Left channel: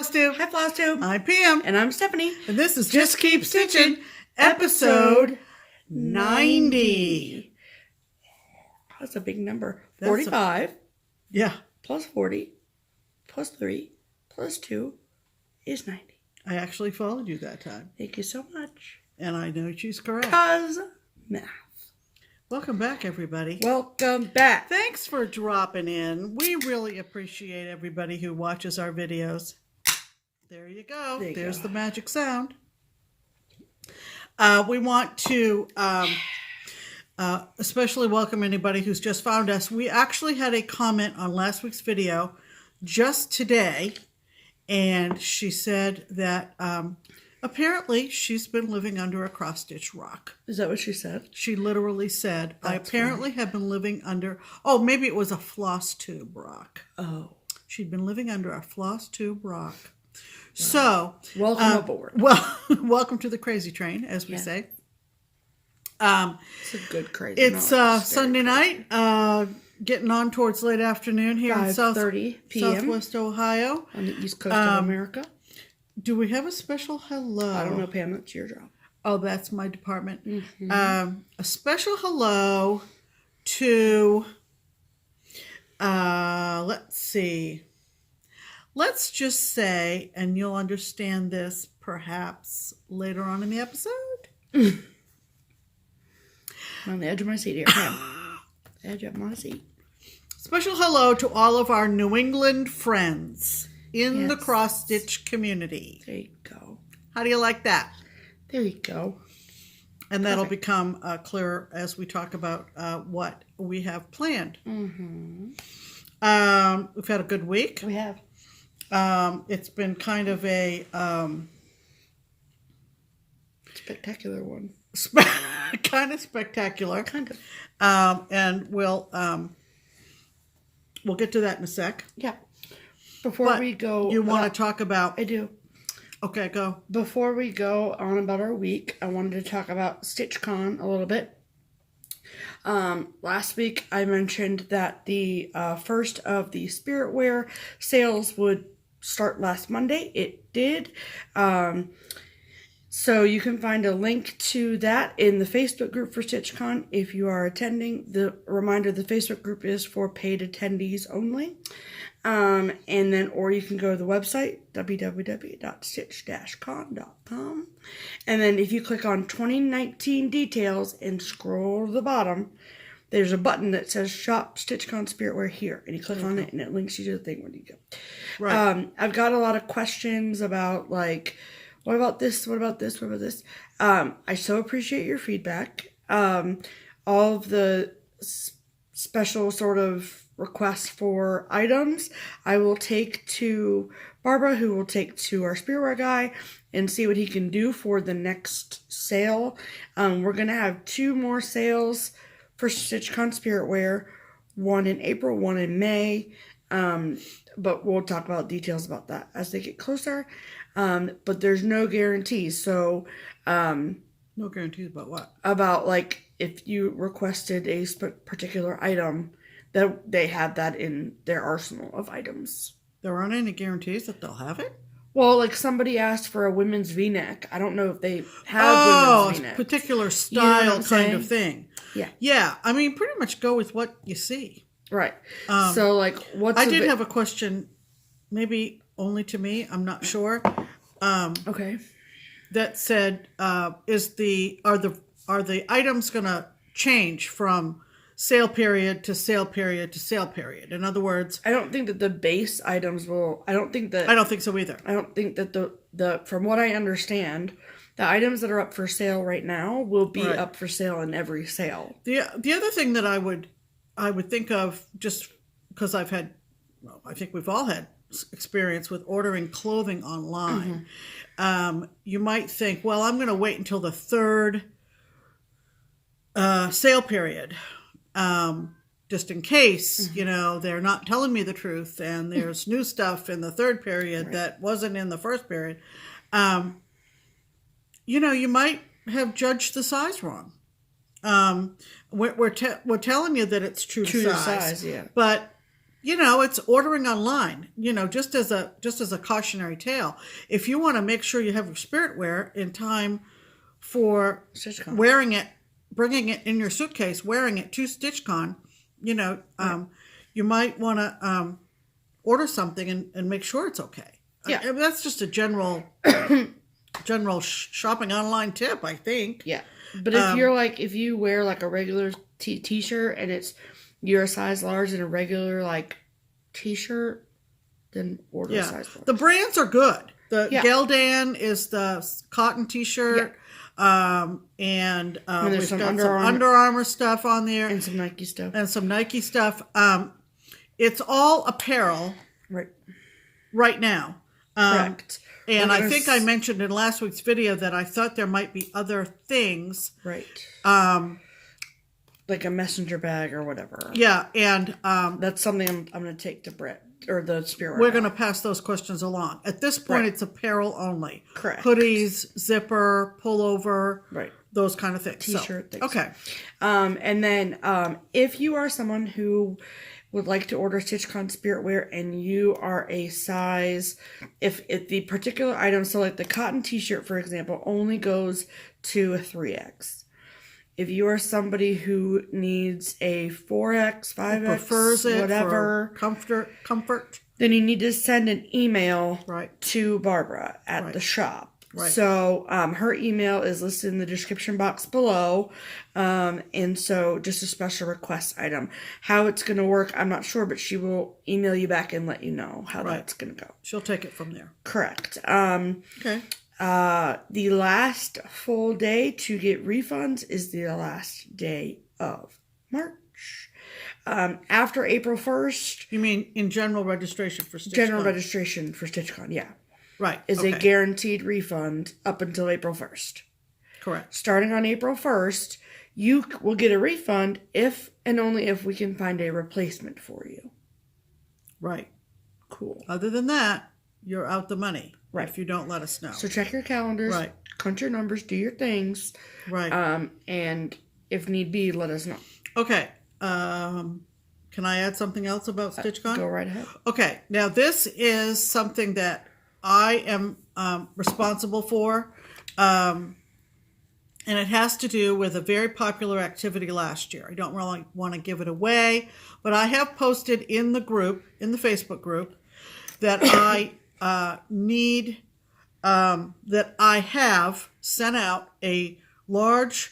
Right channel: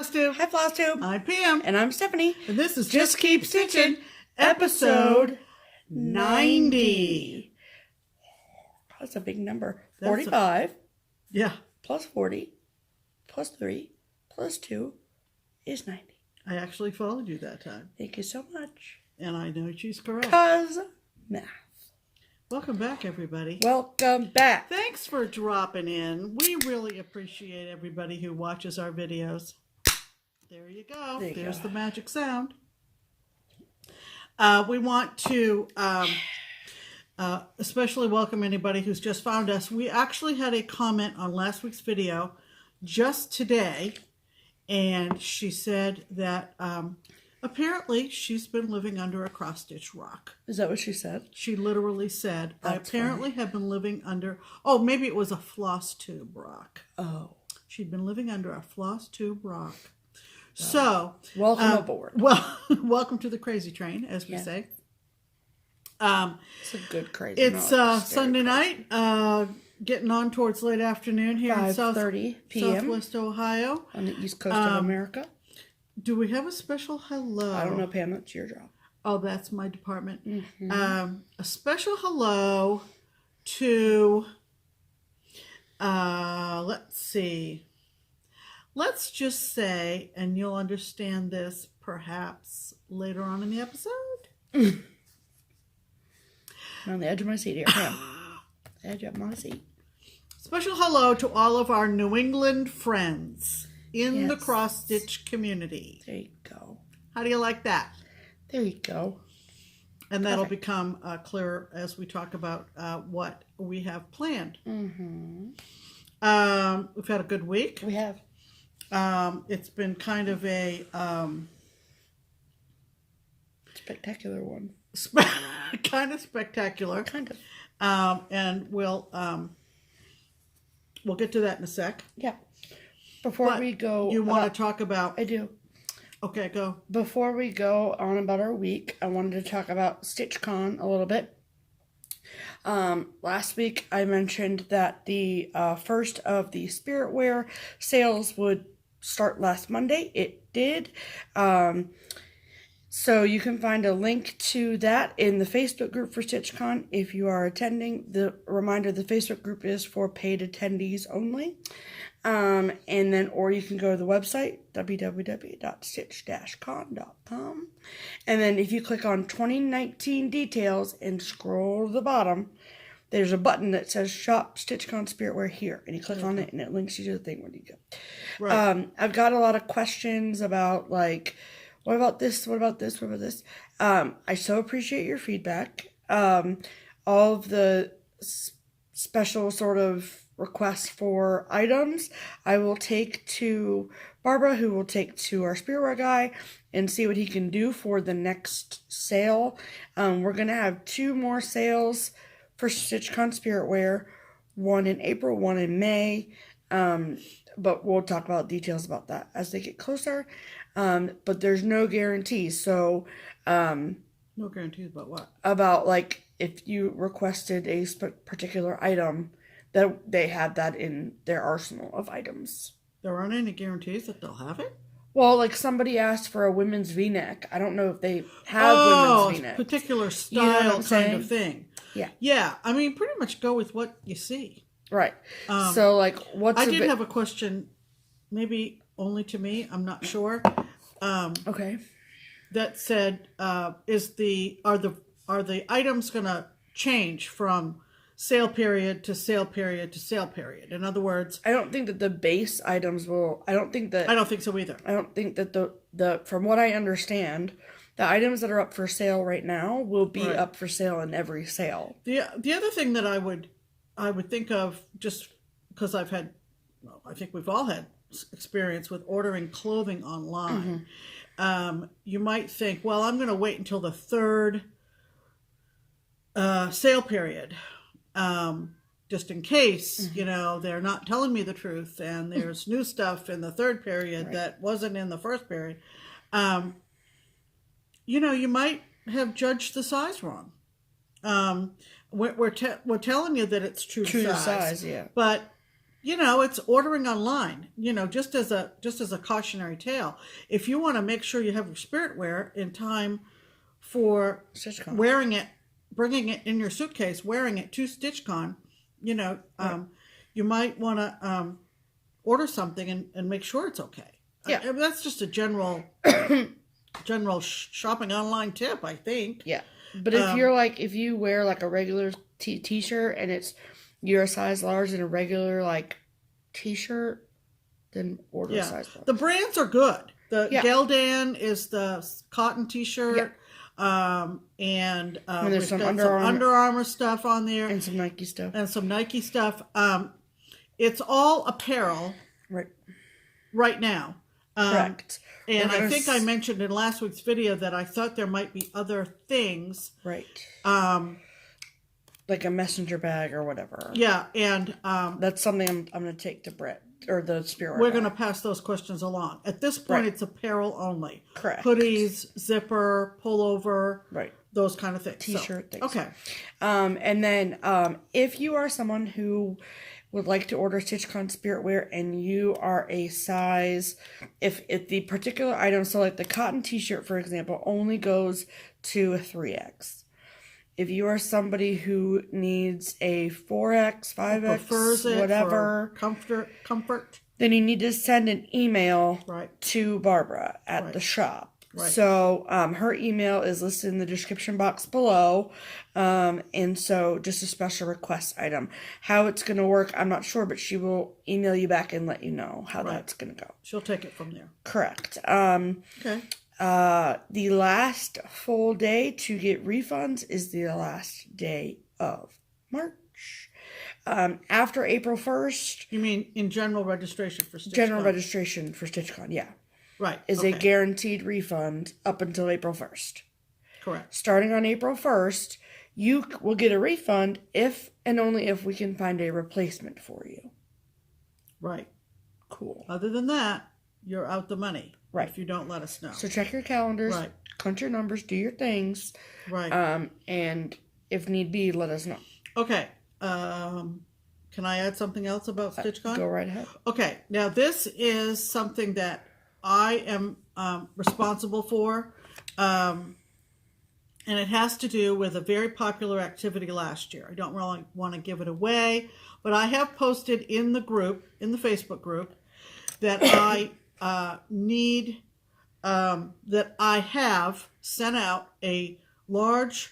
FlossTube. Hi, FlossTube. I'm Pam. And I'm Stephanie. And this is Just Keep Stitching, episode 90. That's a big number. That's 45 Yeah. plus 40 plus 3 plus 2 is 90. I actually followed you that time. Thank you so much. And I know she's correct. Cause math. Welcome back, everybody. Welcome back. Thanks for dropping in. We really appreciate everybody who watches our videos. There you go. There's the magic sound. We want to especially welcome anybody who's just found us. We actually had a comment on last week's video just today, and she said that apparently she's been living under a cross-stitch rock. Is that what she said? She literally said, I That's apparently have been living under, oh, maybe it was a FlossTube rock. Oh. She'd been living under a FlossTube rock. Wow. So, welcome aboard. Well, welcome to the crazy train, as we say. It's a good crazy. It's Sunday night, getting on towards late afternoon here in 5:30 p.m. Southwest Ohio. On the east coast of America. Do we have a special hello? I don't know, Pam. That's your job. Oh, that's my department. Mm-hmm. A special hello to, let's see. Let's just say, and you'll understand this perhaps later on in the episode. I'm on the edge of my seat here, Pam. Edge of my seat. Special hello to all of our New England friends in the cross-stitch community. There you go. How do you like that? There you go. And that'll become clearer as we talk about what we have planned. Mm-hmm. We've had a good week. We have. It's been kind of a spectacular one. Kind of spectacular. Kind of. And we'll get to that in a sec. Yeah. Before we go... You want to talk about... I do. Okay, go. Before we go on about our week, I wanted to talk about StitchCon a little bit. Last week, I mentioned that the first of the Spiritwear sales would start last Monday. It did. So you can find a link to that in the Facebook group for StitchCon if you are attending. The reminder, the Facebook group is for paid attendees only. And then, or you can go to the website, www.stitch-con.com. And then if you click on 2019 details and scroll to the bottom, there's a button that says Shop StitchCon Spiritwear here. And you click on it and it links you to the thing when you go. Right. I've got a lot of questions about, like, what about this? What about this? What about this? I so appreciate your feedback. All of the special sort of requests for items, I will take to Barbara, who will take to our Spiritwear guy and see what he can do for the next sale. We're going to have 2 more sales for StitchCon Spiritwear, one in April, one in May. But we'll talk about details about that as they get closer. But there's no guarantees. So, no guarantees about what? About, like, if you requested a particular item, that they have that in their arsenal of items. There aren't any guarantees that they'll have it? Well, like, somebody asked for a women's V-neck. I don't know if they have women's V-necks. Oh, particular style kind of thing. Yeah. Yeah, I mean, pretty much go with what you see. Right. So, like, I did have a question, maybe only to me, I'm not sure. Okay. That said, are the items going to change from sale period to sale period to sale period? In other words, I don't think that the base items will. I don't think so either. I don't think that the from what I understand, the items that are up for sale right now will be up for sale in every sale. The other thing that I would think of, just because I think we've all had experience with ordering clothing online. Mm-hmm. You might think, well, I'm going to wait until the 3rd sale period, just in case, they're not telling me the truth and there's new stuff in the 3rd period that wasn't in the 1st period. You might have judged the size wrong. We're telling you that it's true to size, yeah. But you know, it's ordering online, you know, just as a cautionary tale. If you want to make sure you have your spirit wear in time for StitchCon. wearing it, bringing it in your suitcase, wearing it to StitchCon, you know, you might want to order something and make sure it's okay. Yeah. I mean, that's just a general shopping online tip, I think. Yeah. But if you're like, if you wear like a regular t-shirt and you're a size large in a regular like t-shirt, then order a size large. The brands are good. The Geldan is the cotton t-shirt. And there's some Under Armour stuff on there. And some Nike stuff. It's all apparel. Right now. Correct. And I think I mentioned in last week's video that I thought there might be other things. Right. Like a messenger bag or whatever. Yeah, and that's something I'm going to take to Brett or the spirit. We're going to pass those questions along. At this point, it's apparel only. Correct. Hoodies, zipper, pullover, those kind of things. T-shirt things. Okay. And then if you are someone who would like to order StitchCon spirit wear and you are a size, if the particular item, so like the cotton t-shirt, for example, only goes to a 3X. If you are somebody who needs a 4X, 5X, prefers it whatever, for comfort, then you need to send an email to Barbara at the shop. So her email is listed in the description box below. And so just a special request item. How it's going to work, I'm not sure, but she will email you back and let you know how that's going to go. She'll take it from there. Correct. Okay. The last full day to get refunds is the last day of March. After April 1st. You mean in general registration for StitchCon? General registration for StitchCon, yeah. Right. Is a guaranteed refund up until April 1st. Correct. Starting on April 1st, you will get a refund if and only if we can find a replacement for you. Right. Cool. Other than that, you're out the money. Right. If you don't let us know. So check your calendars. Right. Crunch your numbers. Do your things. Right. And if need be, let us know. Okay. Can I add something else about StitchCon? Go right ahead. Okay. Now, this is something that I am responsible for. And it has to do with a very popular activity last year. I don't really want to give it away, but I have posted in the group, in the Facebook group, that I that I have sent out a large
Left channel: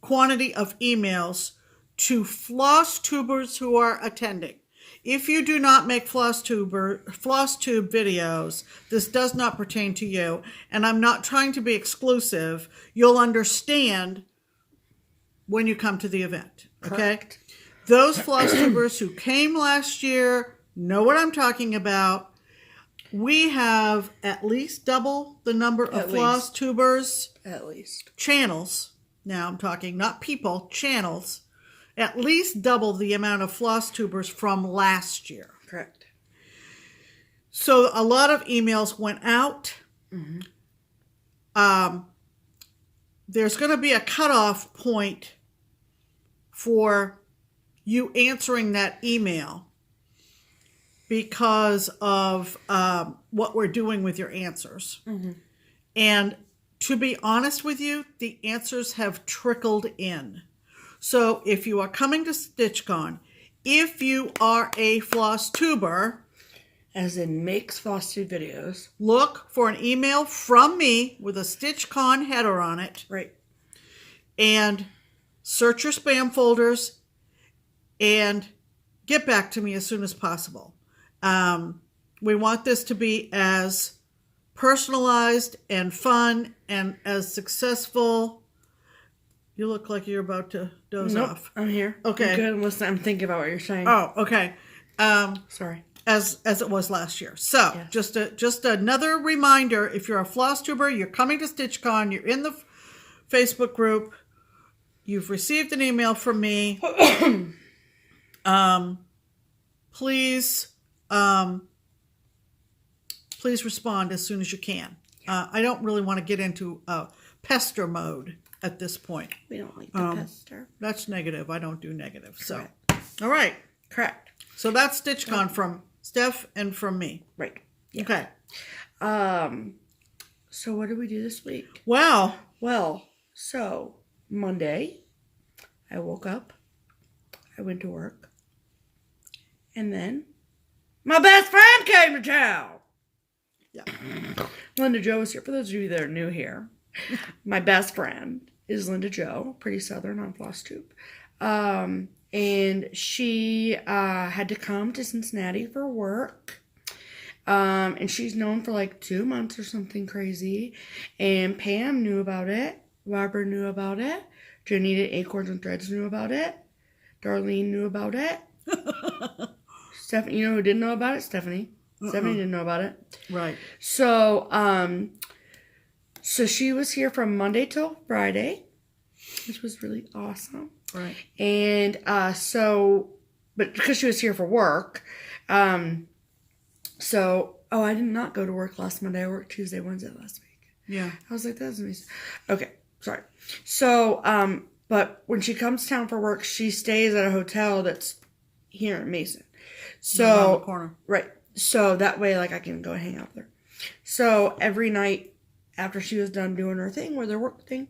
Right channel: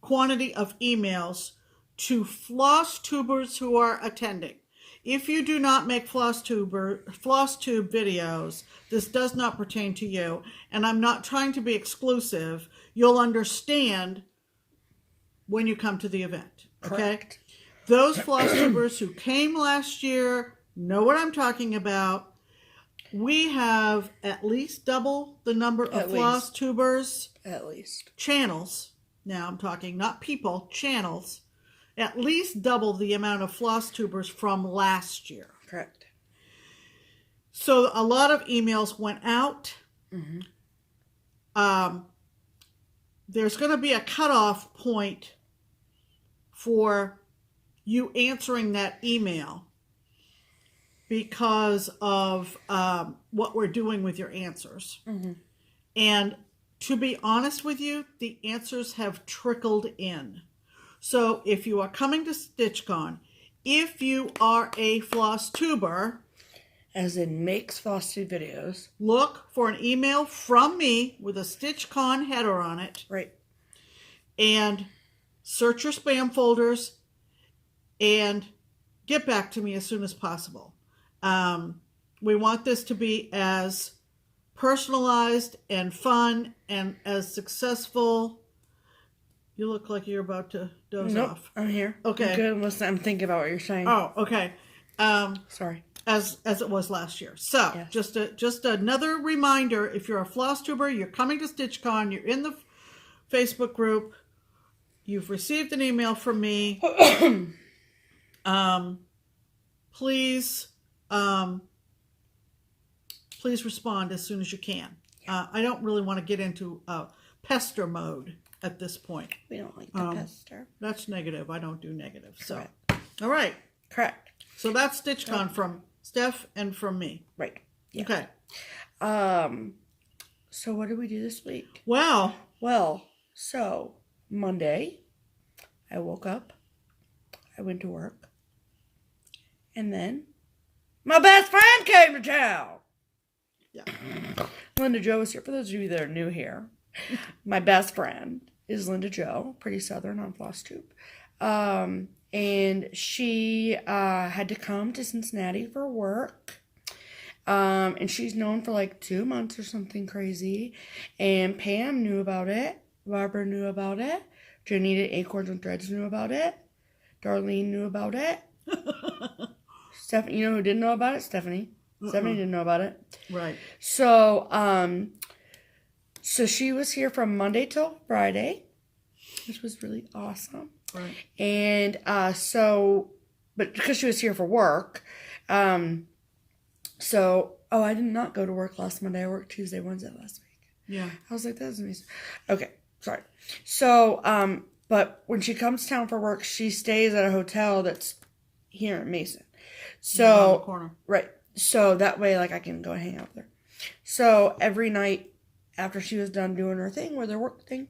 quantity of emails to FlossTubers who are attending. If you do not make FlossTube videos, this does not pertain to you, and I'm not trying to be exclusive. You'll understand when you come to the event, okay? Correct. Those FlossTubers who came last year know what I'm talking about. We have at least double the number of FlossTubers. At least. Channels. Now I'm talking not people, channels. At least double the amount of FlossTubers from last year. Correct. So a lot of emails went out. There's going to be a cutoff point for you answering that email because of what we're doing with your answers. And to be honest with you, the answers have trickled in. So if you are coming to StitchCon, if you are a FlossTuber, as in makes FlossTube videos, look for an email from me with a StitchCon header on it. Right. And search your spam folders and get back to me as soon as possible. We want this to be as personalized and fun and as successful. You look like you're about to doze off. I'm here. Okay. I'm good. Listen, I'm thinking about what you're saying. Oh, okay. Sorry. As it was last year. So, just another reminder, if you're a FlossTuber, you're coming to StitchCon, you're in the Facebook group, you've received an email from me, please respond as soon as you can. I don't really want to get into pester mode at this point. We don't like the pester. That's negative. I don't do negative. So, All right. Correct. So that's StitchCon from Steph and from me. Right. Yeah. Okay. So what did we do this week? Wow. Well, so Monday, I woke up, I went to work, and then my best friend came to town. Yeah. Linda Jo was here. For those of you that are new here, my best friend is Linda Jo, pretty southern on FlossTube. And she had to come to Cincinnati for work. And she's known for like 2 months or something crazy. And Pam knew about it. Barbara knew about it. Janita Acorns and Threads knew about it. Darlene knew about it. Stephanie, you know who didn't know about it? Stephanie. Stephanie didn't know about it. Right. So, so she was here from Monday till Friday, which was really awesome. Right. And but because she was here for work, I did not go to work last Monday. I worked Tuesday, Wednesday last week. Yeah. I was like, that's amazing. Okay, sorry. So, but when she comes to town for work, she stays at a hotel that's here in Mason. So, around the corner. Right. So that way, like, I can go and hang out with her. So every night after she was done doing her thing, with her work thing,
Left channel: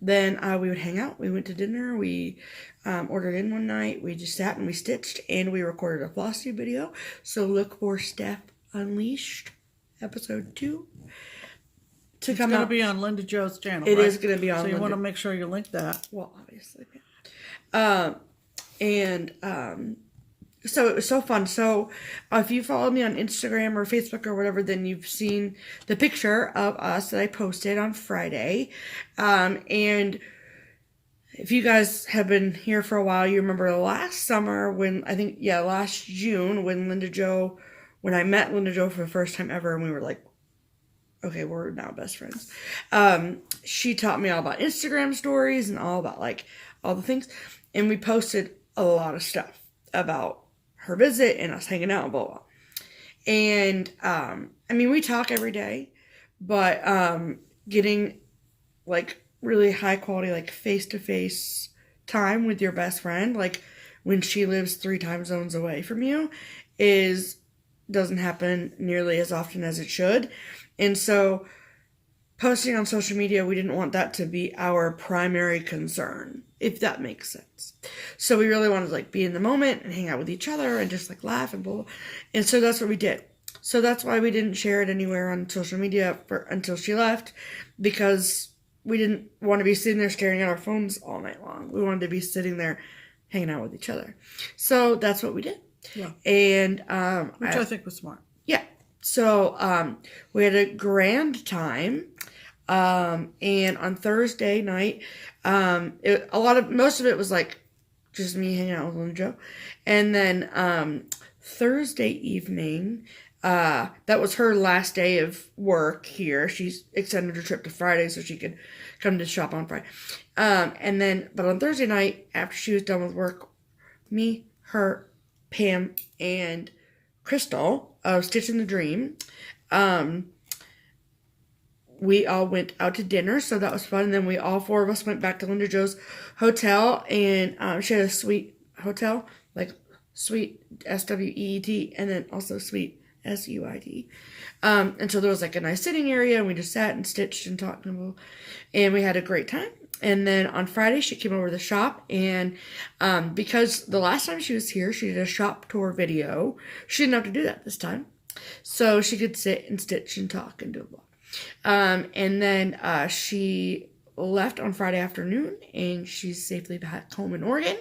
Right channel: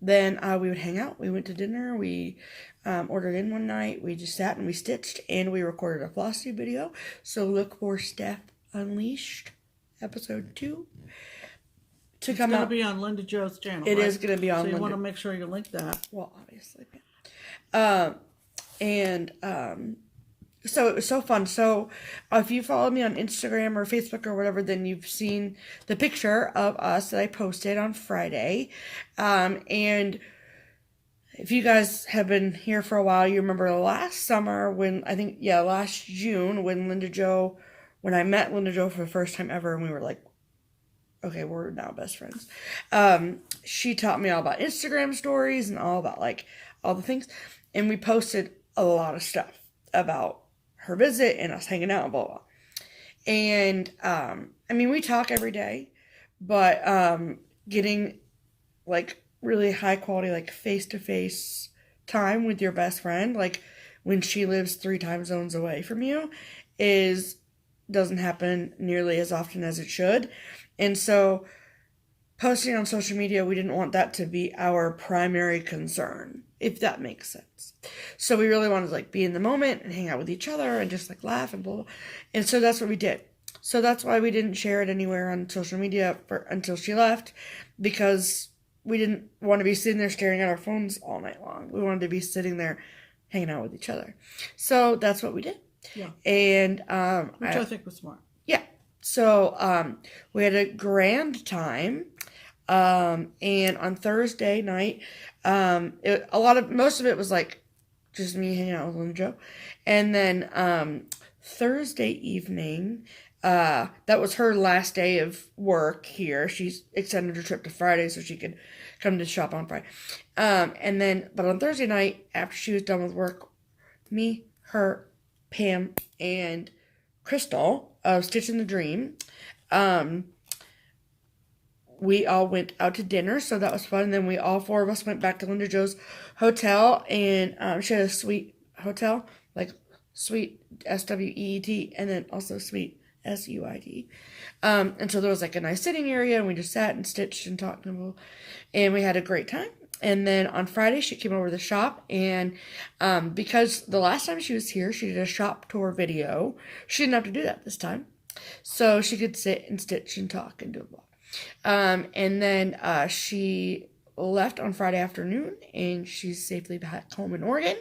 then we would hang out. We went to dinner. We ordered in one night. We just sat and we stitched, and we recorded a FlossTube video. So look for Steph Unleashed episode 2 to come out. It's going to be on Linda Jo's channel. It right? is going to be on. So you want to make sure you link that. Well, obviously. So it was so fun. So if you follow me on Instagram or Facebook or whatever, then you've seen the picture of us that I posted on Friday. And if you guys have been here for a while, you remember last summer last June when I met Linda Jo for the first time ever, and we were like, okay, we're now best friends. She taught me all about Instagram stories and all about like all the things. And we posted a lot of stuff about her visit and us hanging out and blah, blah. And, we talk every day, but, getting like really high quality, like face-to-face time with your best friend, like when she lives 3 time zones away from you, doesn't happen nearly as often as it should. And so posting on social media, we didn't want that to be our primary concern, if that makes sense. So we really wanted to like be in the moment and hang out with each other and just like laugh and blah, blah. And so that's what we did. So that's why we didn't share it anywhere on social media until she left, because we didn't want to be sitting there staring at our phones all night long. We wanted to be sitting there hanging out with each other. So that's what we did. Yeah. And which I think was smart. Yeah. So we had a grand time. And on Thursday night, most of it was like just me hanging out with Linda Jo. And then Thursday evening, that was her last day of work here. She's extended her trip to Friday so she could come to shop on Friday. But on Thursday night, after she was done with work, me, her, Pam, and Crystal of Stitch in the Dream, we all went out to dinner, so that was fun. And then all 4 of us went back to Linda Jo's hotel, and she had a suite hotel, like suite SWEET, and then also suite SUIT. And so there was like a nice sitting area, and we just sat and stitched and talked, and we had a great time. And then on Friday, she came over to the shop, and because the last time she was here, she did a shop tour video. She didn't have to do that this time, so she could sit and stitch and talk and do blah. And then she left on Friday afternoon, and she's safely back home in Oregon.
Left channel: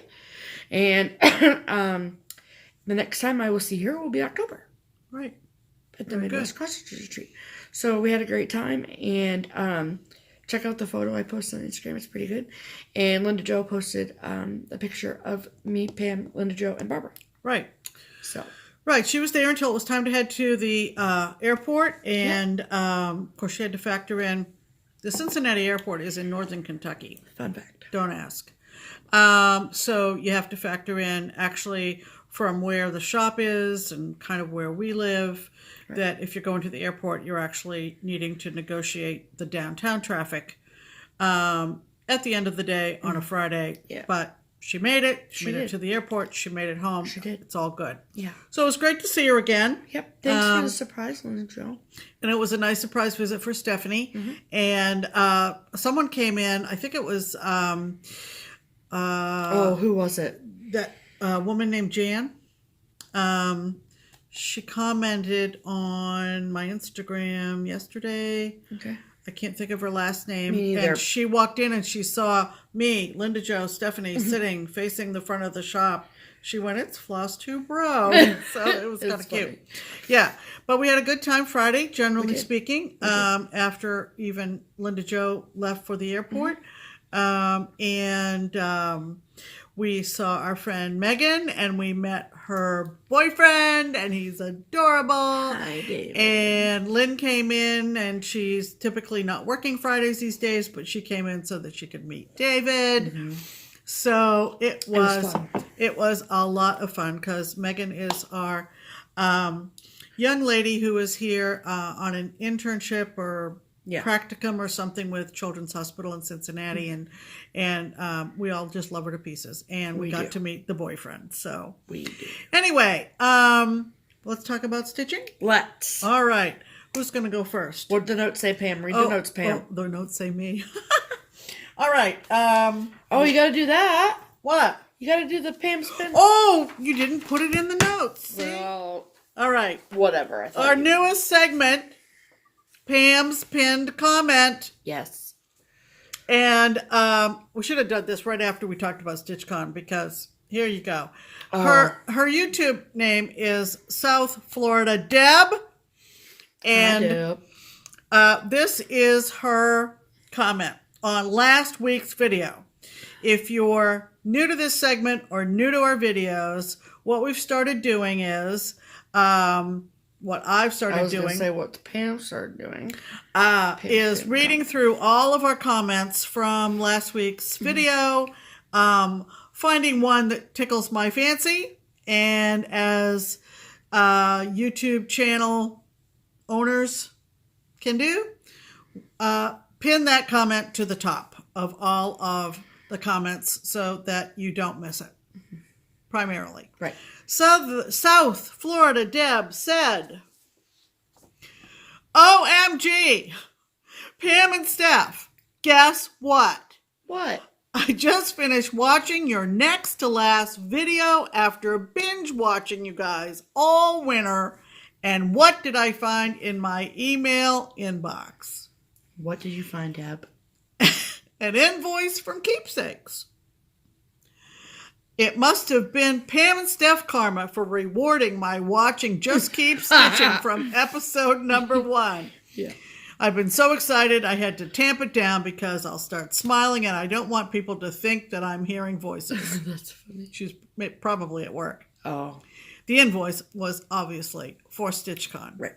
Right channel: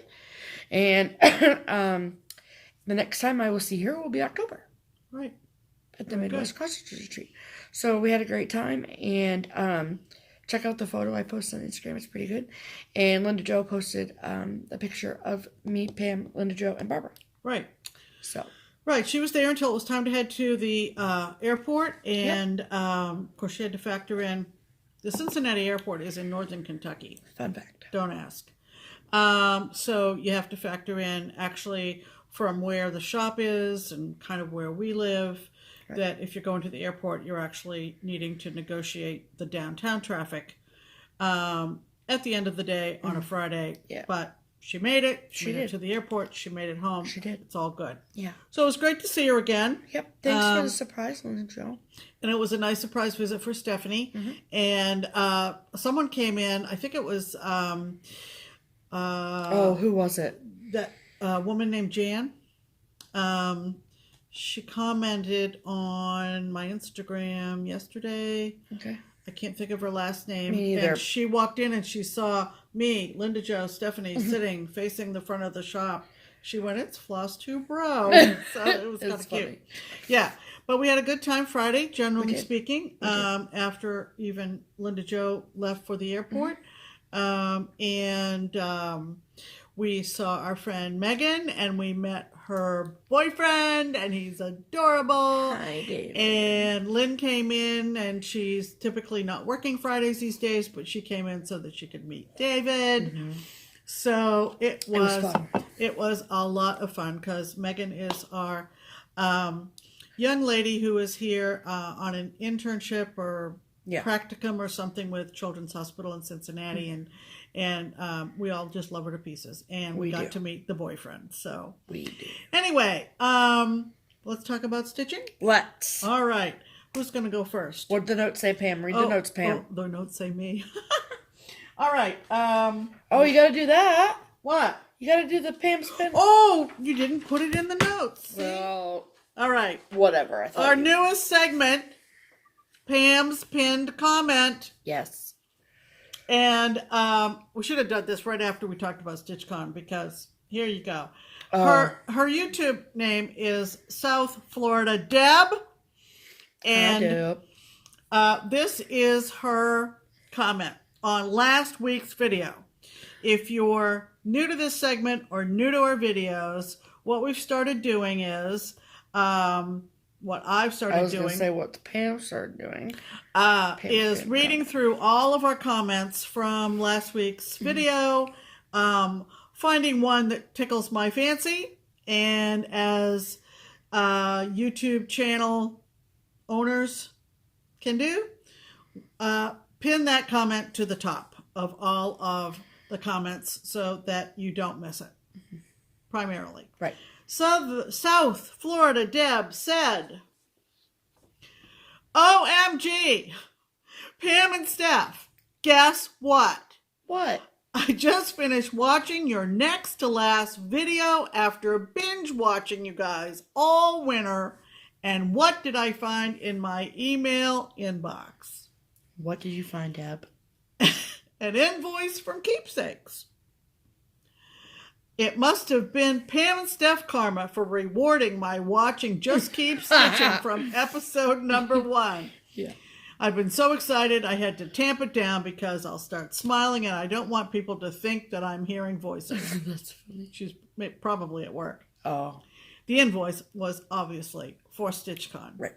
And the next time I will see her will be October. Right. At the Midwest Cross Stitch Retreat. So we had a great time, and check out the photo I posted on Instagram. It's pretty good. And Linda Jo posted a picture of me, Pam, Linda Jo, and Barbara. Right. So. Right, she was there until it was time to head to the airport, and of course she had to factor in, the Cincinnati airport is in northern Kentucky. Fun fact. Don't ask. So you have to factor in actually from where the shop is and kind of where we live, right, that if you're going to the airport, you're actually needing to negotiate the downtown traffic at the end of the day on a Friday. Yeah. But she made it. She made did. it to the airport. She made it home. She did. It's all good. Yeah. So it was great to see her again. Yep. Thanks for the surprise, Linda Joe. And it was a nice surprise visit for Stephanie. And someone came in. I think it was who was it? that woman named Jan. She commented on my Instagram yesterday. Okay. I can't think of her last name. Me neither. And she walked in and she saw me, Linda Jo, Stephanie, sitting facing the front of the shop. She went, "It's FlossTube Bro." So it was kind of cute. Yeah. But we had a good time Friday, generally speaking, after even Linda Jo left for the airport. We saw our friend Megan, and we met her boyfriend, and he's adorable. Hi, David. And Lynn came in, and she's typically not working Fridays these days, but she came in so that she could meet David. So it was a lot of fun because Megan is our young lady who is here on an internship or practicum or something with Children's Hospital in Cincinnati, and we all just love her to pieces. And we got to meet the boyfriend. So We do. anyway, let's talk about stitching. Let's. All right, who's going to go first? What did the notes say, Pam? Read the notes, Pam. Oh, the notes say me. All right. You got to do that. What? You got to do the Pam spin. Oh, you didn't put it in the notes. Well, all right. whatever. I thought Our newest segment, Pam's pinned comment. Yes. And we should have done this right after we talked about StitchCon because here you go. Her YouTube name is South Florida Deb. And this is her comment on last week's video. If you're new to this segment or new to our videos, what we've started doing is what I've started doing. I was going to say what Pam started doing. Is reading through all of our comments from last week's video, finding one that tickles my fancy, and as YouTube channel owners can do, pin that comment to the top of all of the comments so that you don't miss it, primarily. Right. South Florida Deb said, "OMG, Pam and Steph, guess what? What? I just finished watching your next to last video after binge watching you guys all winter. And what did I find in my email inbox? What did you find, Deb? An invoice from Keepsakes. It must have been Pam and Steph karma for rewarding my watching Just Keep Stitching from episode number 1. Yeah. I've been so excited I had to tamp it down because I'll start smiling and I don't want people to think that I'm hearing voices." That's funny. She's probably at work. Oh. The invoice was obviously for StitchCon. Right.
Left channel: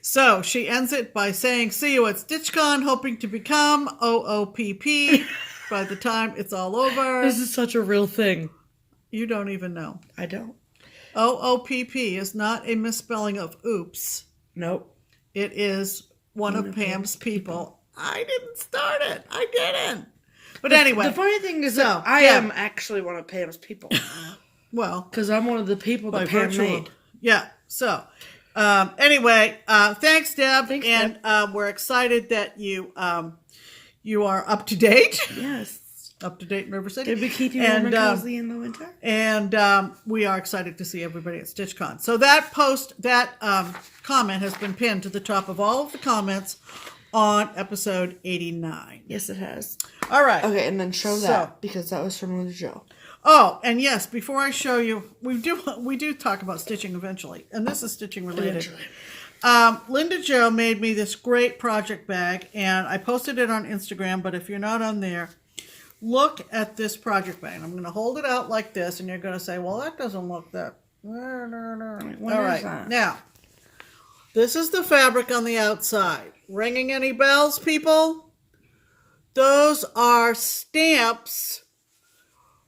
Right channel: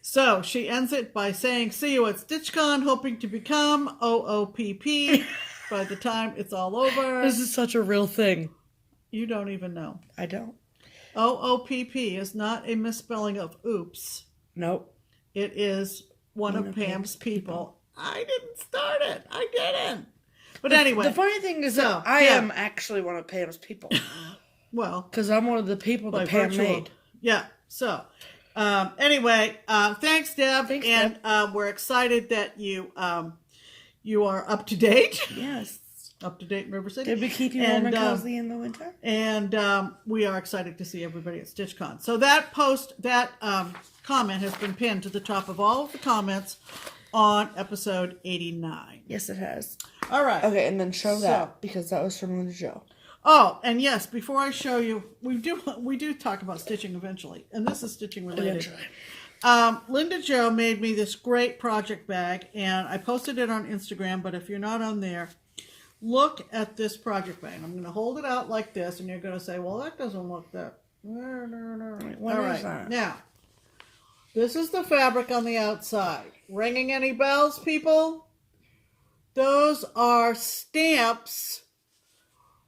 So she ends it by saying, "See you at StitchCon, hoping to become OOPP by the time it's all over." This is such a real thing. You don't even know. I don't. OOPP is not a misspelling of oops. Nope. It is one of Pam's people. I didn't start it. I didn't. But anyway. The funny thing is that I am actually one of Pam's people. Well. Because I'm one of the people that Pam made. Yeah. So, anyway, thanks, Deb. Thanks, and we're excited that you are up to date. Yes. Up to date in River City. Did we keep you warm and cozy in the winter? And we are excited to see everybody at StitchCon. So that comment has been pinned to the top of all of the comments on episode 89. Yes, it has. All right. Okay, and then show that because that was from Linda Jo. Oh, and yes, before I show you, we do talk about stitching eventually, and this is stitching related. Eventually. Linda Jo made me this great project bag, and I posted it on Instagram, but if you're not on there, look at this project bag. I'm going to hold it out like this, and you're going to say, well, that doesn't look that. All right. Now, this is the fabric on the outside. Ringing any bells, people? Those are stamps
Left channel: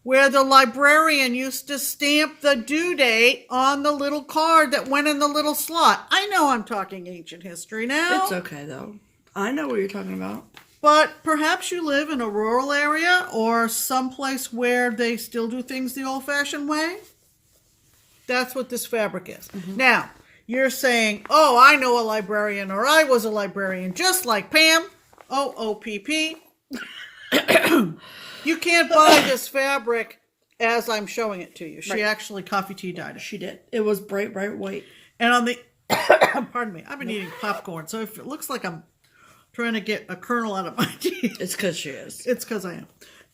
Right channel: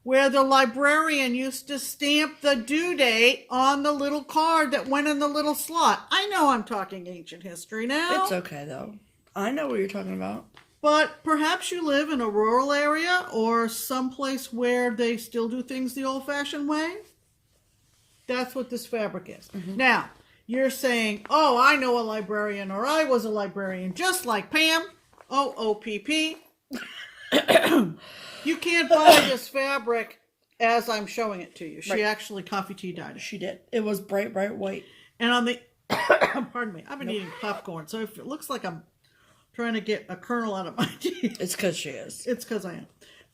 where the librarian used to stamp the due date on the little card that went in the little slot. I know I'm talking ancient history now. It's okay, though. I know what you're talking about. But perhaps you live in a rural area or someplace where they still do things the old-fashioned way. That's what this fabric is. Now, you're saying, oh, I know a librarian, or I was a librarian, just like Pam, OOPP. You can't buy this fabric as I'm showing it to you. She actually coffee tea dyed it. She did. It was bright, bright white. And on the, pardon me, I've been eating popcorn, so if it looks like I'm trying to get a kernel out of my teeth. It's because she is. It's because I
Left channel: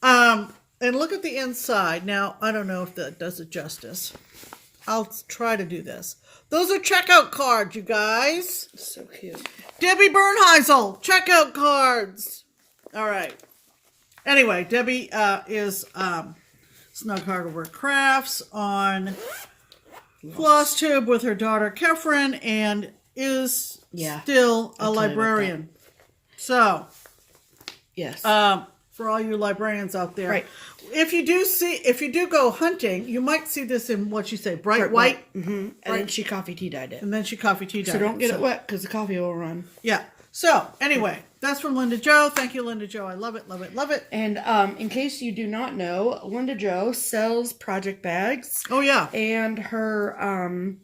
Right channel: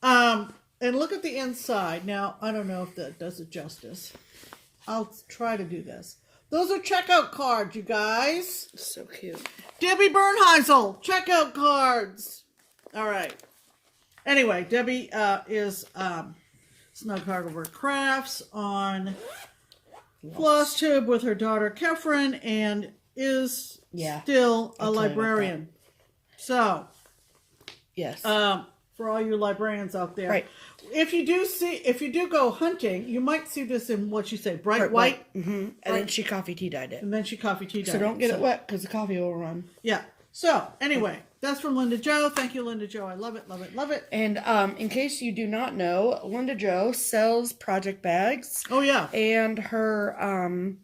am. And look at the inside. Now, I don't know if that does it justice. I'll try to do this. Those are checkout cards, you guys. So cute. Debbie Bernheisel, checkout cards. All right. Anyway, Debbie is Snug Hardware Crafts on FlossTube with her daughter Kefren, and is still a librarian. So, yes. For all you librarians out there, right. If you do go hunting, you might see this in what you say, bright white. And then she coffee tea dyed it. And then she coffee tea dyed it. So don't get it wet because the coffee will run. Yeah. So anyway, that's from Linda Jo. Thank you, Linda Jo. I love it, love it, love it. And in case you do not know, Linda Jo sells project bags. Oh yeah. And her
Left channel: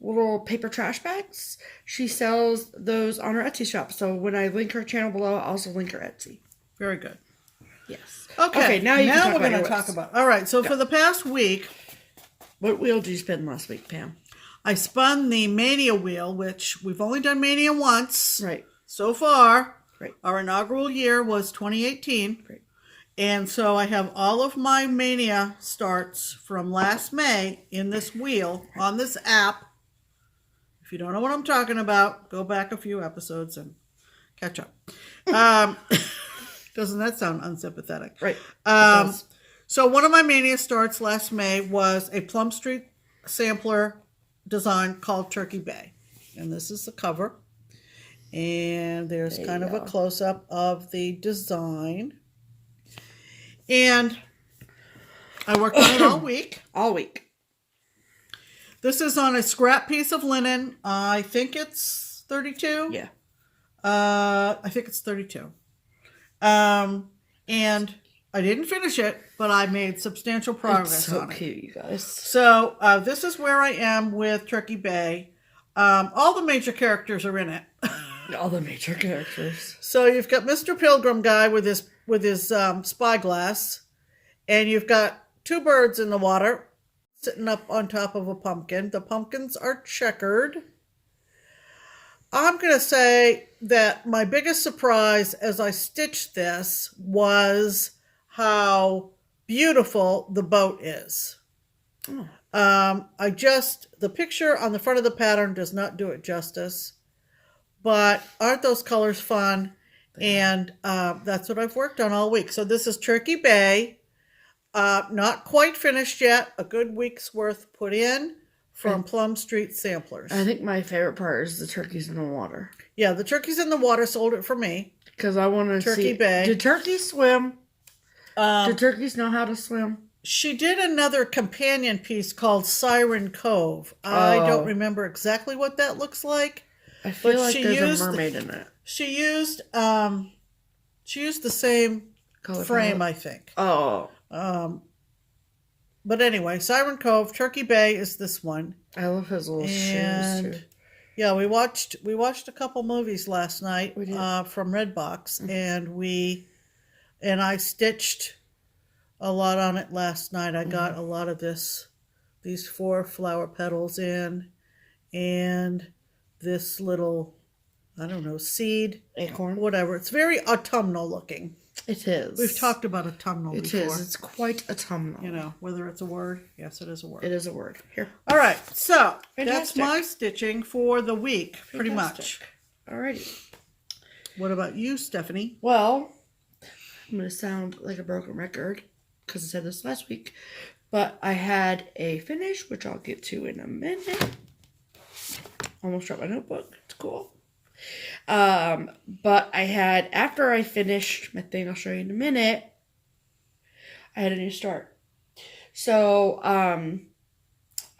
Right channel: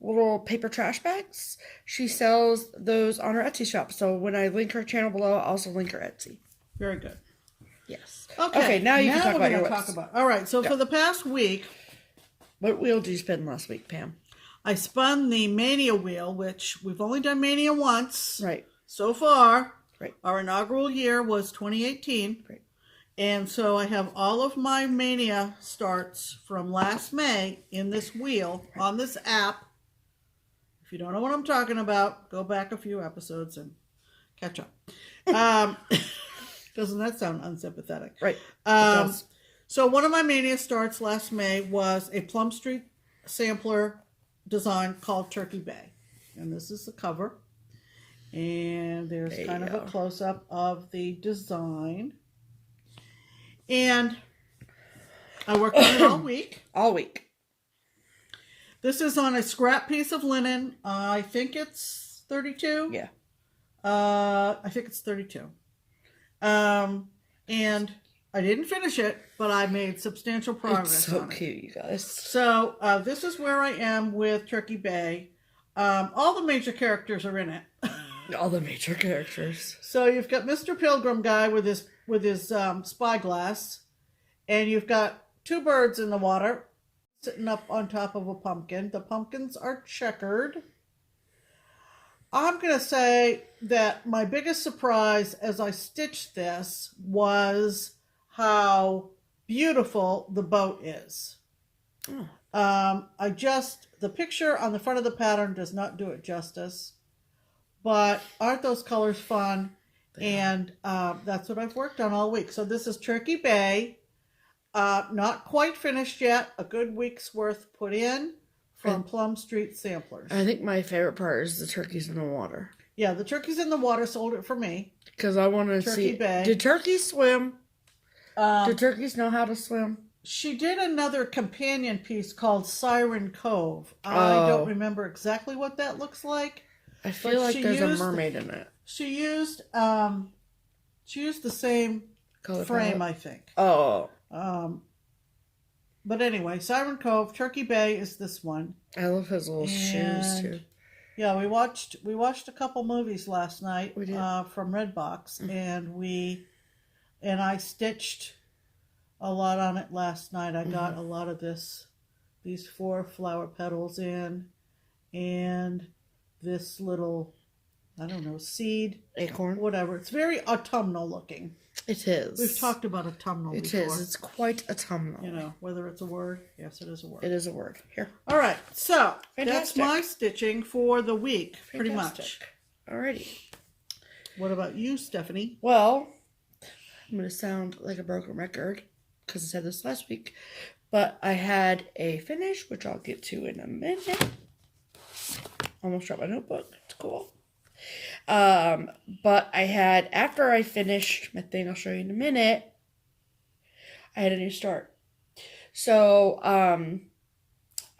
little paper trash bags. She sells those on her Etsy shop. So when I link her channel below, I'll also link her Etsy. Very good. Yes. Okay, now we're going to talk about. All right, so for the past week, what wheel did you spin last week, Pam? I spun the Mania wheel, which we've only done Mania once. Right. So far. Right. Our inaugural year was 2018. Right. And so I have all of my Mania starts from last May in this wheel on this app. If you don't know what I'm talking about, go back a few episodes and catch up. Doesn't that sound unsympathetic? Right. So one of my Mania starts last May was a Plum Street sampler design called Turkey Bay. And this is the cover. And there's kind of a close-up of the design. And I worked on it all week. All week. This is on a scrap piece of linen. I think it's 32. Yeah. I think it's 32. And I didn't finish it, but I made substantial progress on it. It's so cute, you guys. So this is where I am with Turkey Bay. All the major characters are in it. All the major characters. So you've got Mr. Pilgrim guy with his spyglass, and you've got two birds in the water sitting up on top of a pumpkin. The pumpkins are checkered. I'm going to say that my biggest surprise as I stitched this was how beautiful the boat is. Oh. The picture on the front of the pattern does not do it justice, but aren't those colors fun? And that's what I've worked on all week. So this is Turkey Bay, not quite finished yet, a good week's worth put in. From Plum Street Samplers. I think my favorite part is the turkeys in the water. Yeah, the turkeys in the water sold it for me. Because I want to see. Turkey Bay. Did turkeys swim? Do turkeys know how to swim? She did another companion piece called Siren Cove. I don't remember exactly what that looks like. I feel like there's a mermaid in it. She used the same Color frame, palette? I think. Oh. But anyway, Siren Cove, Turkey Bay is this one. I love his little shoes too. Yeah, we watched a couple movies last night from Redbox, and I stitched a lot on it last night. I got a lot of these 4 flower petals in, and this little, I don't know, seed, acorn, whatever. It's very autumnal looking. It is. We've talked about autumnal before. It is. It's quite autumnal. You know, whether it's a word. Yes, it is a word. It is a word. Here. All right. So, Fantastic. that's my stitching for the week, pretty much. Alrighty. What about you, Stephanie? Well, I'm going to sound like a broken record because I said this last week, but I had a finish, which I'll get to in a minute. Almost dropped my notebook. It's cool. But I had, after I finished my thing, I'll show you in a minute, I had a new start. So,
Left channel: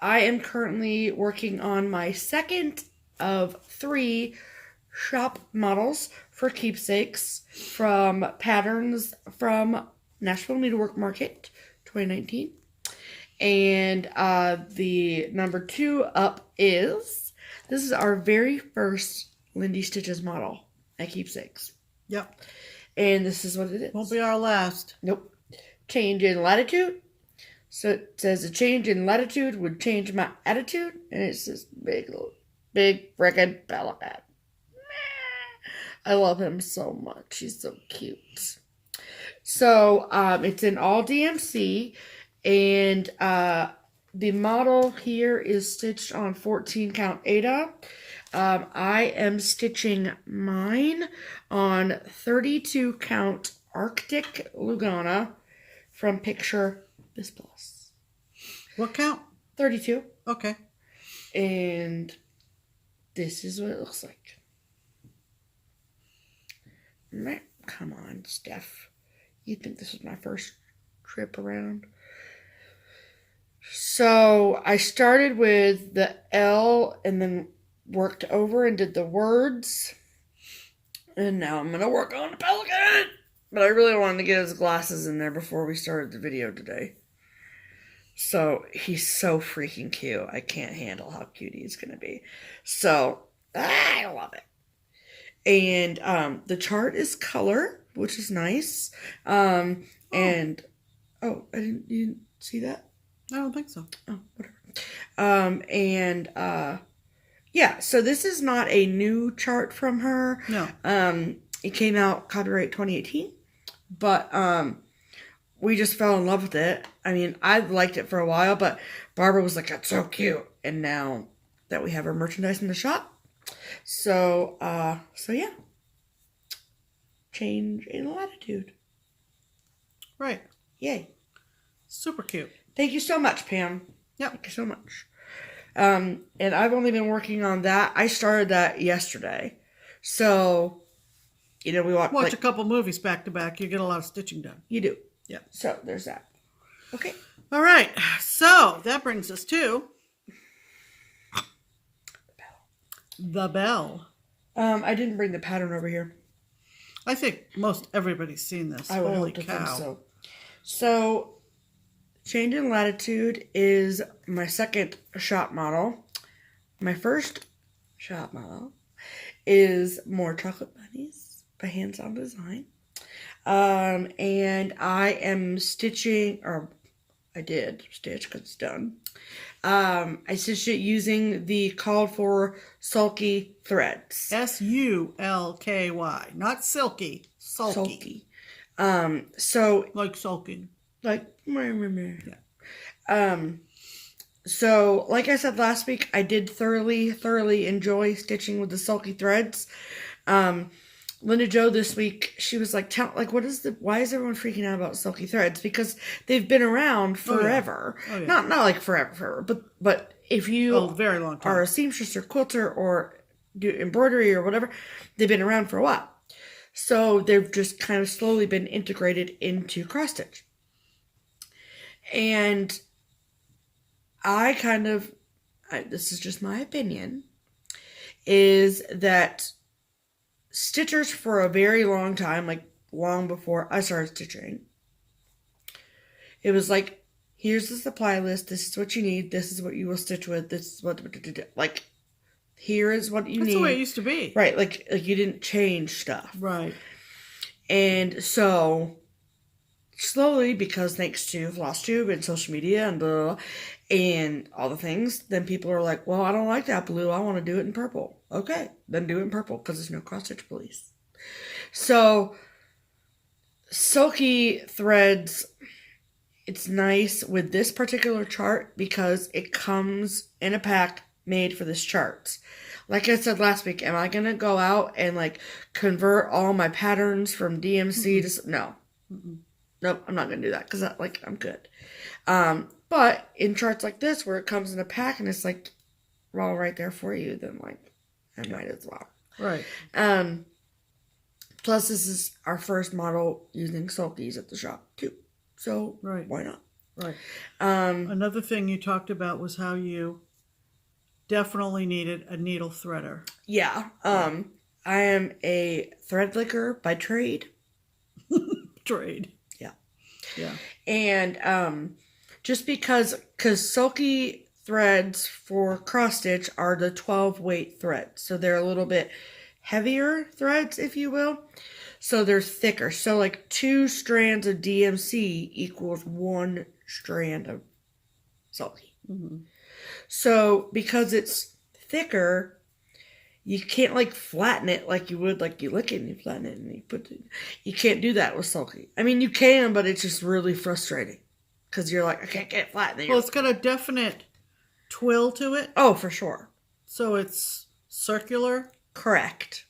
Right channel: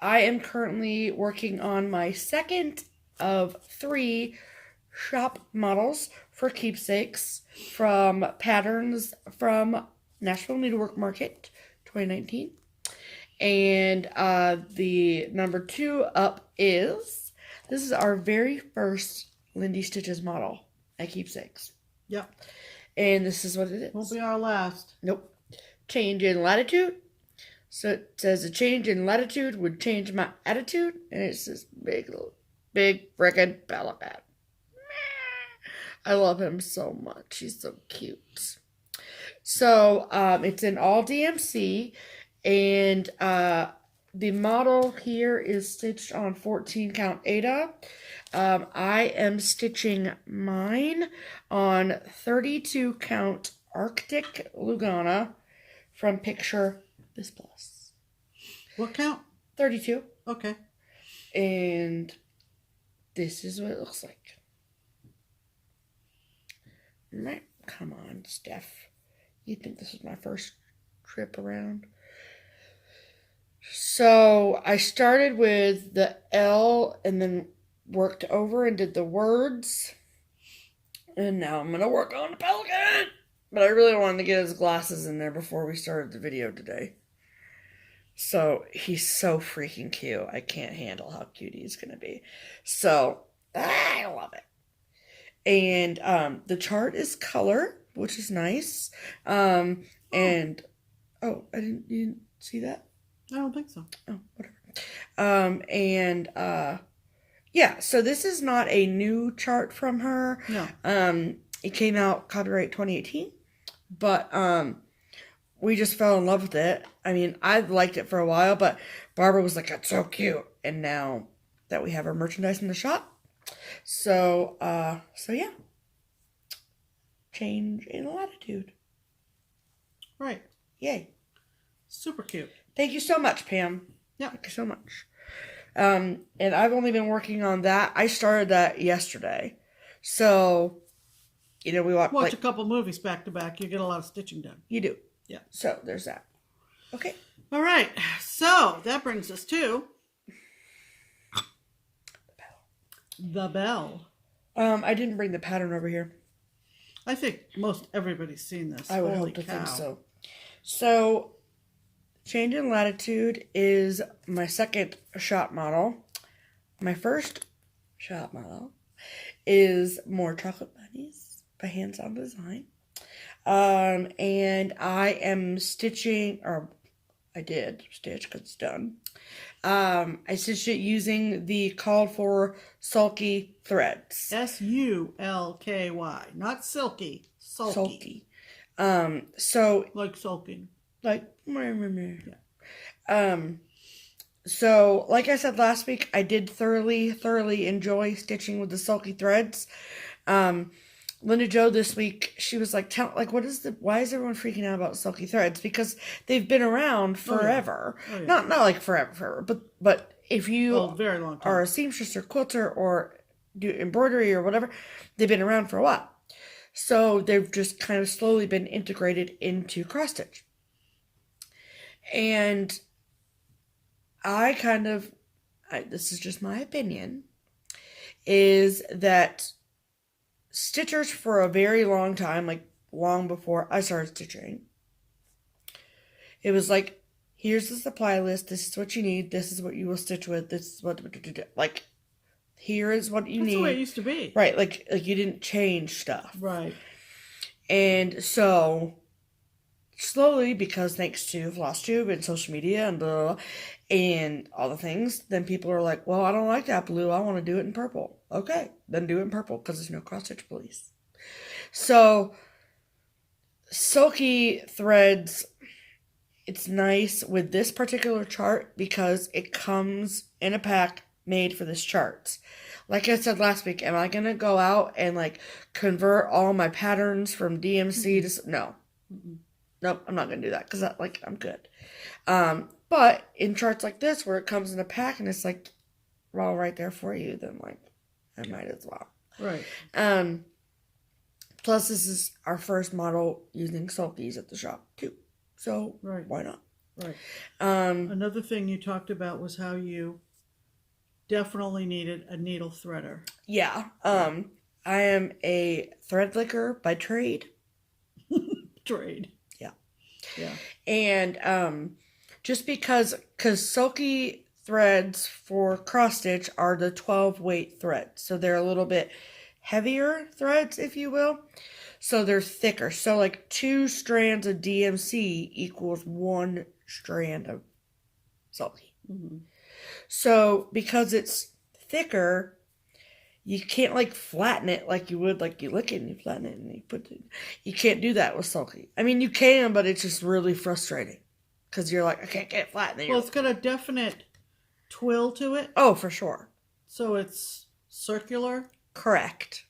I am currently working on my second of 3 shop models for Keepsakes from patterns from Nashville Needlework Market 2019. And the number 2 up is, this is our very first Lindy Stitches model at Keepsakes. Yep. And this is what it is. Won't be our last. Nope. Change in latitude. So it says a change in latitude would change my attitude. And it's this big frickin' pelican. I love him so much. He's so cute. So it's in all DMC. And the model here is stitched on 14 count Aida. I am stitching mine on 32 count Arctic Lugana from Picture This Plus. What count? 32. Okay. And this is what it looks like. Come on, Steph. You think this was my first trip around? So I started with the L and then worked over and did the words. And now I'm going to work on the pelican. But I really wanted to get his glasses in there before we started the video today. So he's so freaking cute. I can't handle how cute he's going to be. So I love it. And the chart is color, which is nice. And oh, you didn't see that? I don't think so. Oh, whatever. Yeah, so this is not a new chart from her. No. It came out copyright 2018, but we just fell in love with it. I mean, I've liked it for a while, but Barbara was like, "That's so cute." And now that we have our merchandise in the shop, so yeah, change in latitude. Right. Yay! Super cute. Thank you so much, Pam. Yeah. Thank you so much. And I've only been working on that. I started that yesterday. So, we watch a couple movies back to back. You get a lot of stitching done. You do. Yeah. So, there's that. Okay. All right. So, that brings us to the bell. I didn't bring the pattern over here. I think most everybody's seen this. I would Holy hope to cow. think so. So, change in latitude is my second shop model. My first shop model is More Chocolate Bunnies by Hands On Design. And I am stitching, or I did stitch because it's done. I stitched it using the called for sulky threads. SULKY, not silky. Sulky. So Like sulking. like yeah. So like I said last week, I did thoroughly enjoy stitching with the sulky threads. Linda Jo this week, she was like, why is everyone freaking out about sulky threads? Because they've been around forever. Oh, yeah. Not like forever, but if you very long time. are a seamstress or quilter or do embroidery or whatever, they've been around for a while. So they've just kind of slowly been integrated into cross stitch. And this is just my opinion, is that stitchers for a very long time, like long before I started stitching, it was like, here's the supply list, this is what you need, this is what you will stitch with, this is what, like, here is what you need. That's the way it used to be. Right, like you didn't change stuff. Right. And so, slowly, because thanks to FlossTube and social media and blah, and all the things, then people are like, well, I don't like that blue, I want to do it in purple. Okay, then do it in purple, because there's no cross-stitch police. So, sulky threads, it's nice with this particular chart because it comes in a pack made for this chart. Like I said last week, am I going to go out and like convert all my patterns from DMC to... No. Nope, I'm not going to do that because I'm good. But in charts like this where it comes in a pack and it's like all right there for you, then like I might as well. Right. Plus this is our first model using sulkies at the shop too. So right. Why not? Right. Another thing you talked about was how you definitely needed a needle threader. Yeah. I am a thread licker by trade. Trade. Yeah. Yeah. And just because silky threads for cross stitch are the 12 weight threads. So they're a little bit heavier threads, if you will. So they're thicker. So like 2 strands of DMC equals 1 strand of silky. Mm-hmm. So because it's thicker, you can't like flatten it like you would, like you lick it and you flatten it and you put it. You can't do that with silky. I mean, you can, but it's just really frustrating because you're like, I can't get it flat. Well, it's got a definite twill to it. Oh, for sure. So it's circular. Correct.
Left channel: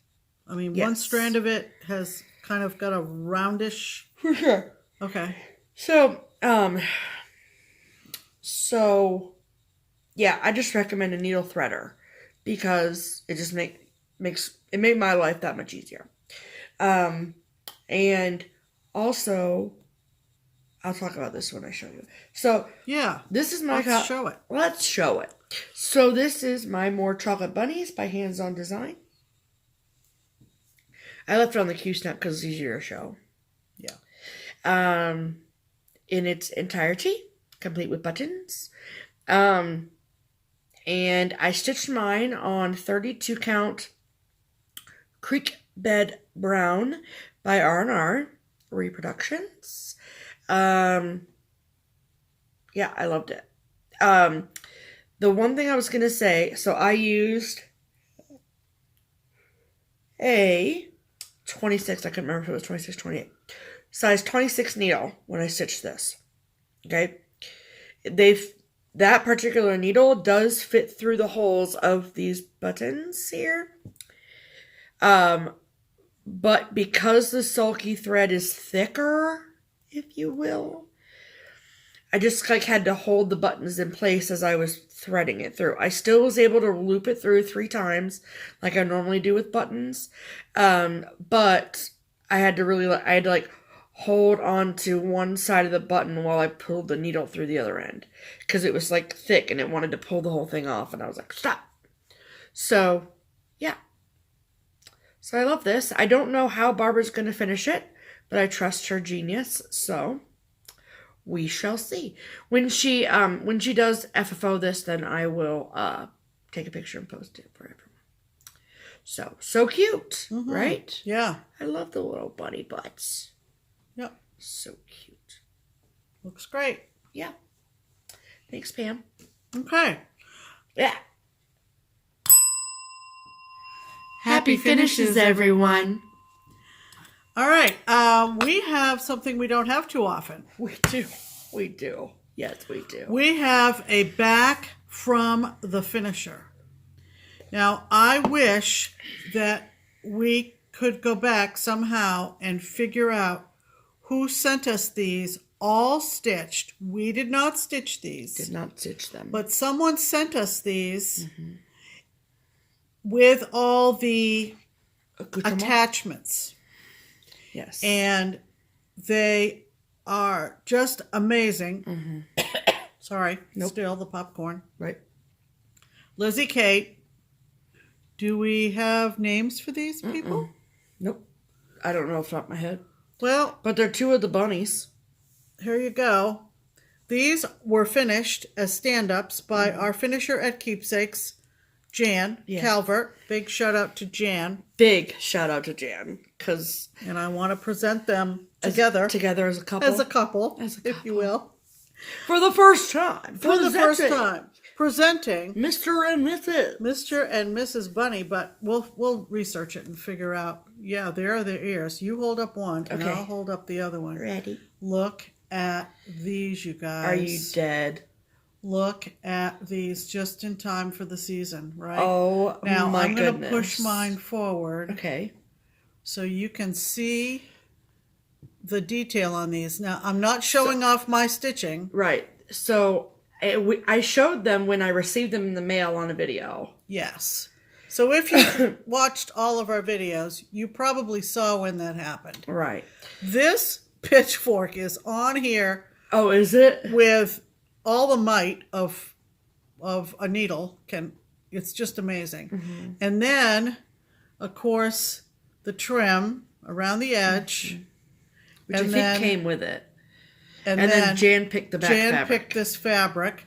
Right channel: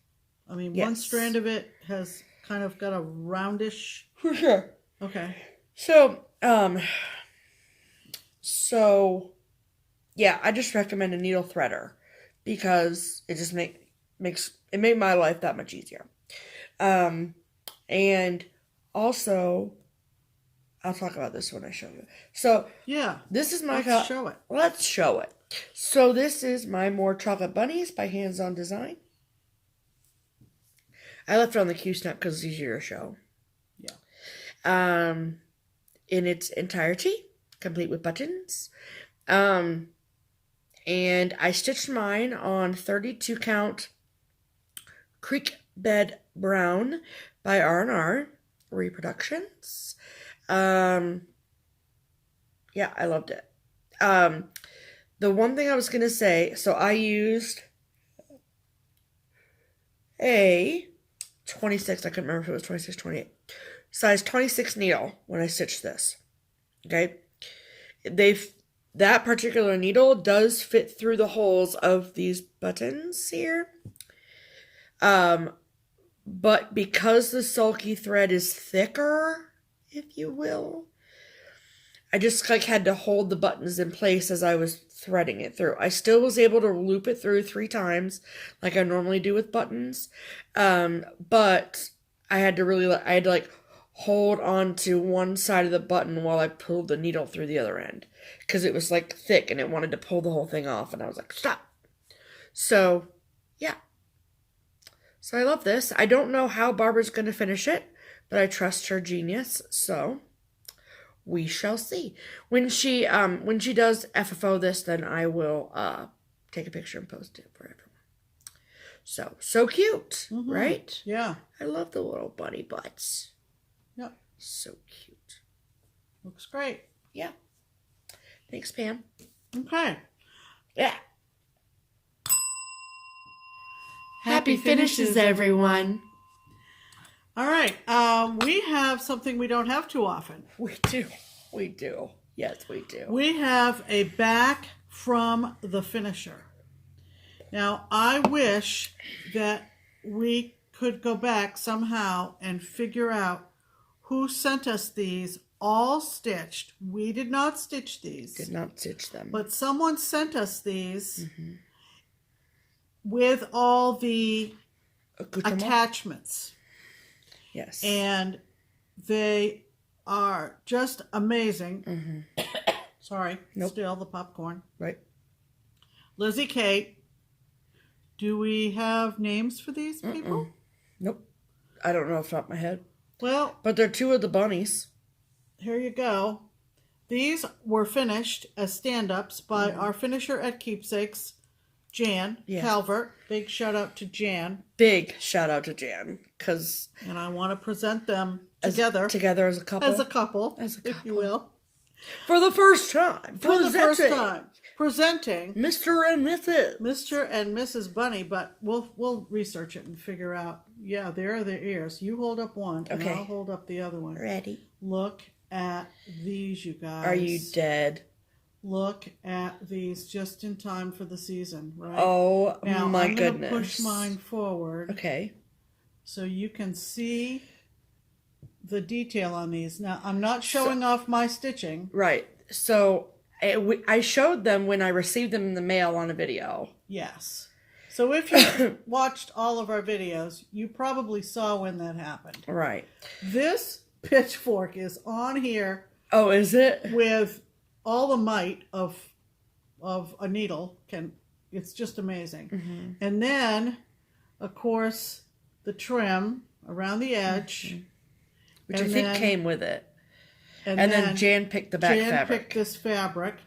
I mean, Yes. one strand of it has kind of got a roundish. For sure. Okay. So, yeah, I just recommend a needle threader because it just made my life that much easier. And also, I'll talk about this when I show you. So, yeah, this is my let's show it. Let's show it. So, this is my More Chocolate Bunnies by Hands On Design. I left it on the Q-snap because it's easier to show. Yeah. In its entirety, complete with buttons. And I stitched mine on 32 count Creek Bed Brown by R&R Reproductions. Yeah, I loved it. The one thing I was going to say, so I used a 26, I couldn't remember if it was 26, 28, size 26 needle when I stitched this. Okay. That particular needle does fit through the holes of these buttons here. But because the sulky thread is thicker, if you will, I just like had to hold the buttons in place as I was threading it through. I still was able to loop it through 3 times like I normally do with buttons. But I had to like hold on to one side of the button while I pulled the needle through the other end. Because it was like thick and it wanted to pull the whole thing off. And I was like, stop. So, yeah. So I love this. I don't know how Barbara's going to finish it, but I trust her genius. So we shall see. When she does FFO this, then I will take a picture and post it for everyone. So cute, right? Yeah. I love the little bunny butts. Yep. So cute. Looks great. Yeah. Thanks, Pam. Okay. Yeah. Happy finishes, everyone. All right. We have something we don't have too often. We do. Yes, we do. We have a back from the finisher. Now, I wish that we could go back somehow and figure out who sent us these all stitched. We did not stitch these. Did not stitch them. But someone sent us these with all the attachments. Yes. And they are just amazing. Sorry. Nope. Still the popcorn. Right. Lizzie Kate. Do we have names for these people? Nope. I don't know off the top of my head. Well, but they're 2 of the bunnies. Here you go. These were finished as stand-ups by our finisher at Keepsakes, Jan Calvert. Big shout out to Jan. Big shout out to Jan. And I want to present them together. Together as a couple. As a couple, if you will. For the first time. Presenting Mr. and Mrs. Bunny, but we'll research it and figure out. Yeah, there are their ears. You hold up one, and I'll hold up the other one. Ready. Look at these, you guys. Are you dead? Look at these just in time for the season, right? Oh, now, my I'm goodness. going to push mine forward. Okay. So you can see the detail on these. Now, I'm not showing off my stitching. Right. So I showed them when I received them in the mail on a video. Yes. So if you watched all of our videos, you probably saw when that happened. Right. This pitchfork is on here. Oh, is it? With all the might of a needle. It's just amazing. And then of course, the trim around the edge. Which I think came with it. And then Jan picked the back Jan fabric. picked this fabric.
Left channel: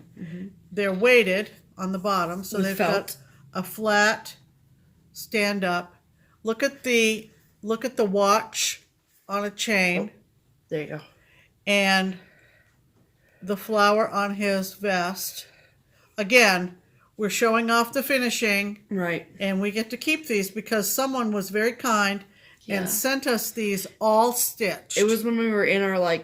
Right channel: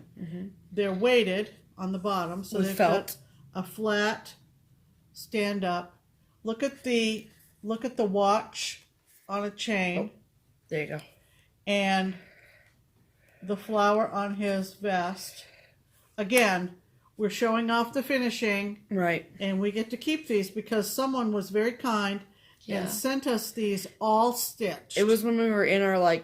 They're weighted on the bottom, so With they've felt. got a flat stand up. Look at the watch on a chain. Oh, there you go. And the flower on his vest. Again, we're showing off the finishing. Right. And we get to keep these because someone was very kind and sent us these all stitched. It was when we were in our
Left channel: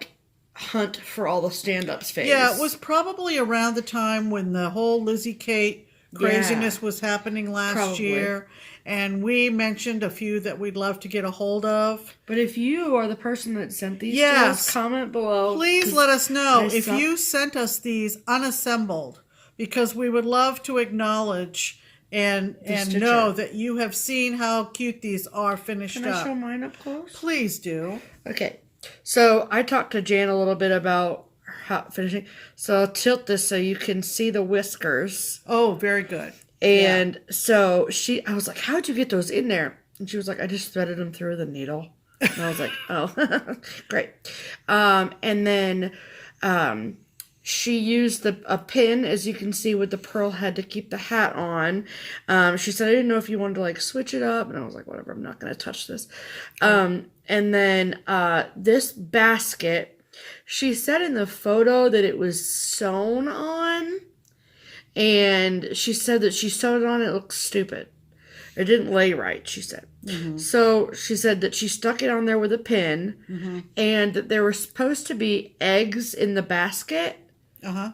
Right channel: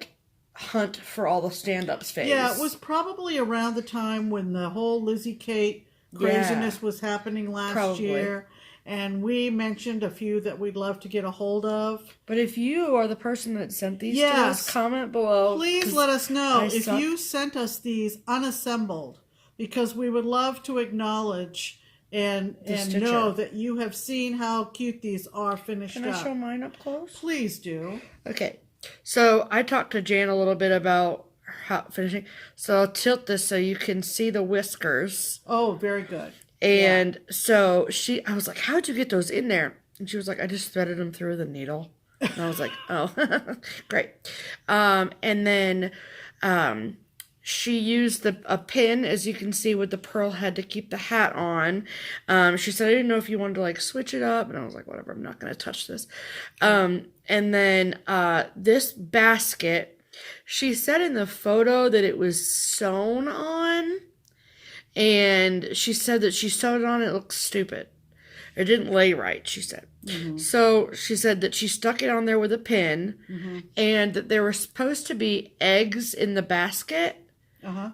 hunt for all the stand-ups phase. Yeah, it was probably around the time when the whole Lizzie Kate craziness was happening last year. And we mentioned a few that we'd love to get a hold of. But if you are the person that sent these to us, comment below. Please let us know if you sent us these unassembled, because we would love to acknowledge and know that you have seen how cute these are finished up. Can I show mine up close? Please do. Okay. So I talked to Jan a little bit about how finishing. So I'll tilt this so you can see the whiskers. Oh, very good. And so I was like, how'd you get those in there? And she was like, I just threaded them through the needle. And I was like, oh, great. And then she used a pin, as you can see, with the pearl head to keep the hat on. She said, I didn't know if you wanted to switch it up. And I was like, whatever, I'm not going to touch this. And then this basket, she said in the photo that it was sewn on. And she said that she sewed it on, it looks stupid. It didn't lay right, she said. So she said that she stuck it on there with a pin, and that there were supposed to be eggs in the basket,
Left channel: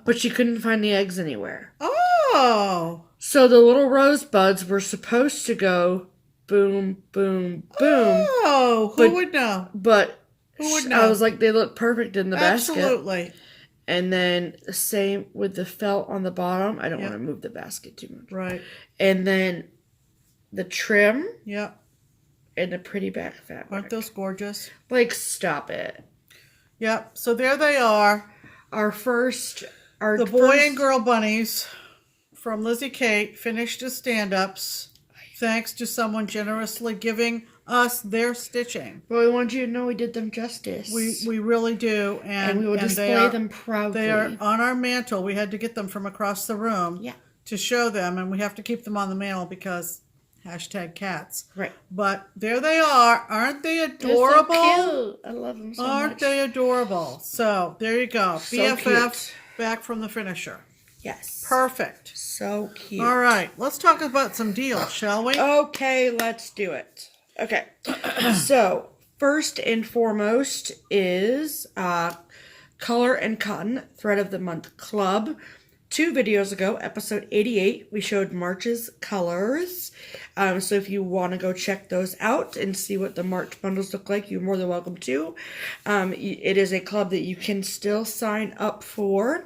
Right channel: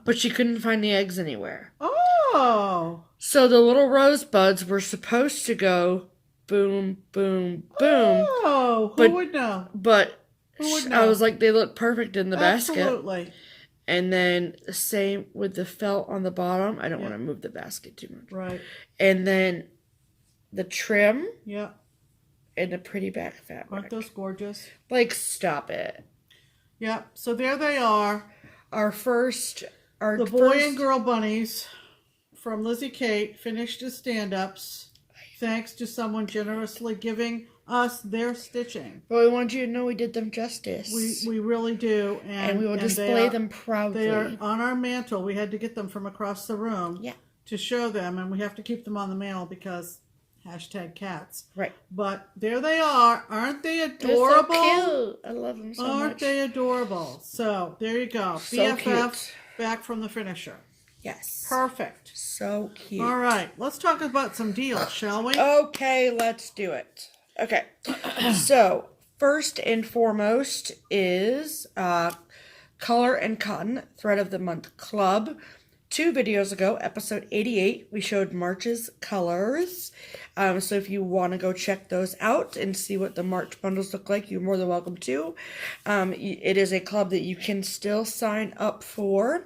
but she couldn't find the eggs anywhere. Oh! So the little rosebuds were supposed to go boom, boom, boom. Oh, who would know? But who would know? I was like, they look perfect in the basket. Absolutely. And then the same with the felt on the bottom. I don't want to move the basket too much. Right. And then the trim. Yeah. And the pretty back fabric. Aren't those gorgeous? Stop it. Yep. So there they are. The boy and girl bunnies from Lizzie Kate finished as stand-ups. Thanks to someone generously giving us their stitching. But we want you to know we did them justice. We really do. And we will display them proudly. They are on our mantle. We had to get them from across the room to show them. And we have to keep them on the mantle because #cats. Right. But there they are. Aren't they adorable? They're so cute. I love them so much. Aren't they adorable? So there you go. So BFF cute. Back from the finisher. Yes. Perfect. So cute. All right. Let's talk about some deals, shall we? Okay, let's do it. Okay. So, first and foremost is Color and Cotton Thread of the Month Club. 2 videos ago, episode 88, we showed March's colors. So if you want to go check those out and see what the March bundles look like, you're more than welcome to. It is a club that you can still sign up for.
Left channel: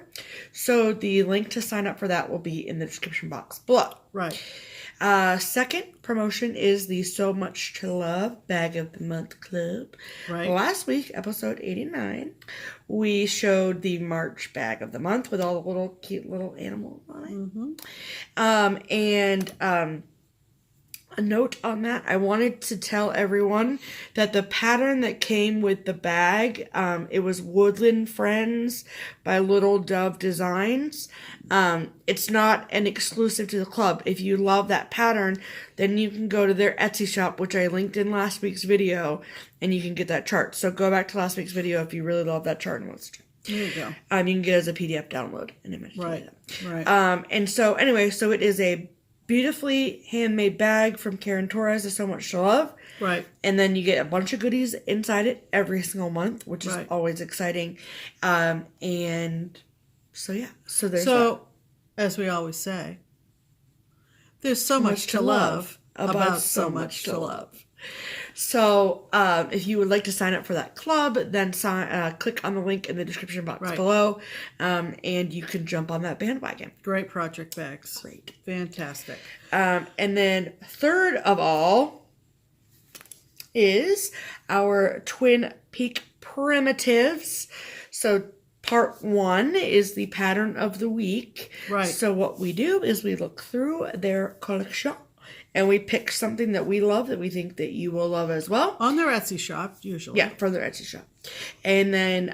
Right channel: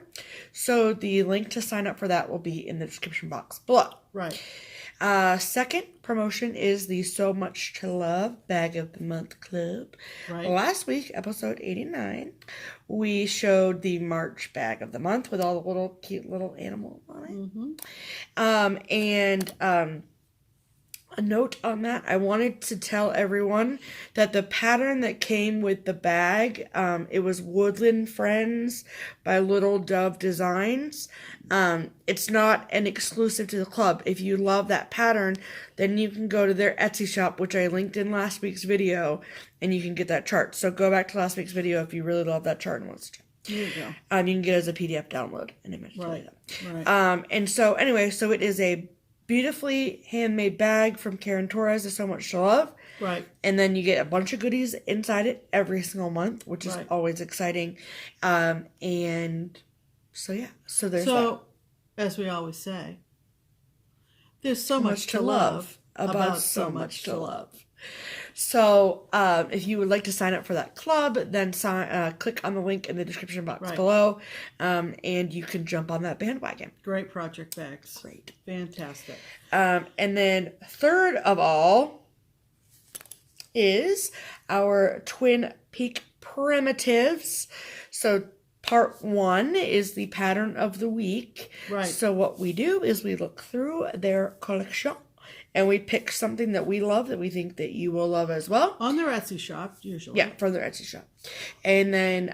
So the link to sign up for that will be in the description box below. Right. Second promotion is the SewMuch2Luv Bag of the Month Club. Right. Last week, episode 89, we showed the March Bag of the Month with all the little cute little animals on it. A note on that, I wanted to tell everyone that the pattern that came with the bag, it was Woodland Friends by Little Dove Designs. It's not an exclusive to the club. If you love that pattern, then you can go to their Etsy shop, which I linked in last week's video, and you can get that chart. So go back to last week's video if you really love that chart and want to. There you go. You can get it as a PDF download. And Right. And so anyway, so it is a beautifully handmade bag from Karen Torres of SewMuch2Luv. Right. And then you get a bunch of goodies inside it every single month, which is always exciting. And so, yeah. So there's that. As we always say, there's so much to love about SewMuch2Luv. So, if you would like to sign up for that club, then click on the link in the description box below, and you can jump on that bandwagon. Great project bags. Great. Fantastic. And then third of all is our Twin Peak Primitives. So, part 1 is the pattern of the week. Right. So what we do is we look through their collection And we pick something that we love that we think that you will love as well. On their Etsy shop, usually. Yeah, from their Etsy shop. And then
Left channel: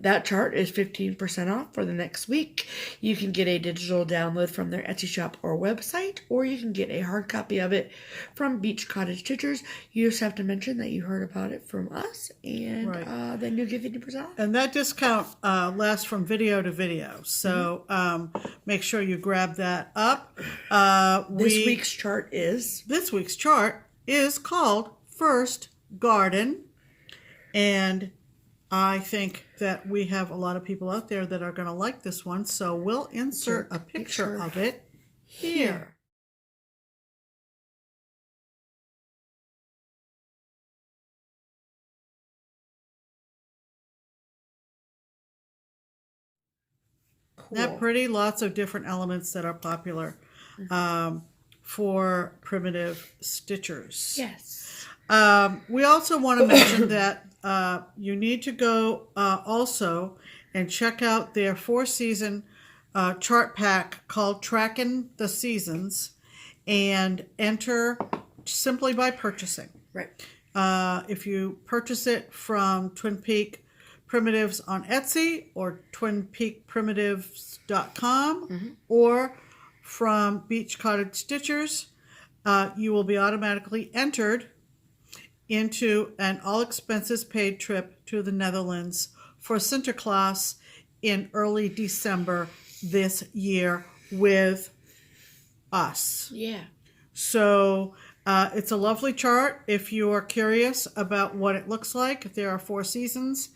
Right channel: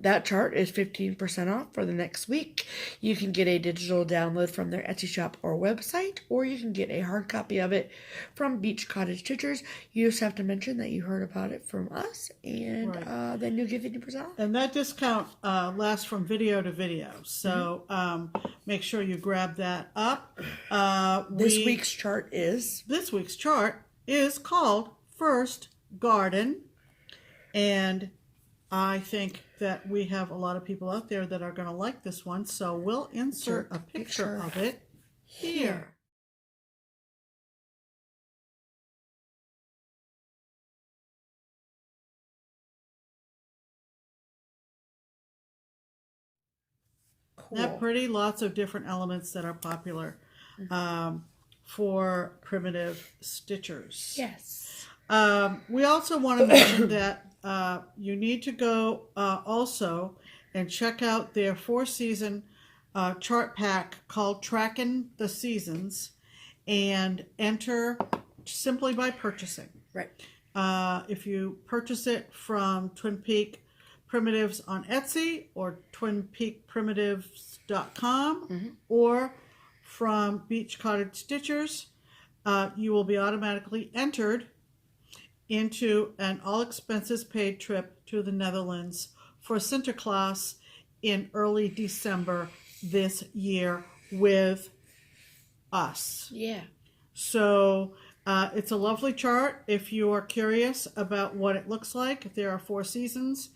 that chart is 15% off for the next week. You can get a digital download from their Etsy shop or website, or you can get a hard copy of it from Beach Cottage Stitchers. You just have to mention that you heard about it from us, and then you'll get 50% off. And that discount lasts from video to video. So make sure you grab that up. This week's chart is called First Garden. And I think that we have a lot of people out there that are going to like this one. So we'll insert a picture of it here. Cool. Isn't that pretty? Lots of different elements that are popular for primitive stitchers. Yes. We also want to mention that you need to go also and check out their 4-season chart pack called Tracking the Seasons, and enter simply by purchasing. Right. If you purchase it from Twin Peak Primitives on Etsy or twinpeakprimitives.com or from Beach Cottage Stitchers, you will be automatically entered into an all-expenses-paid trip to the Netherlands for Sinterklaas in early December this year with us. Yeah. So it's a lovely chart. If you are curious about what it looks like, if there are 4 seasons,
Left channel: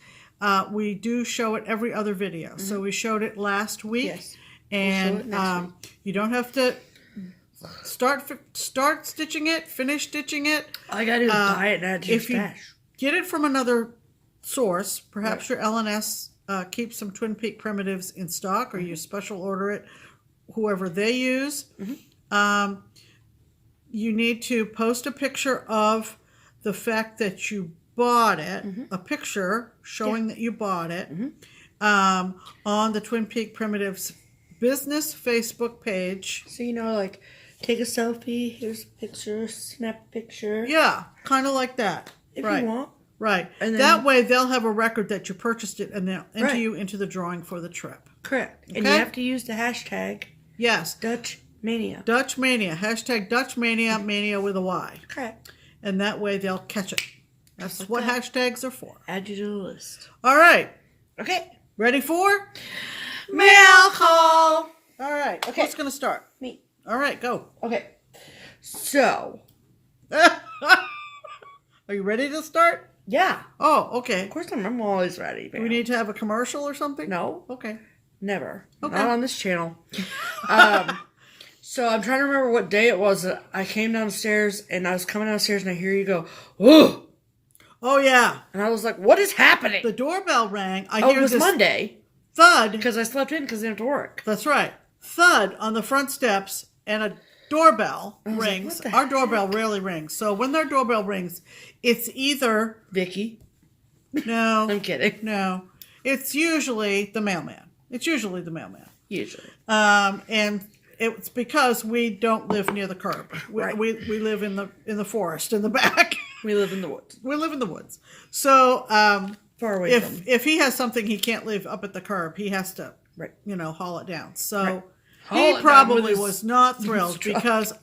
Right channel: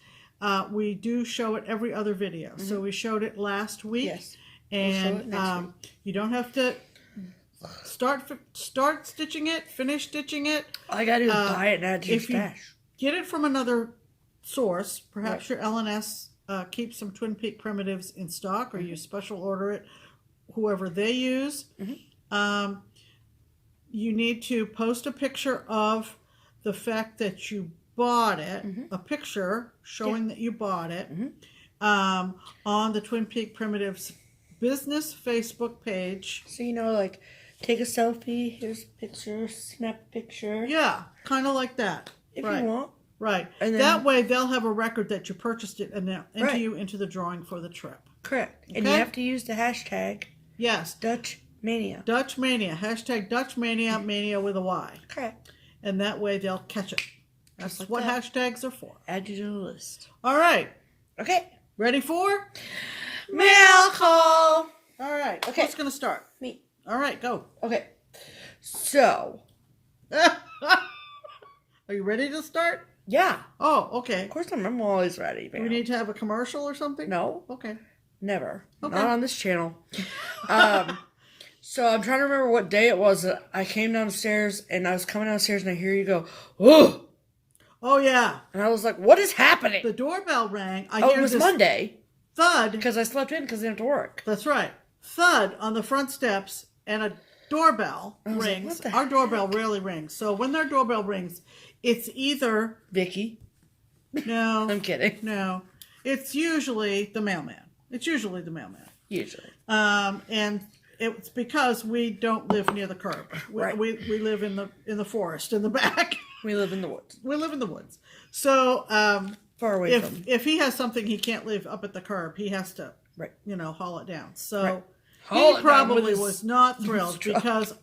we do show it every other video. So we showed it last week. Yes. And we'll you don't have to start stitching it, finish stitching it. All you gotta do is buy it and add to your stash. Get it from another source, perhaps your LNS keeps some Twin Peak Primitives in stock, or you special order it, whoever they use. You need to post a picture of the fact that you bought it, a picture showing that you bought it, on the Twin Peak Primitives business Facebook page. So, like, take a selfie, here's a picture, snap a picture. Yeah, kind of like that. If you want. Right. And then, that way they'll have a record that you purchased it, and they'll enter you into the drawing for the trip. Correct. Okay? And you have to use the hashtag. Yes. Dutch Mania. Dutch Mania. Hashtag Dutch Mania, Mania with a Y. Correct. And that way they'll catch it. That's like what hashtags are for. Add you to the list. All right. Okay. Ready for? Mail call. All right. Okay. Who's going to start? Me. All right. Go. Okay. So. Are you ready to start? Yeah. Oh, okay. Of course I'm always ready. Do we need to have a commercial or something? No. Okay. Never. Okay. Not on this channel. So I'm trying to remember what day it was that I came downstairs, and I was coming downstairs and I hear you go, "Whoa!" Oh, yeah. And I was like, what is happening? The doorbell rang. It was Monday. Thud. Because I slept in because I didn't have to work. That's right. Thud on the front steps, and a doorbell rings. Like, our doorbell rarely rings. So when their doorbell rings, it's either... Vicky. No. I'm kidding. No. It's usually the mailman. Usually. And it's because we don't live near the curb. We live in the forest in the back. We live in the woods. We live in the woods. So far away from. If he has something he can't leave up at the curb, he has to haul it down. So he probably was not thrilled because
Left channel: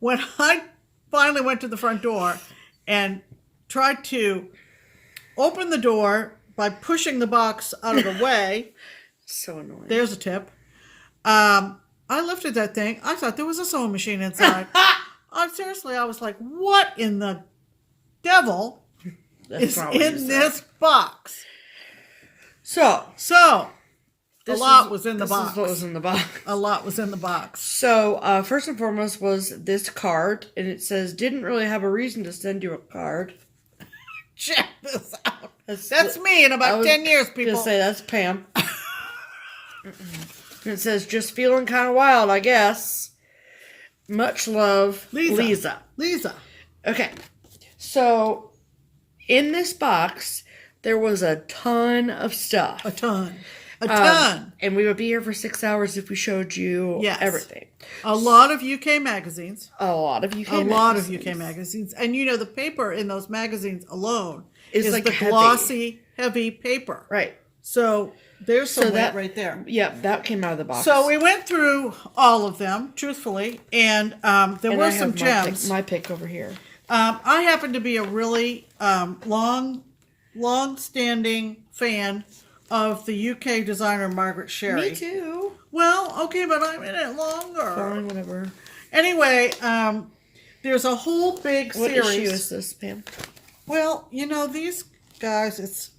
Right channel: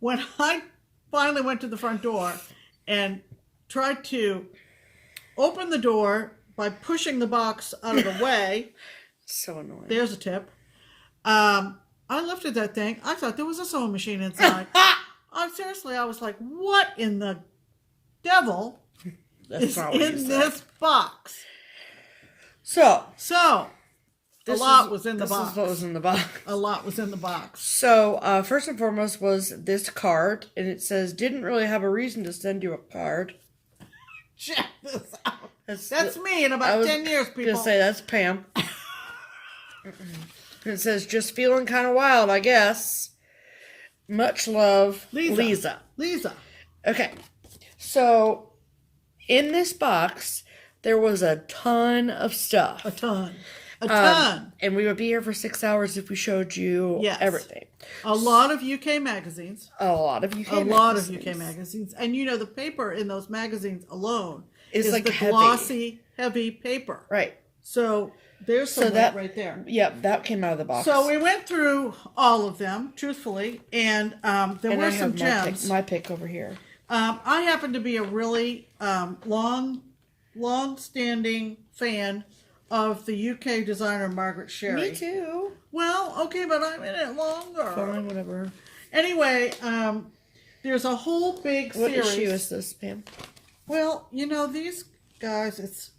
when I finally went to the front door and tried to open the door by pushing the box out of the way. So annoying. There's a tip. I lifted that thing. I thought there was a sewing machine inside. Seriously, I was like, what in the devil is in this box? So a lot was in the box. This is what was in the box. A lot was in the box. So first and foremost was this card, and it says, didn't really have a reason to send you a card. Check this out. That's me in about 10 years, people. I was going to say, that's Pam. And it says, just feeling kind of wild, I guess. Much love, Lisa. Okay. So, in this box, there was a ton of stuff. A ton. A ton. And we would be here for 6 hours if we showed you everything. A lot of UK magazines. A lot of UK magazines. And you know, the paper in those magazines alone is like the heavy. Glossy, heavy paper. Right. So there's some weight right there. Yep, that came out of the box. So we went through all of them, truthfully, and there were some gems. My pick over here. I happen to be a really long-standing fan of the UK designer Margaret Sherry. Me too. Well, okay, but I'm in it longer. Fine, whatever. Anyway, there's a whole big series. What issue is this, Pam? Well, you know, these guys, it's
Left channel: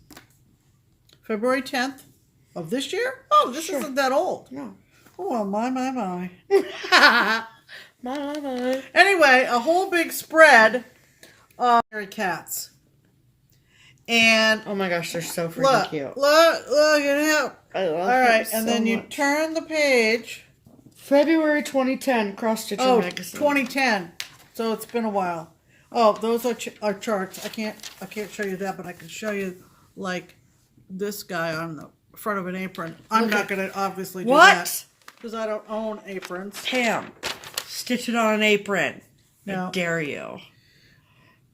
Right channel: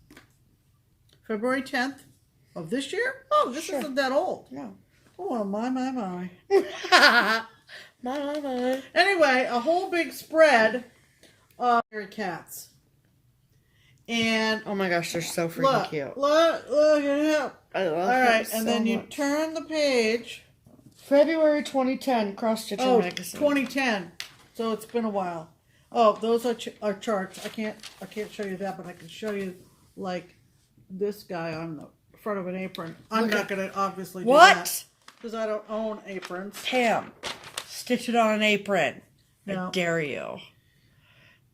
February 10th of this year. Oh, this isn't that old. No. Oh, my. My. Anyway, a whole big spread of cats. And oh my gosh, they're so freaking cute. Look at him. I love All right, so and then you much. turn the page. February 2010, Cross Stitcher magazine. 2010. So it's been a while. Oh, those are charts. I can't show you that, but I can show you like this guy on the front of an apron. I'm not going to obviously do that because I don't own aprons. Pam, stitch it on an apron. No. I dare you.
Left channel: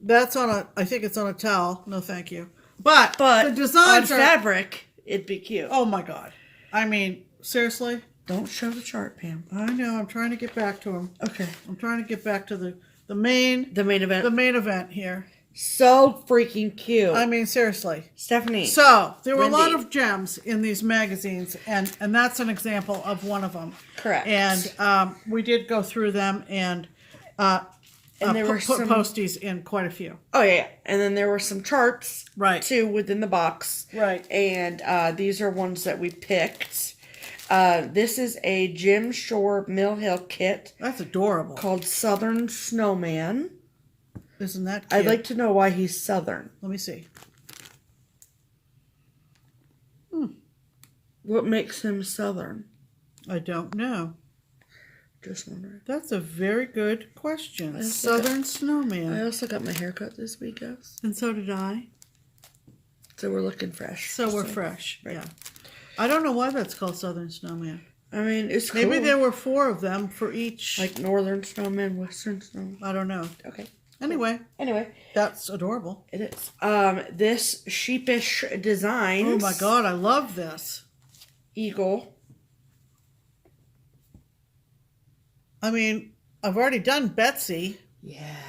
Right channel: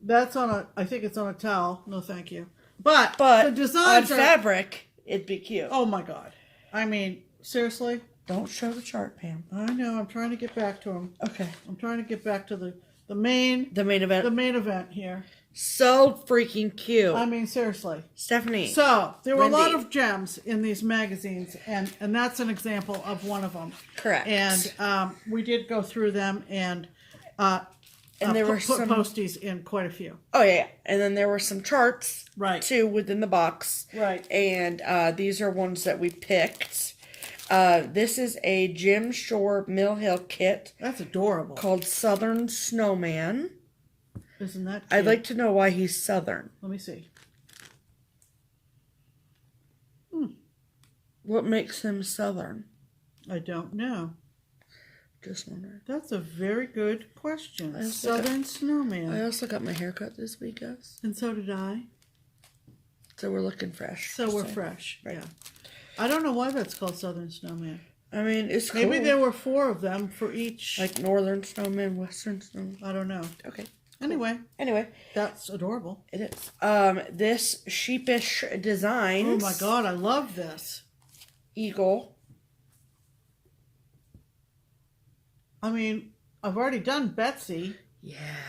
That's on a. I think it's on a towel. No, thank you. But the on designs are fabric, it'd be cute. Oh my god! I mean, seriously. Don't show the chart, Pam. I know. I'm trying to get back to him. Okay. I'm trying to get back to the main event. The main event here. So freaking cute. I mean, seriously, Stephanie. So there were a lot of gems in these magazines, and that's an example of one of them. Correct. And we did go through them and there were put posties in quite a few. Oh yeah, and then there were some charts, right, too, within the box, right. And these are ones that we picked. This is a Jim Shore Mill Hill kit. That's adorable. Called Southern Snowman. Isn't that cute? I'd like to know why he's Southern. Let me see. What makes him Southern? I don't know. Just wondering. That's a very good question. Southern Snowman. I also got my haircut this week, guys. And so did I. So we're looking fresh. So we're fresh. Right. Yeah. I don't know why that's called Southern Snowman. I mean, it's cool. Maybe there were 4 of them for each. Like Northern Snowman, Western Snowman. I don't know. Okay. Anyway. Anyway. That's adorable. It is. This Sheepish Designs. Oh my god, I love this. Eagle. I mean, I've already done Betsy. Yeah.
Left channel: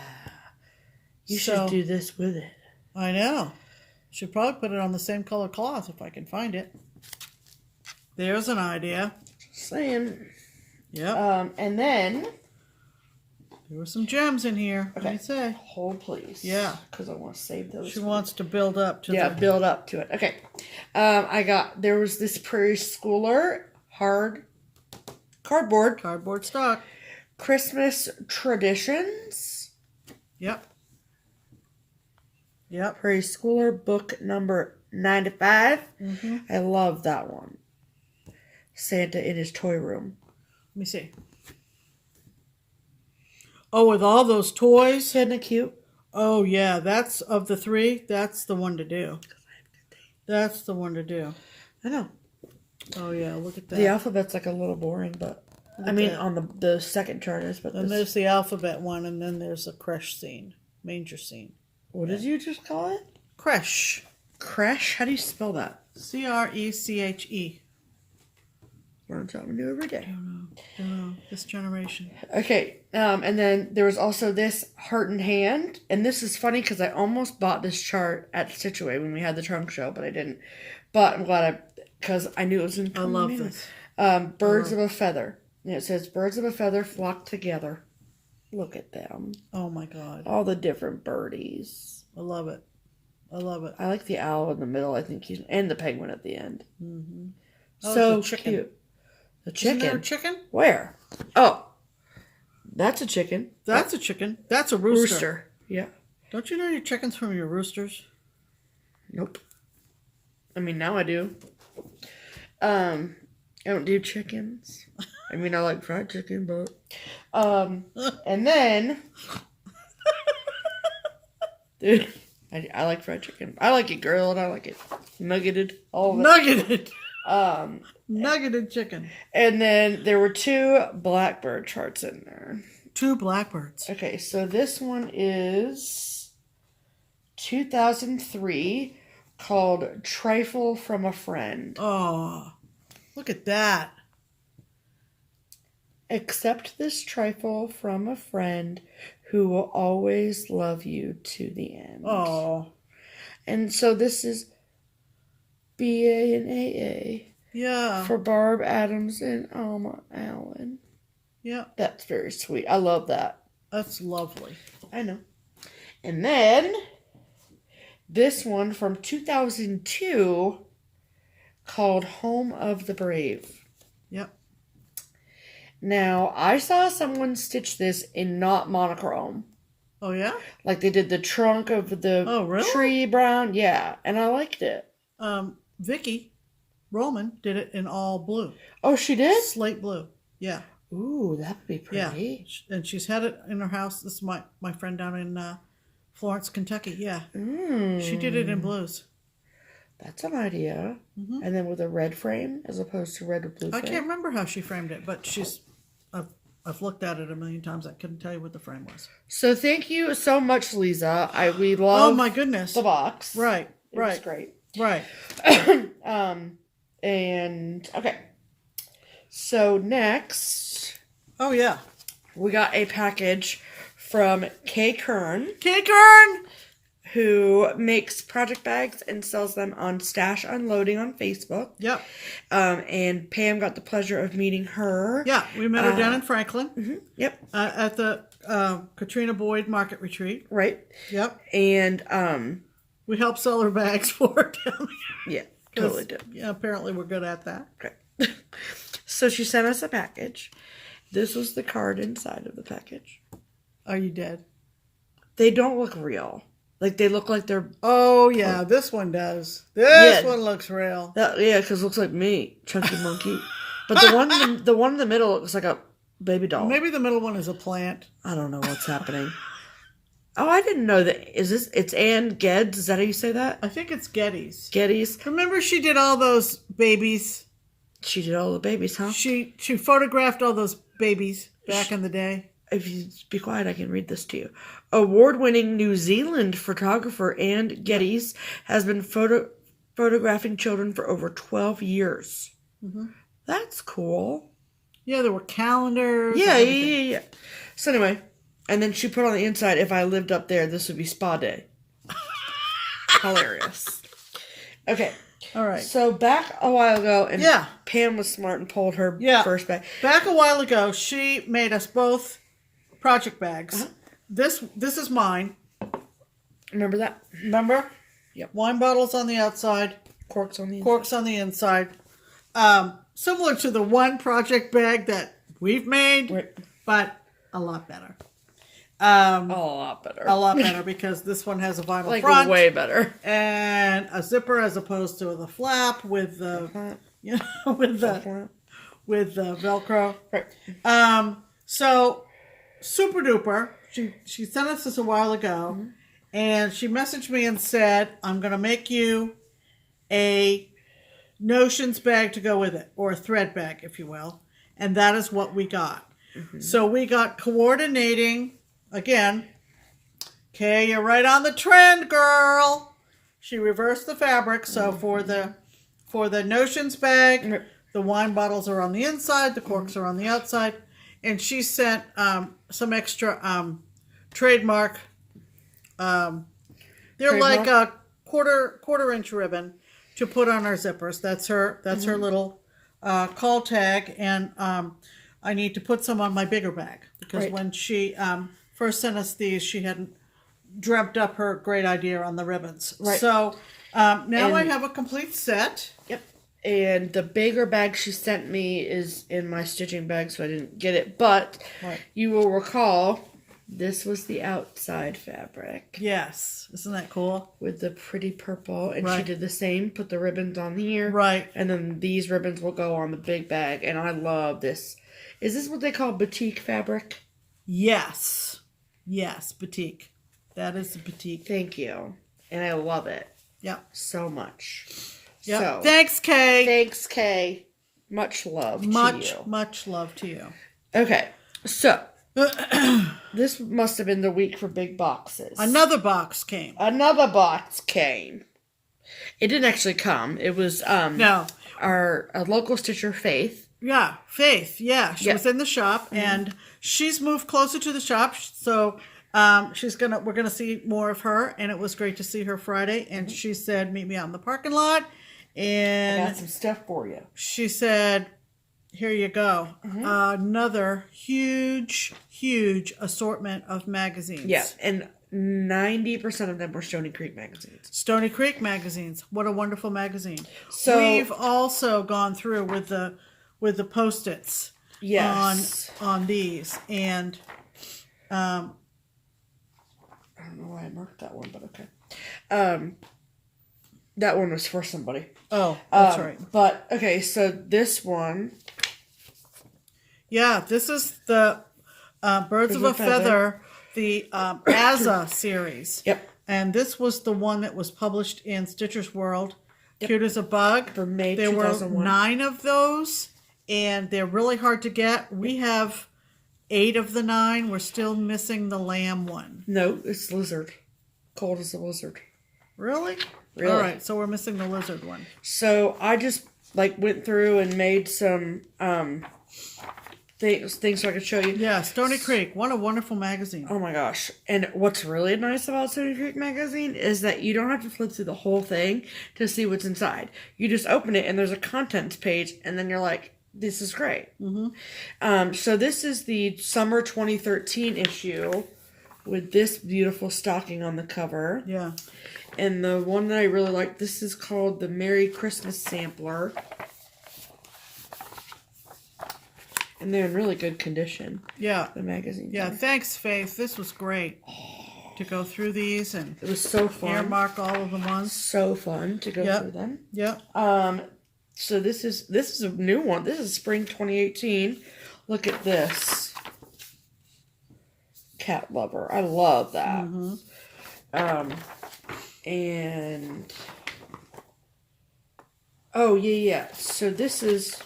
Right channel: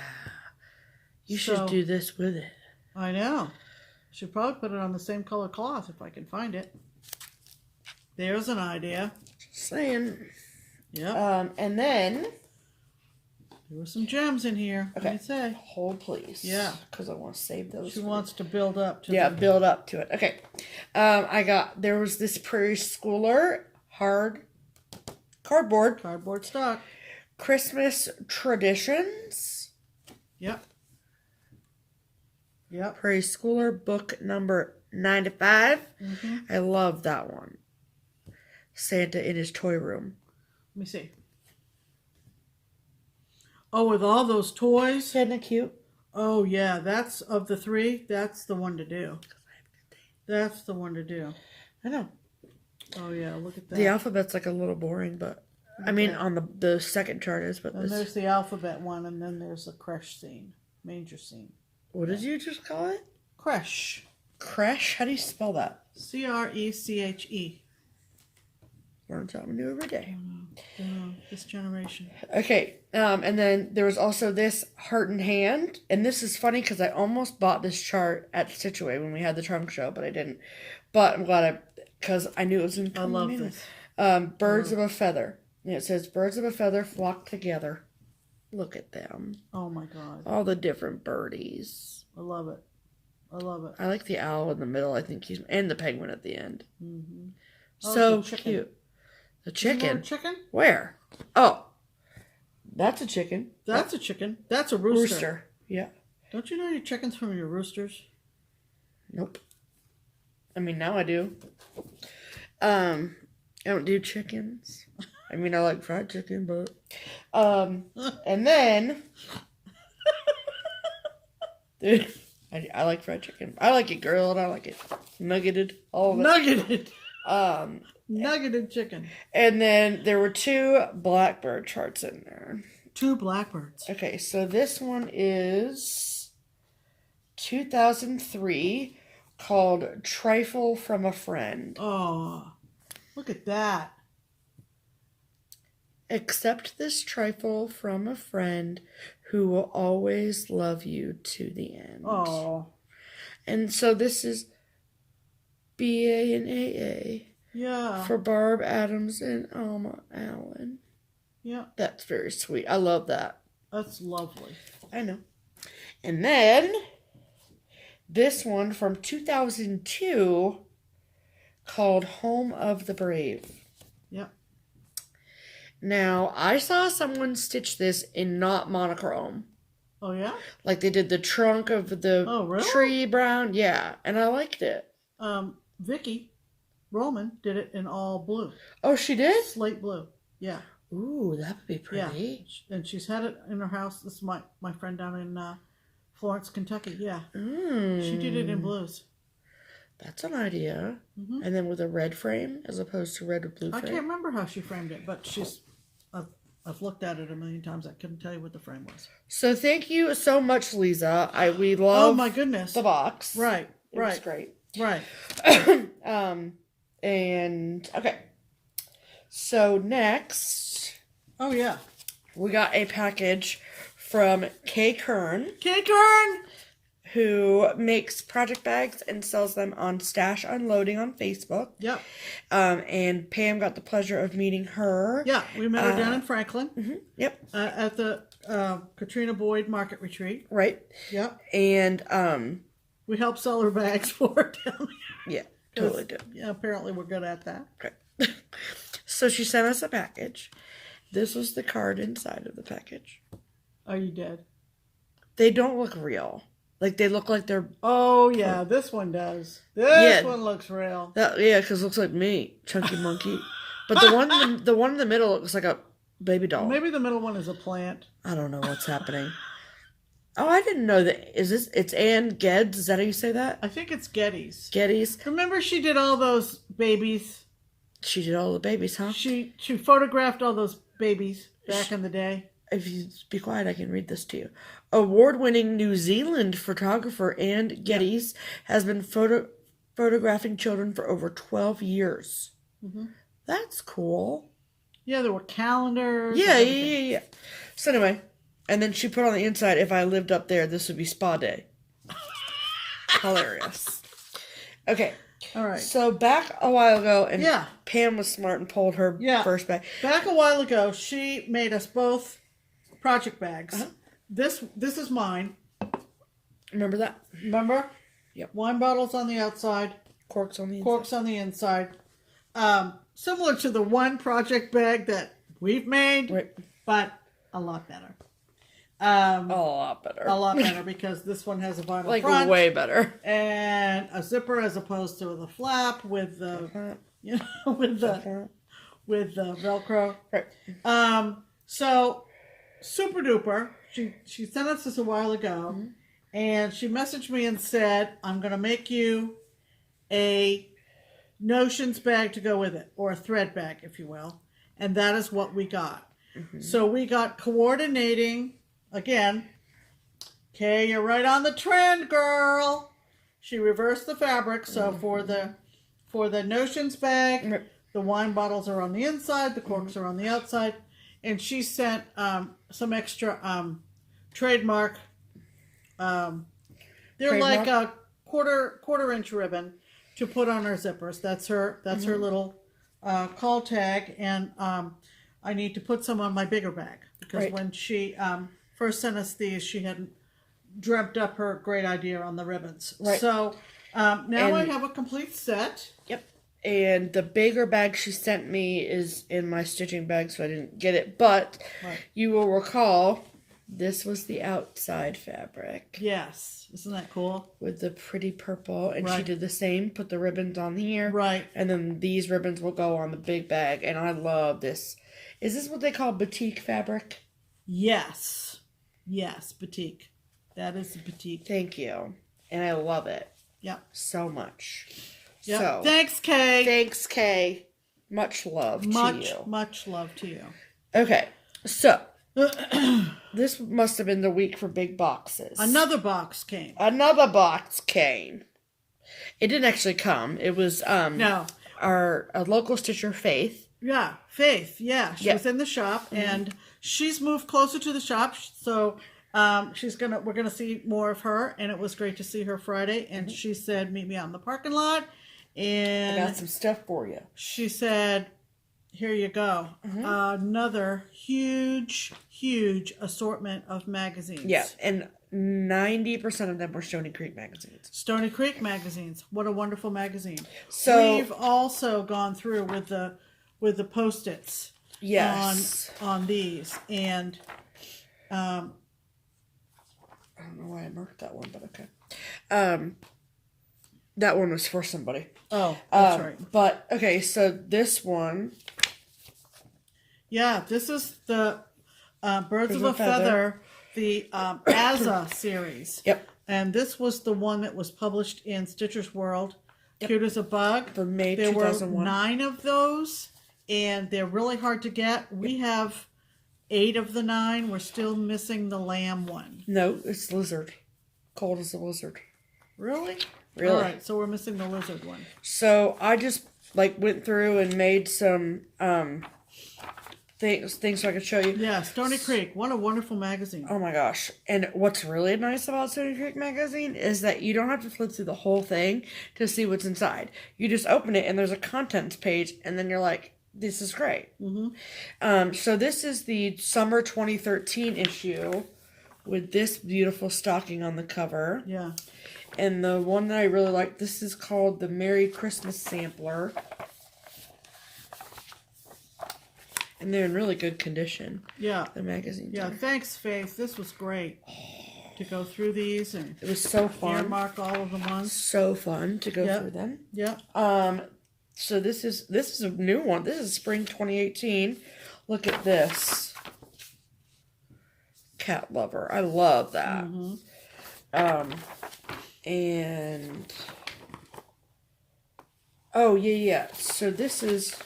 You should do this with it. I know. Should probably put it on the same color cloth if I can find it. There's an idea. Just saying. Yep. And then there were some gems in here. Okay. What do you say? Hold, please. Yeah. Because I want to save those. She wants to build up to build up to it. Okay. There was this Prairie Schooler cardboard stock. Christmas Traditions. Yep. Prairie Schooler book number 95. Mm-hmm. I love that one. Santa in his toy room. Let me see. Oh, with all those toys. Isn't it cute? Oh, yeah. That's, of the 3, that's the one to do. That's the one to do. I know. Oh, yeah. Look at that. The alphabet's like a little boring, but I mean, on the second chart is, but and there's the alphabet one, and then there's a creche scene, manger scene. What did you just call it? Creche. Creche? How do you spell that? Creche. Learn something new every day. Don't know. This generation. Okay, and then there was also this Heart and Hand, and this is funny because I almost bought this chart at Stitchaway when we had the trunk show, but I didn't. But I'm glad because I knew it was in. I love this. Birds of a Feather. And it says, birds of a feather flock together. Look at them. Oh, my God. All the different birdies. I love it. I love it. I like the owl in the middle. I think he's... And the penguin at the end. Mm-hmm. So cute. The chicken? Isn't there a chicken? Where? Oh. That's a chicken. That's a chicken. That's a rooster. Yeah. Don't you know your chickens from your roosters? Nope. I mean, now I do. I don't do chickens. I mean, I like fried chicken, but... and then... Dude, I like fried chicken. I like it grilled. I like it nuggeted. All of it. Nuggeted. Nuggeted chicken. And then there were 2 blackbird charts in there. 2 blackbirds. Okay, so this one is 2003, called Trifle from a Friend. Oh, look at that. Accept this trifle from a friend who will always love you to the end. Oh. And so this is BA and AA. Yeah. For Barb Adams and Alma Allen. Yeah. That's very sweet. I love that. That's lovely. I know. And then this one from 2002 called Home of the Brave. Yep. Now, I saw someone stitch this in not monochrome. Oh, yeah? Like they did the trunk of the tree brown. Yeah, and I liked it. Vicky Roman did it in all blue. Oh, she did? Slate blue. Yeah. Ooh, that would be pretty. Yeah. And she's had it in her house. This is my friend down in Florence, Kentucky. Yeah. She did it in blues. That's an idea. Mm-hmm. And then with a red frame as opposed to red with blue frame. I can't remember how she framed it, but I've looked at it a million times. I couldn't tell you what the frame was. So thank you so much, Lisa. We love oh my goodness the box. Right. It was great. Right. And okay. So next. Oh yeah. We got a package from Kay Kern. Kay Kern! Who makes project bags and sells them on Stash Unloading on Facebook. Yep. And Pam got the pleasure of meeting her. Yeah, we met her down in Franklin. Mm-hmm, yep. At the Katrina Boyd Market Retreat. Right. Yep. And we helped sell her bags for her down there. Yeah, totally did. Yeah, apparently we're good at that. Okay. So she sent us a package. This was the card inside of the package. Are you dead? They don't look real. Like, they look like they're... Oh, yeah, this one does. This one looks real. Yeah, because it looks like me, Chunky Monkey. But the one in the middle looks like a baby doll. Maybe the middle one is a plant. I don't know what's happening. Oh, I didn't know that. It's Ann Geddes? Is that how you say that? I think it's Geddes. Geddes. Remember she did all those babies? She did all the babies, huh? She photographed all those babies back in the day. If you be quiet, I can read this to you. Award-winning New Zealand photographer Ann Geddes has been photographing children for over 12 years. Mm-hmm. That's cool. Yeah, there were calendars. Yeah. So anyway, and then she put on the inside, if I lived up there, this would be spa day. Hilarious. Okay. All right. So back a while ago, and Pam was smart and pulled her first bag. Back a while ago, she made us both project bags. Uh-huh. This is mine. Remember that? Remember? Yep. Wine bottles on the outside. Corks on the inside. Corks on the inside. Similar to the one project bag that we've made, but a lot better. A lot better. A lot better because this one has a vinyl like front. Way better. And a zipper as opposed to the flap with the, with the Velcro. Right. So super duper. She sent us this a while ago, and she messaged me and said, I'm going to make you a notions bag to go with it, or a thread bag, if you will. And that is what we got. Mm-hmm. So we got coordinating, again, okay, you're right on the trend, girl. She reversed the fabric, so for the notions bag, the wine bottles are on the inside, the corks are on the outside. And she sent some extra trademark. They're like a quarter inch ribbon to put on our zippers. That's her little call tag, and I need to put some on my bigger bag because when she first sent us these, she hadn't dreamt up her great idea on the ribbons. Right. So now I have a complete set. Yep. And the bigger bag she sent me is in my stitching bag, so I didn't get it. But you will recall, this was the outside fabric. Yes. Isn't that cool? With the pretty purple. And she did the same, put the ribbons on here. Right. And then these ribbons will go on the big bag. And I love this. Is this what they call batik fabric? Yes. Yes, batik. That is the batik. Thank you. And I love it. Yeah. So much. Yep. So Thanks, Kay. thanks, Kay. Much love to you. Much love to you. Okay, so this must have been the week for big boxes. Another box came. Another box came. It didn't actually come. It was No. our local stitcher, Faith. Yeah, Faith. Yeah, she Yep. was in the shop, and she's moved closer to the shop, so we're gonna see more of her. And it was great to see her Friday. And she said, "Meet me out in the parking lot." And I got some stuff for you. she said, "Here you go, another huge assortment of magazines." Yeah, and 90% of them were Stony Creek magazines. Stony Creek magazines. What a wonderful magazine. So we've also gone through with the Post-its. Yes. On these, and I don't know why I marked that one, but okay. That one was for somebody. oh, that's right. But okay, so this one. Yeah, this is the Birds of a Feather, the Azza series. Yep. And this was the one that was published in Stitcher's World. Yep. Cute as a Bug. For May there 2001. were 9 of those, and they're really hard to get. We have 8 of the 9. We're still missing the lamb one. No, it's lizard. Cold as a lizard. Really? Really. All right, so we're missing the lizard one. So I just went through and made some things so I could show you. Yeah, Stony Creek. What a wonderful magazine. Oh my gosh. And what's really nice about Stony Creek magazine is that you don't have to flip through the whole thing to see what's inside. You just open it and there's a contents page, and then you're like, this is great. Mm-hmm. So this is the summer 2013 issue with this beautiful stocking on the cover. Yeah. And the one that I really like, this is called the Merry Christmas Sampler. And they're in really good condition. Yeah. The magazine. Yeah, thanks, Faith. This was great to go through these and it was so fun. earmark all of the ones. So fun to go through them. Yep. So this is a new one. This is spring 2018. Look at this. Cat lover. I love that. Mm-hmm. And oh yeah. So this is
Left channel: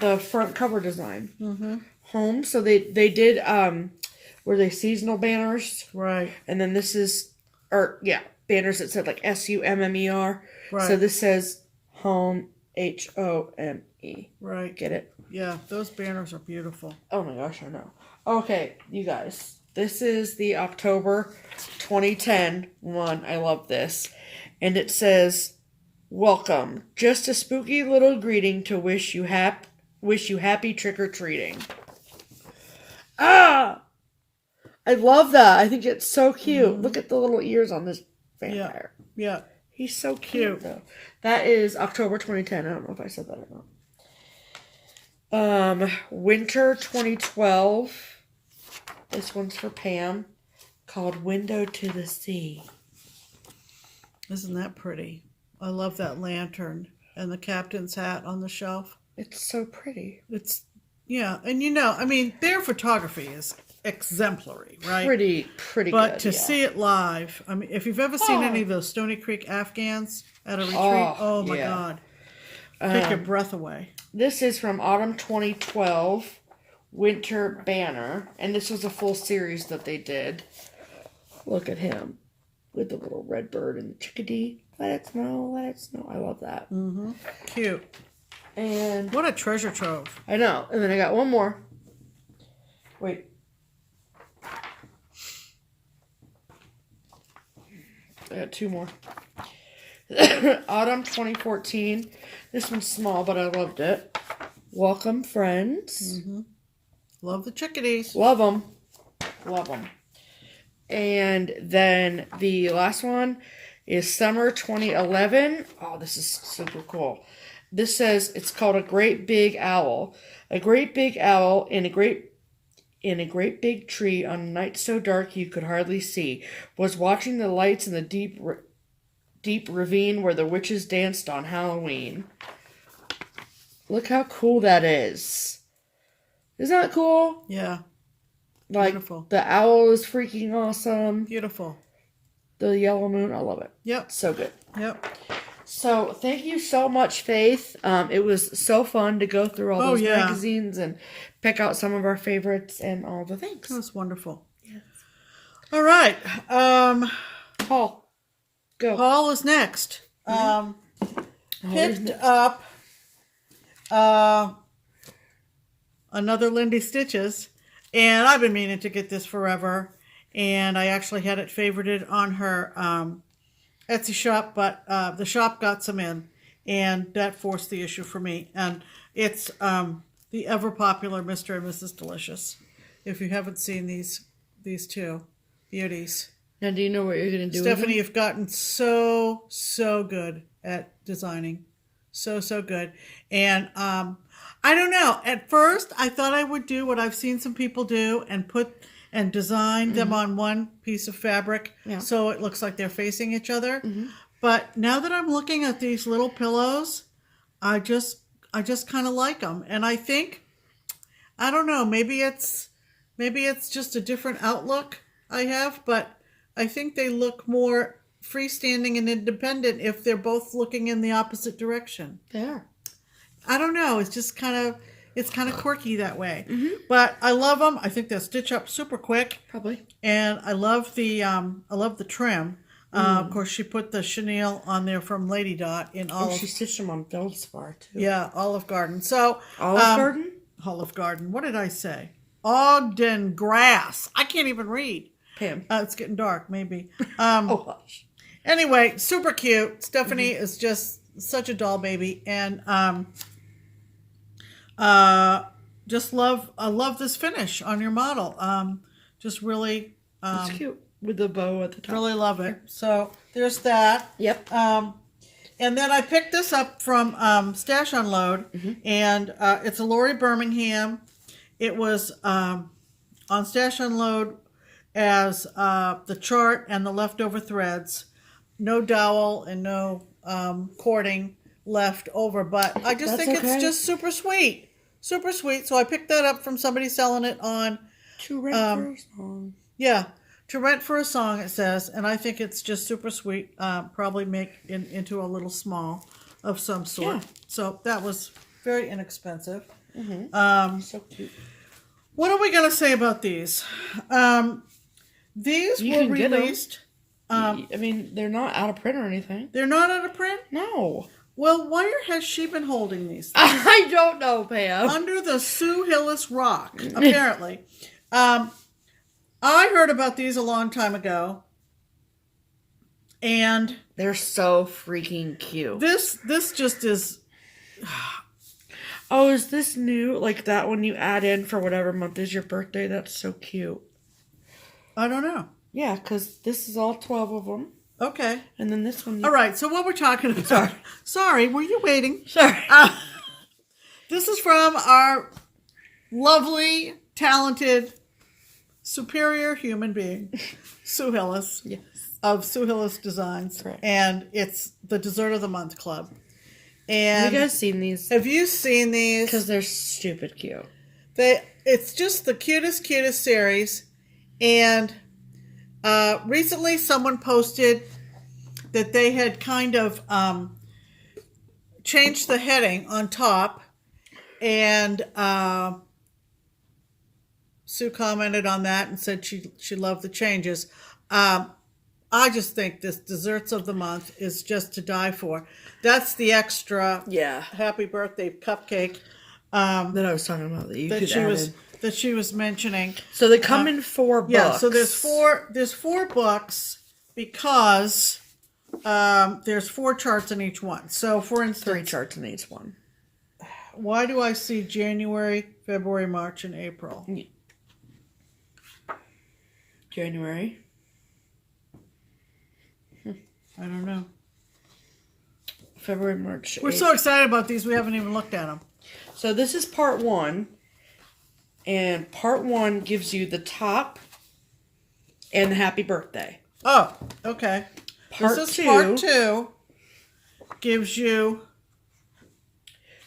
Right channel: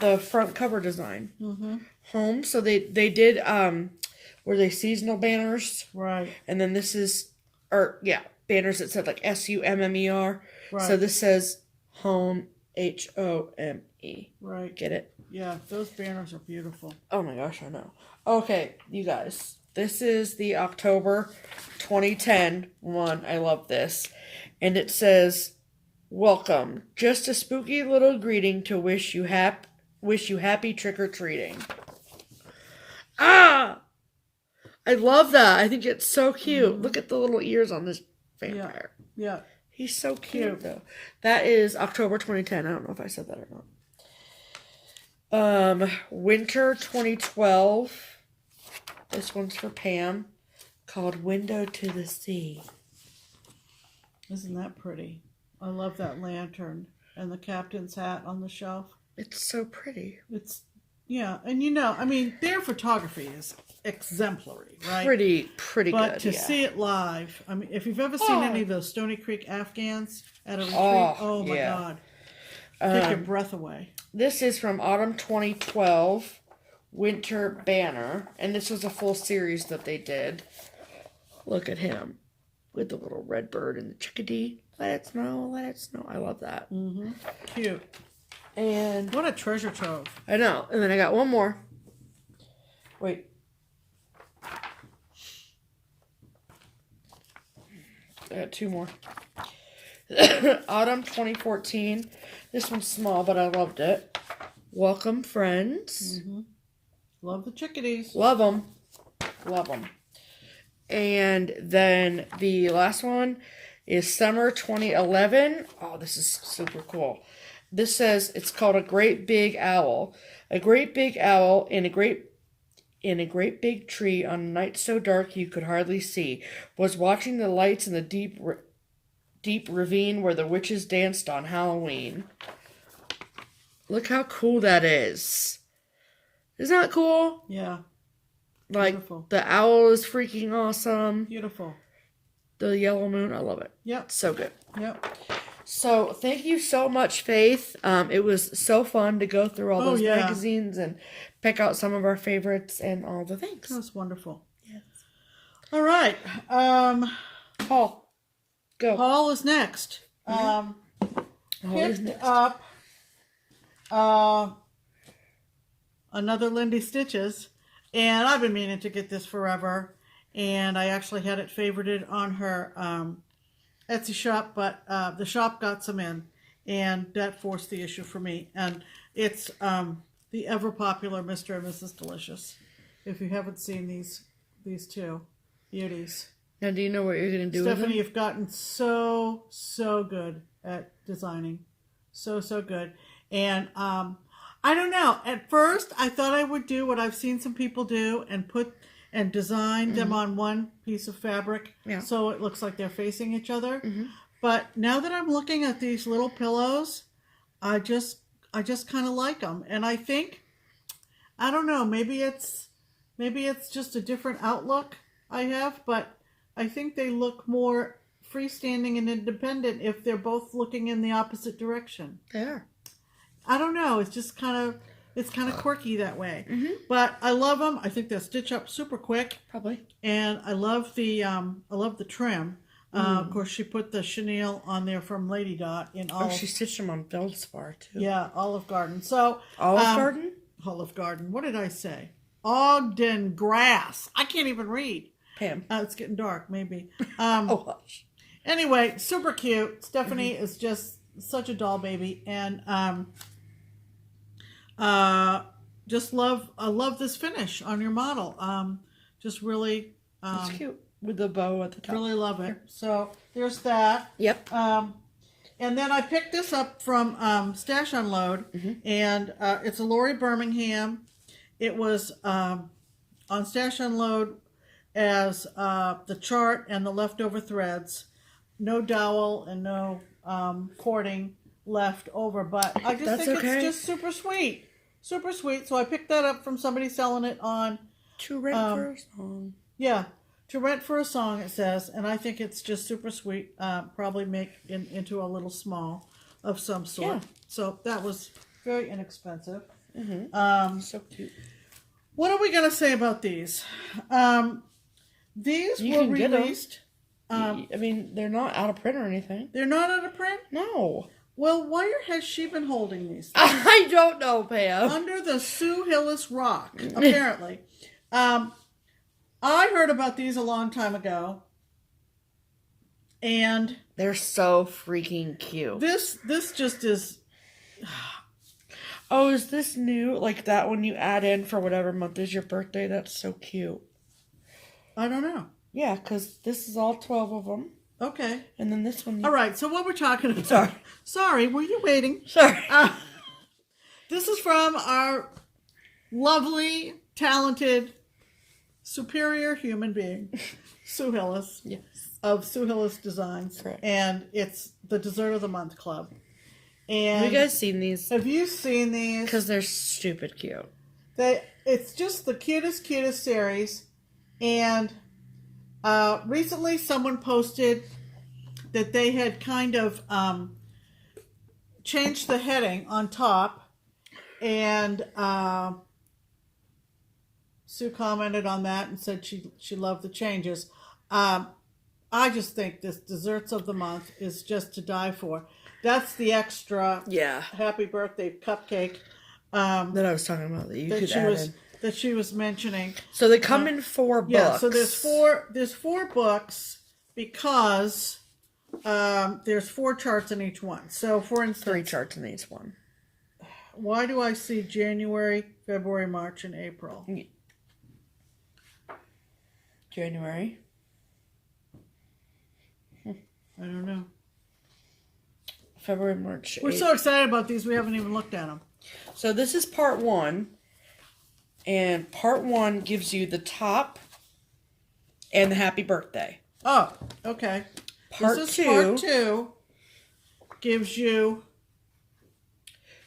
the front cover design. Mm-hmm. Home. So they did were they seasonal banners? Right. And then this is banners that said like SUMMER. Right. So this says home HOME. Right. Get it? Yeah, those banners are beautiful. Oh my gosh, I know. Okay, you guys. This is the October 2010 one. I love this. And it says, "Welcome. Just a spooky little greeting to wish you happy trick-or-treating." Ah! I love that. I think it's so cute. Mm-hmm. Look at the little ears on this vampire. Yeah. He's so cute, though. That is October 2010. I don't know if I said that or not. Winter 2012. This one's for Pam. Called Window to the Sea. Isn't that pretty? I love that lantern and the captain's hat on the shelf. It's so pretty. It's, yeah. And I mean, their photography is exemplary, right? Pretty but good, to see it live, I mean, if you've ever seen any of those Stony Creek Afghans at a retreat, oh my God. Take your breath away. This is from autumn 2012, Winter Banner. And this was a full series that they did. Look at him with the little red bird and the chickadee. Let it snow, let it snow. I love that. Mm-hmm. Cute. And what a treasure trove. I know. And then I got one more. Wait. I got 2 more. Autumn 2014. This one's small, but I loved it. Welcome, friends. Mm-hmm. Love the chickadees. Love them. Love them. And then the last one is summer 2011. Oh, this is super cool. This says it's called A Great Big Owl. A great big owl in a great big tree on a night so dark you could hardly see was watching the lights in the deep ravine where the witches danced on Halloween. Look how cool that is. Isn't that cool? Yeah. Like, beautiful. The owl is freaking awesome. Beautiful. The yellow moon, I love it. Yep. So good. Yep. So thank you so much, Faith. It was so fun to go through all those magazines and pick out some of our favorites and all the things. That was wonderful. Yes. All right. Paul, go. Paul is next. Picked up another Lindy Stitches, and I've been meaning to get this forever, and I actually had it favorited on her Etsy shop, but the shop got some in, and that forced the issue for me. And it's the ever popular Mr. and Mrs. Delicious. If you haven't seen these two beauties. Now, do you know what you're going to do Stephanie, with them? you've gotten so good at designing. So good. And I don't know. At first, I thought I would do what I've seen some people do and design them on one piece of fabric so it looks like they're facing each other. But now that I'm looking at these little pillows, I just kind of like them. And I think, I don't know, maybe it's just a different outlook I have, but I think they look more freestanding and independent if they're both looking in the opposite direction. They are. I don't know. It's just kind of quirky that way. But I love them. I think they'll stitch up super quick. Probably. And I love the trim. Of course, she put the chenille on there from Lady Dot in Olive. Oh, she stitched them on Feldspar too. Yeah, Olive Garden. So Olive Garden. Olive Garden. What did I say? Ogden Grass. I can't even read. Pam. It's getting dark. Maybe. Oh gosh. Anyway, super cute. Stephanie is just such a doll baby, and I love this finish on your model. Just really, it's cute with the bow at the top. Really love it. So there's that. Yep. And then I picked this up from Stash Unload, and it's a Lori Birmingham. It was on Stash Unload as the chart and the leftover threads. No dowel and no cording left over, but I just think it's just super sweet. Super sweet. So I picked that up from somebody selling it on To Rent for a Song. Yeah, To Rent for a Song, it says, and I think it's just super sweet. Probably make into a little small of some sort. Yeah. So that was very inexpensive. So cute. What are we going to say about these? These You were can get 'em. released. I mean, they're not out of print or anything. They're not out of print? No. Well, where has she been holding these? I don't know, Pam. Under the Sue Hillis rock, apparently. I heard about these a long time ago. And They're so freaking cute. this just is... Oh, is this new? Like that one you add in for whatever month is your birthday? That's so cute. I don't know. Yeah, because this is all 12 of them. Okay. And then this one. All right, so what we're talking about... Sorry, were you waiting? Sorry. This is from our lovely, talented, superior human being, Sue Hillis. Yes. Of Sue Hillis Designs. Correct. And it's the Dessert of the Month Club. And Have you guys seen these? have you seen these? Because they're stupid cute. It's just the cutest series. And recently someone posted that they had kind of changed the heading on top. And Sue commented on that and said she loved the changes. I just think this Desserts of the Month is just to die for. That's the extra happy birthday cupcake That I was talking about that you could add in. that she was mentioning. So they come in 4 books. Yeah, so there's four books because there's 4 charts in each one. So for instance, 3 charts in each one. why do I see January, February, March, and April? January. I don't know. February, March. We're so excited about these, we haven't even looked at them. So this is part 1. And part 1 gives you the top and the happy birthday. Oh, okay. Part this is 2. Part 2 gives you...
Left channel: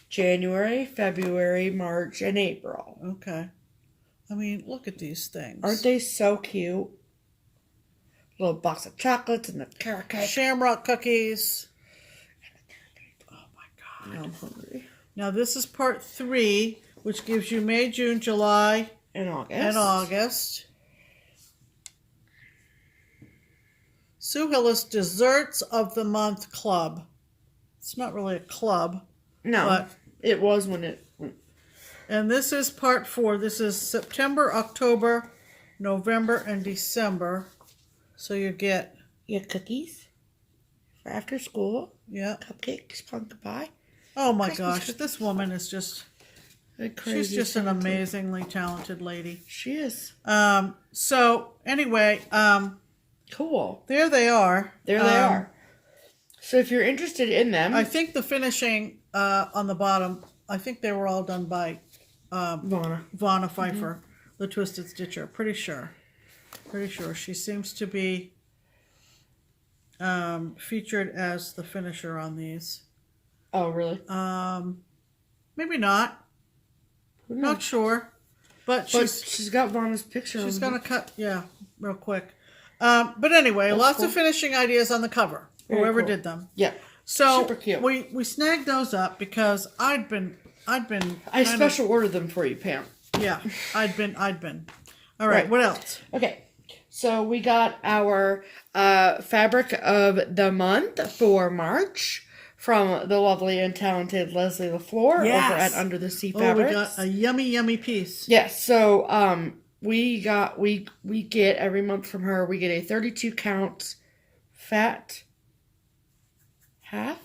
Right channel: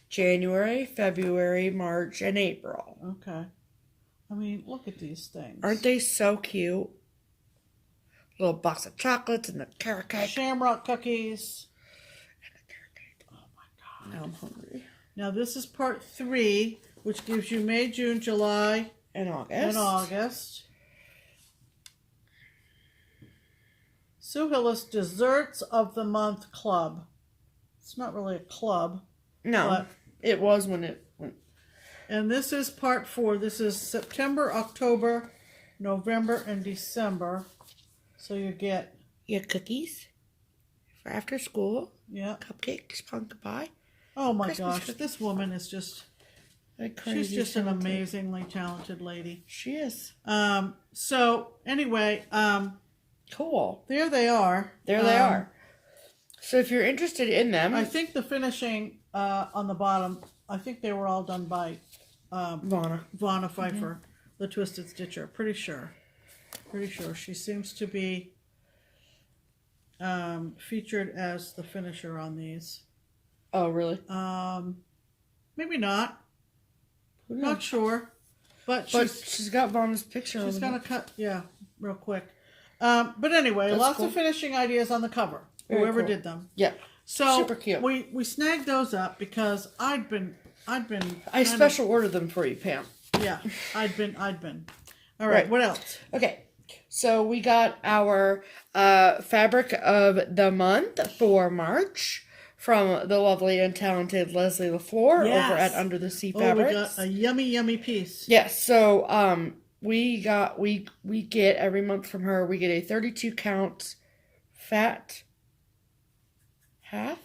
January, February, March, and April. Okay. I mean, look at these things. Aren't they so cute? Little box of chocolates and the carrot cake. Shamrock cookies. Now I'm hungry. Now this is part 3, which gives you May, June, July, And August. and August. Sue Hillis Desserts of the Month Club. It's not really a club. No, but, it was when it... and this is part 4. This is September, October, November, and December. So you get... You have cookies for after school. Yeah. Cupcakes, pumpkin pie. Oh my Christmas gosh, this woman is just... Crazy She's just an amazingly talented lady. She is. So, anyway... Cool. there they are. There they are. So if you're interested in them... I think the finishing on the bottom, I think they were all done by Vonna Pfeiffer, the Twisted Stitcher. Pretty sure. Pretty sure. She seems to be featured as the finisher on these. Oh, really? Maybe not. Not sure. But she's got Vonna's picture. She's going to cut, real quick. But anyway, That's lots cool. of finishing ideas on the cover. Very Whoever cool. did them. Yeah. So Super cute. we snagged those up because I'd been I special ordered them for you, Pam. Yeah, I'd been. All right, what else? Okay, so we got our fabric of the month for March from the lovely and talented Leslie LaFleur over at Under the Sea Fabrics. We got a yummy piece. Yes, so we get every month from her, we get a 32 count fat half?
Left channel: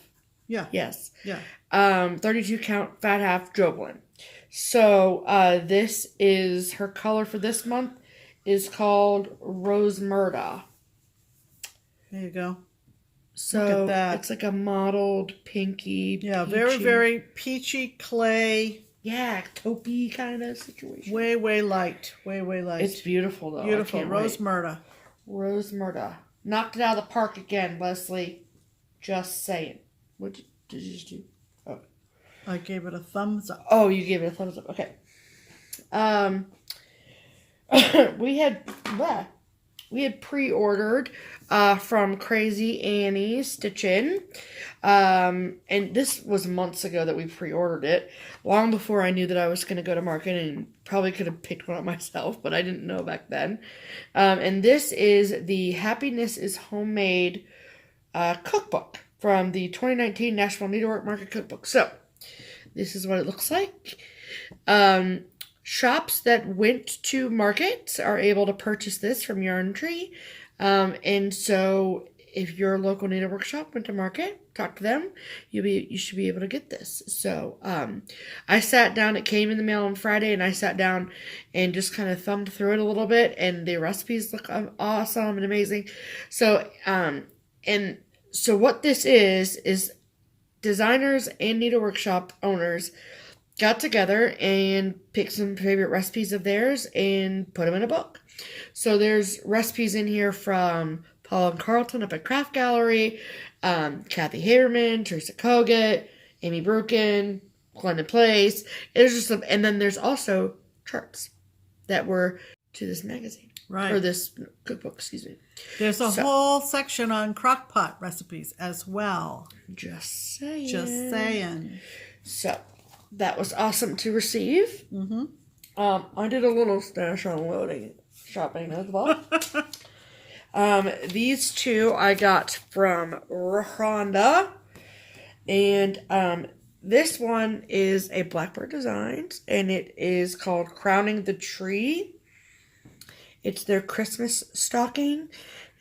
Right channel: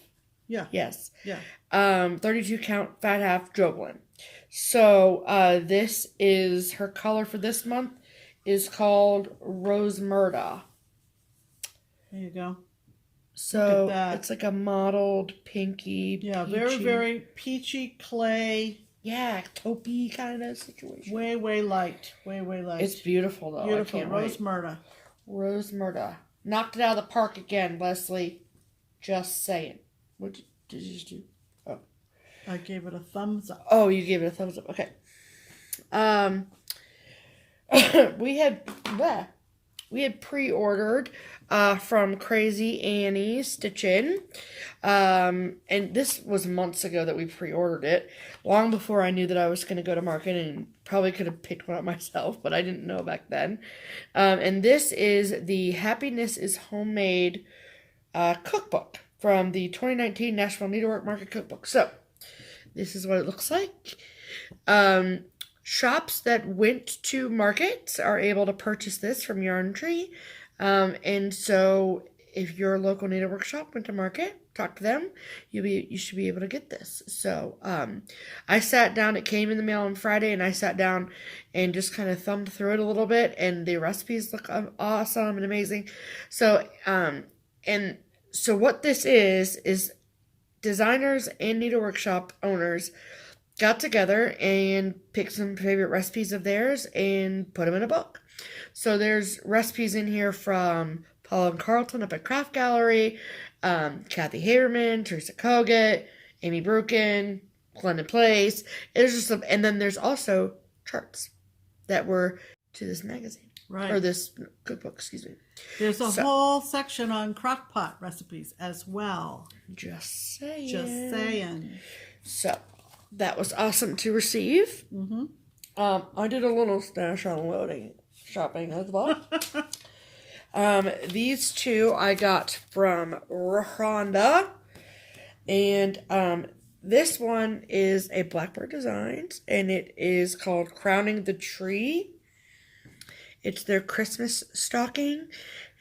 Yeah. Yes. Yeah. 32 count fat half Jovelin. So this is her color for this month is called Rose Murda. There you go. So it's like a mottled pinky. Yeah, peachy. very peachy clay. Yeah, taupey kind of situation. Way light. Way light. It's beautiful though. Beautiful. Rose Murda. Rose Murda. Knocked it out of the park again, Leslie. Just saying. What did you just do? Oh. I gave it a thumbs up. Oh, you gave it a thumbs up. Okay. We had pre-ordered from Crazy Annie Stitchin. And this was months ago that we pre-ordered it. Long before I knew that I was going to go to market, and probably could have picked one up myself, but I didn't know back then. And this is the Happiness is Homemade cookbook from the 2019 National Needlework Market Cookbook. So, this is what it looks like. Shops that went to market are able to purchase this from Yarn Tree. And so, if your local needlework shop went to market, talk to them, you should be able to get this. So, I sat down, it came in the mail on Friday, and I sat down and just kind of thumbed through it a little bit, and the recipes look awesome and amazing. So, so what this is designers and needlework shop owners got together and picked some favorite recipes of theirs and put them in a book. So there's recipes in here from Paul and Carlton up at Craft Gallery, Kathy Haberman, Teresa Kogut, Amy Brukin, Glendon Place. There's just some, and then there's also charts that were to this magazine. Right. Or this cookbook, excuse me. There's a whole section on crockpot recipes as well. Just saying. Just saying. So, that was awesome to receive. Mm-hmm. I did a little stash unloading shopping as well. These two I got from Rhonda. And this one is a Blackbird Designs. And it is called Crowning the Tree. It's their Christmas stocking.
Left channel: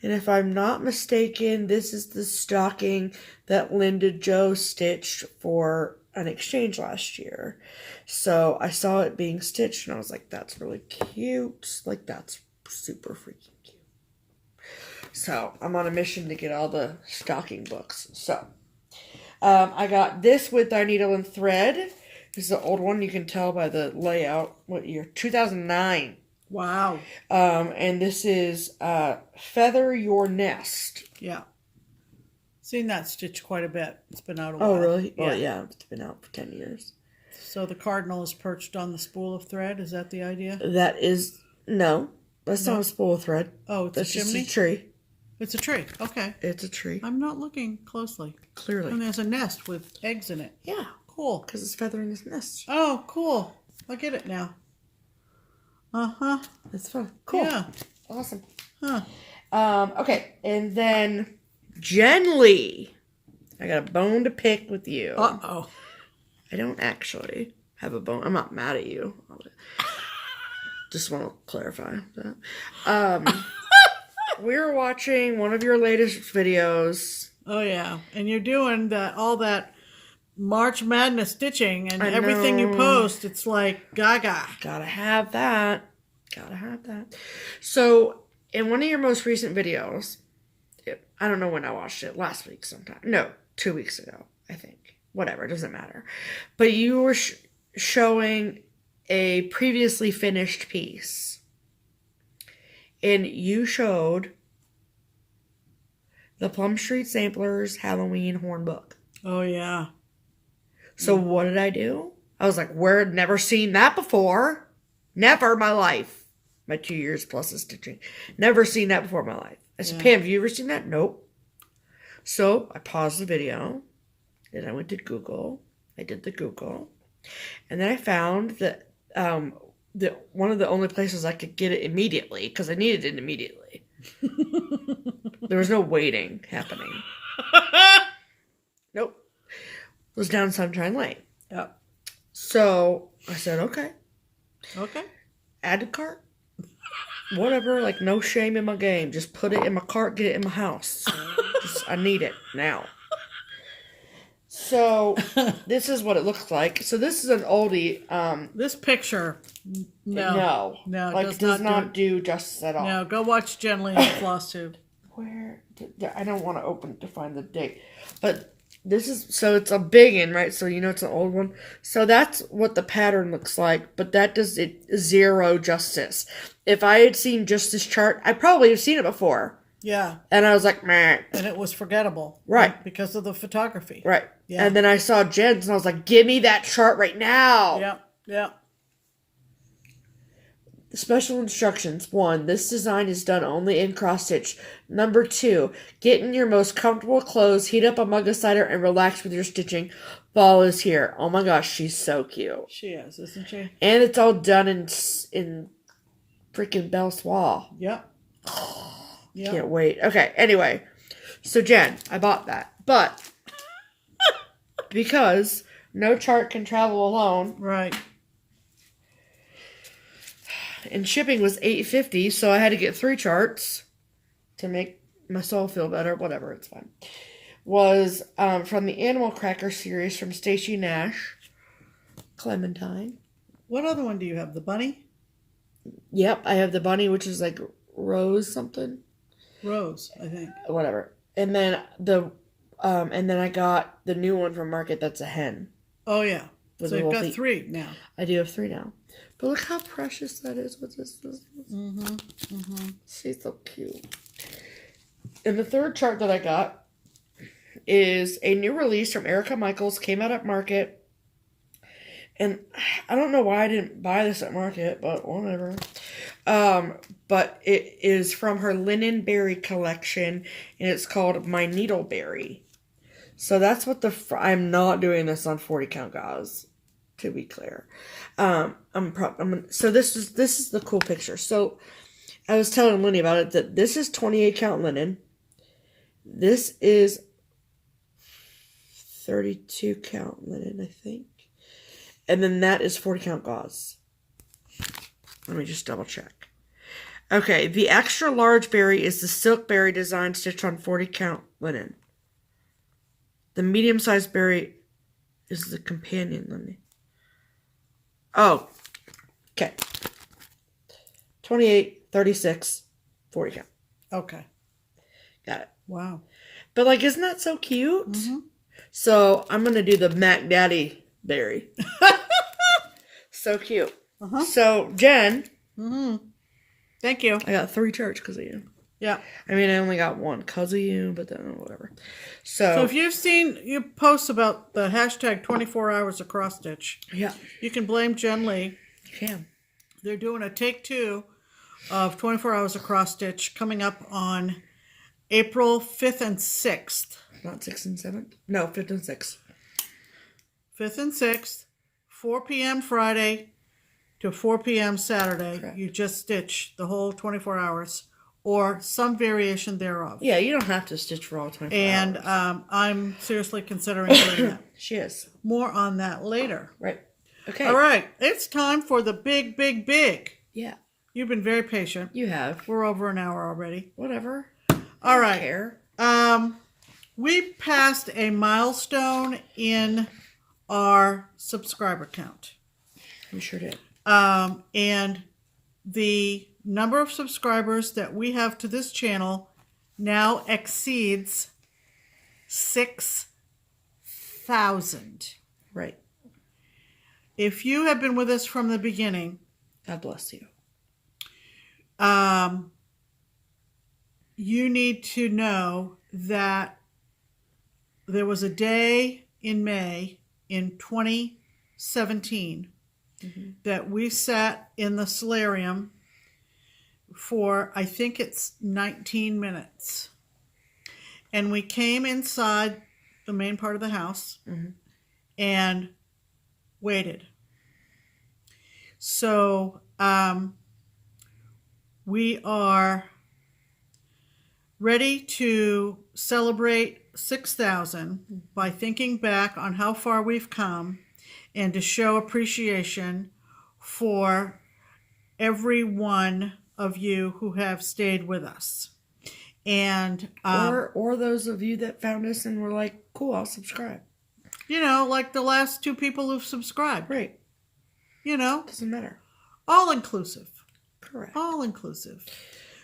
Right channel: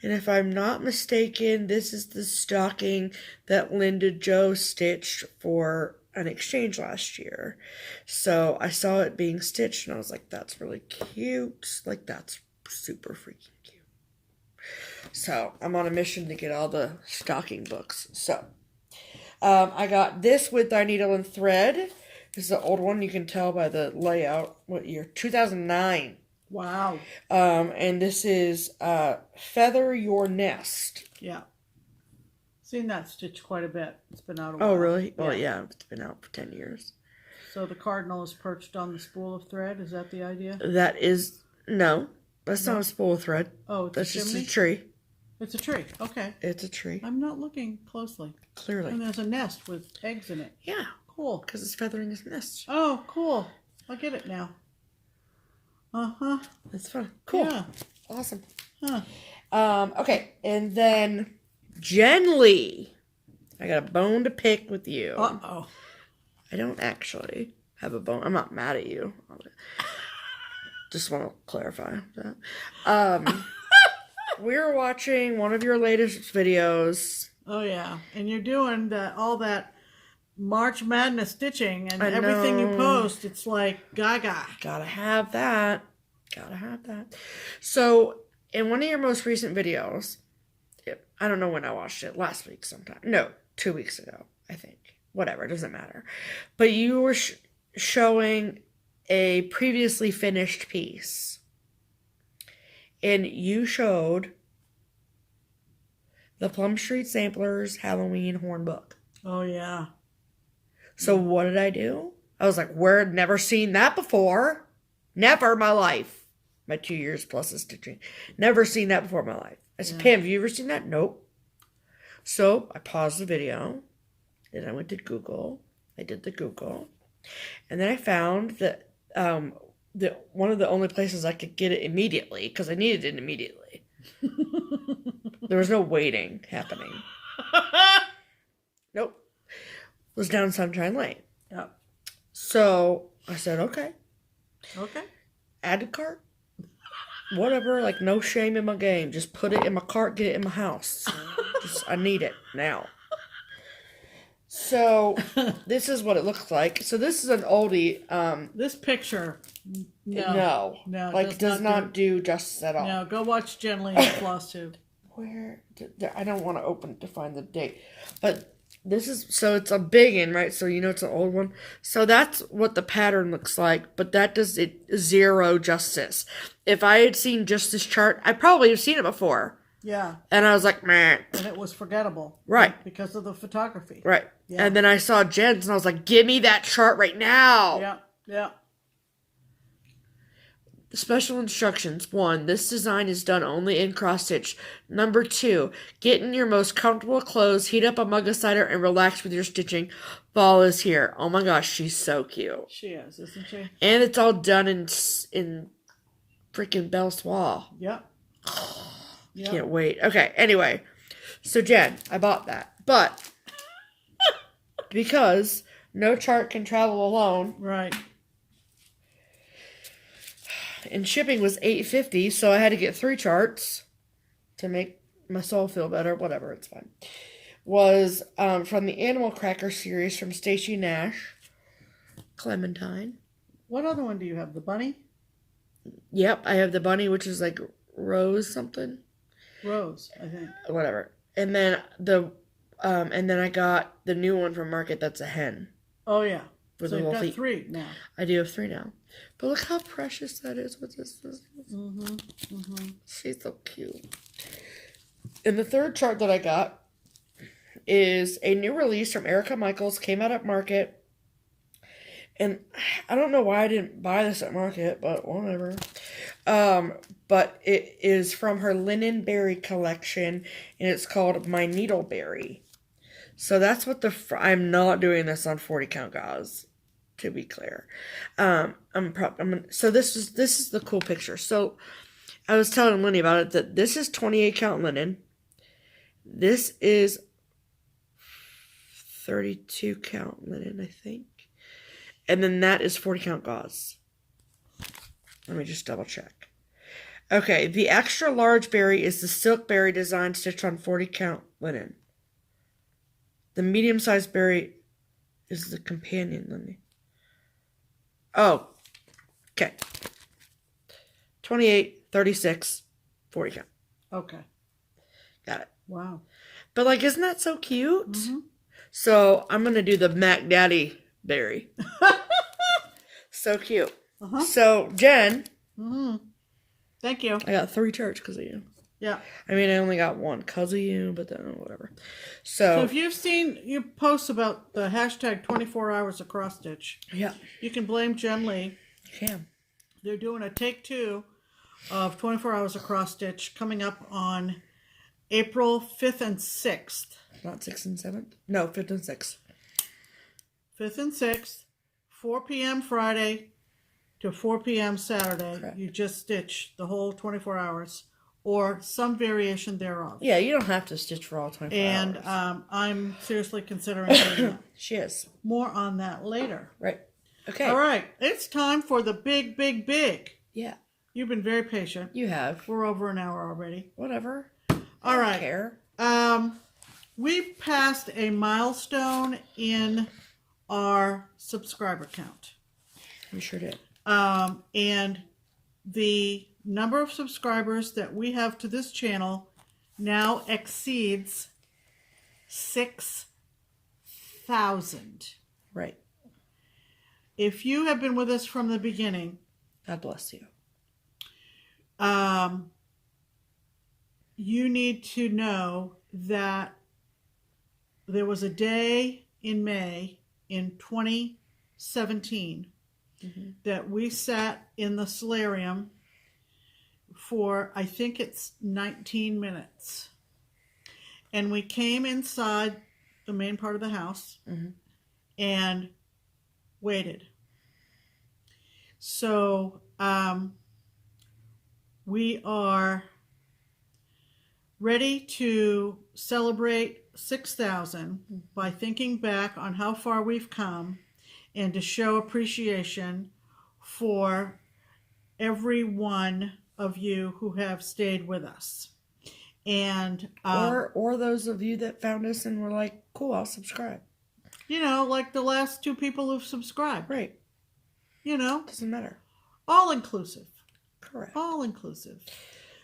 And if I'm not mistaken, this is the stocking that Linda Jo stitched for an exchange last year. So I saw it being stitched and I was like, that's really cute. Like, that's super freaking cute. So I'm on a mission to get all the stocking books. So I got this with our needle and thread. This is the old one. You can tell by the layout. What year? 2009. Wow. And this is Feather Your Nest. Yeah. Seen that stitch quite a bit. It's been out a while. Oh, really? Yeah. Oh, yeah. It's been out for 10 years. So the cardinal is perched on the spool of thread. Is that the idea? That is... No. That's not a spool of thread. Oh, it's That's a chimney? just a tree. It's a tree. Okay. It's a tree. I'm not looking closely. Clearly. And there's a nest with eggs in it. Yeah. Cool. Because it's feathering his nest. Oh, cool. I get it now. Uh-huh. That's fun. Cool. Yeah. Awesome. Huh. Okay. And then Jen Lee. I got a bone to pick with you. Uh-oh. I don't actually have a bone. I'm not mad at you. Just want to clarify that. We were watching one of your latest videos. Oh, yeah. And you're doing all that March Madness stitching and I everything you know. post. It's like gaga. Gotta have that. Gotta have that. So, in one of your most recent videos, I don't know when I watched it, last week sometime. No, 2 weeks ago, I think. Whatever, it doesn't matter. But you were showing a previously finished piece. And you showed the Plum Street Samplers Halloween Horn Book. Oh, yeah. So what did I do? I was like, we're never seen that before. Never in my life. My 2 years plus of stitching. Never seen that before in my life. I said, Pam, have you ever seen that? Nope. So I paused the video. Then I went to Google. I did the Google. And then I found that one of the only places I could get it immediately, because I needed it immediately. There was no waiting happening. Nope. It was down Sunshine Lane. Yeah. So I said, okay. Okay. Add to cart. Whatever, like no shame in my game. Just put it in my cart, get it in my house. I need it now. So this is what it looks like. So this is an oldie. This picture, No, like does not do justice at all. No, go watch Jen Lee on FlossTube. Where I don't want to open it to find the date, but this is so it's a big one, right? So you know it's an old one. So that's what the pattern looks like, but that does it zero justice. If I had seen just this chart, I probably have seen it before. Yeah. And I was like, meh. And it was forgettable. Right. Because of the photography. Right. Yeah. And then I saw Jen's and I was like, give me that chart right now. Yeah. Yeah. Special instructions. 1. This design is done only in cross stitch. 2. Get in your most comfortable clothes, heat up a mug of cider, and relax with your stitching. Fall is here. Oh my gosh, she's so cute. She is, isn't she? And it's all done in freaking Belle Soie. Yep. Yep. Can't wait. Okay, anyway. So Jen, I bought that. But because no chart can travel alone. Right. And shipping was $8.50, so I had to get 3 charts to make my soul feel better. Whatever, it's fine. Was from the Animal Cracker series from Stacey Nash. Clementine. What other one do you have? The bunny? Yep, I have the bunny, which is like Rose something. Rose, I think. Whatever. And then I got the new one from Market that's a hen. Oh, yeah. With So the you've whole got feet. 3 now. I do have 3 now. But look how precious that is with this. She's so cute. And the third chart that I got is a new release from Erica Michaels. Came out at Market. And I don't know why I didn't buy this at Market, but whatever. But it is from her Linen Berry collection. And it's called My Needleberry. So that's what I'm not doing this on 40 count gauze, to be clear. So this is the cool picture. So I was telling Lenny about it that this is 28 count linen. This is 32 count linen, I think. And then that is 40 count gauze. Let me just double check. Okay, the extra large berry is the silk berry design stitched on 40 count linen. The medium-sized berry is the companion linen. Oh, okay. 28, 36, 40 count. Okay. Got it. Wow. But, like, isn't that so cute? Mm-hmm. So, I'm going to do the Mac Daddy berry. So cute. Uh-huh. So, Jen. Mm-hmm. Thank you. I got 3 charts because of you. Yeah. I mean, I only got 1 because of you, but then whatever. So if you've seen you posts about the hashtag 24 hours of cross stitch, yeah, you can blame Jen Lee. You can. They're doing a take 2 of 24 hours of cross stitch coming up on April 5th and 6th. Not 6th and 7th? No, 5th and 6th. 5th and 6th, 4 p.m. Friday to 4 p.m. Saturday. Correct. You just stitch the whole 24 hours or some variation thereof. Yeah, you don't have to stitch for all 24 and, hours. And I'm seriously considering doing that. She is. More on that later. Right. Okay. All right. It's time for the big, big, big. Yeah. You've been very patient. You have. We're over an hour already. Whatever. All right. Care. We passed a milestone in our subscriber count. We sure did. And the number of subscribers that we have to this channel now exceeds 6,000. Right. If you have been with us from the beginning, God bless you. You need to know that there was a day in May in 2017 that we sat in the solarium for, I think it's 19 minutes. And we came inside the main part of the house and waited. So we are ready to celebrate 6,000 by thinking back on how far we've come and to show appreciation for every one of you who have stayed with us. And or those of you that found us and were like, cool, I'll subscribe. You know, like the last 2 people who've subscribed. Right. You know. Doesn't matter. All inclusive. Correct. All inclusive.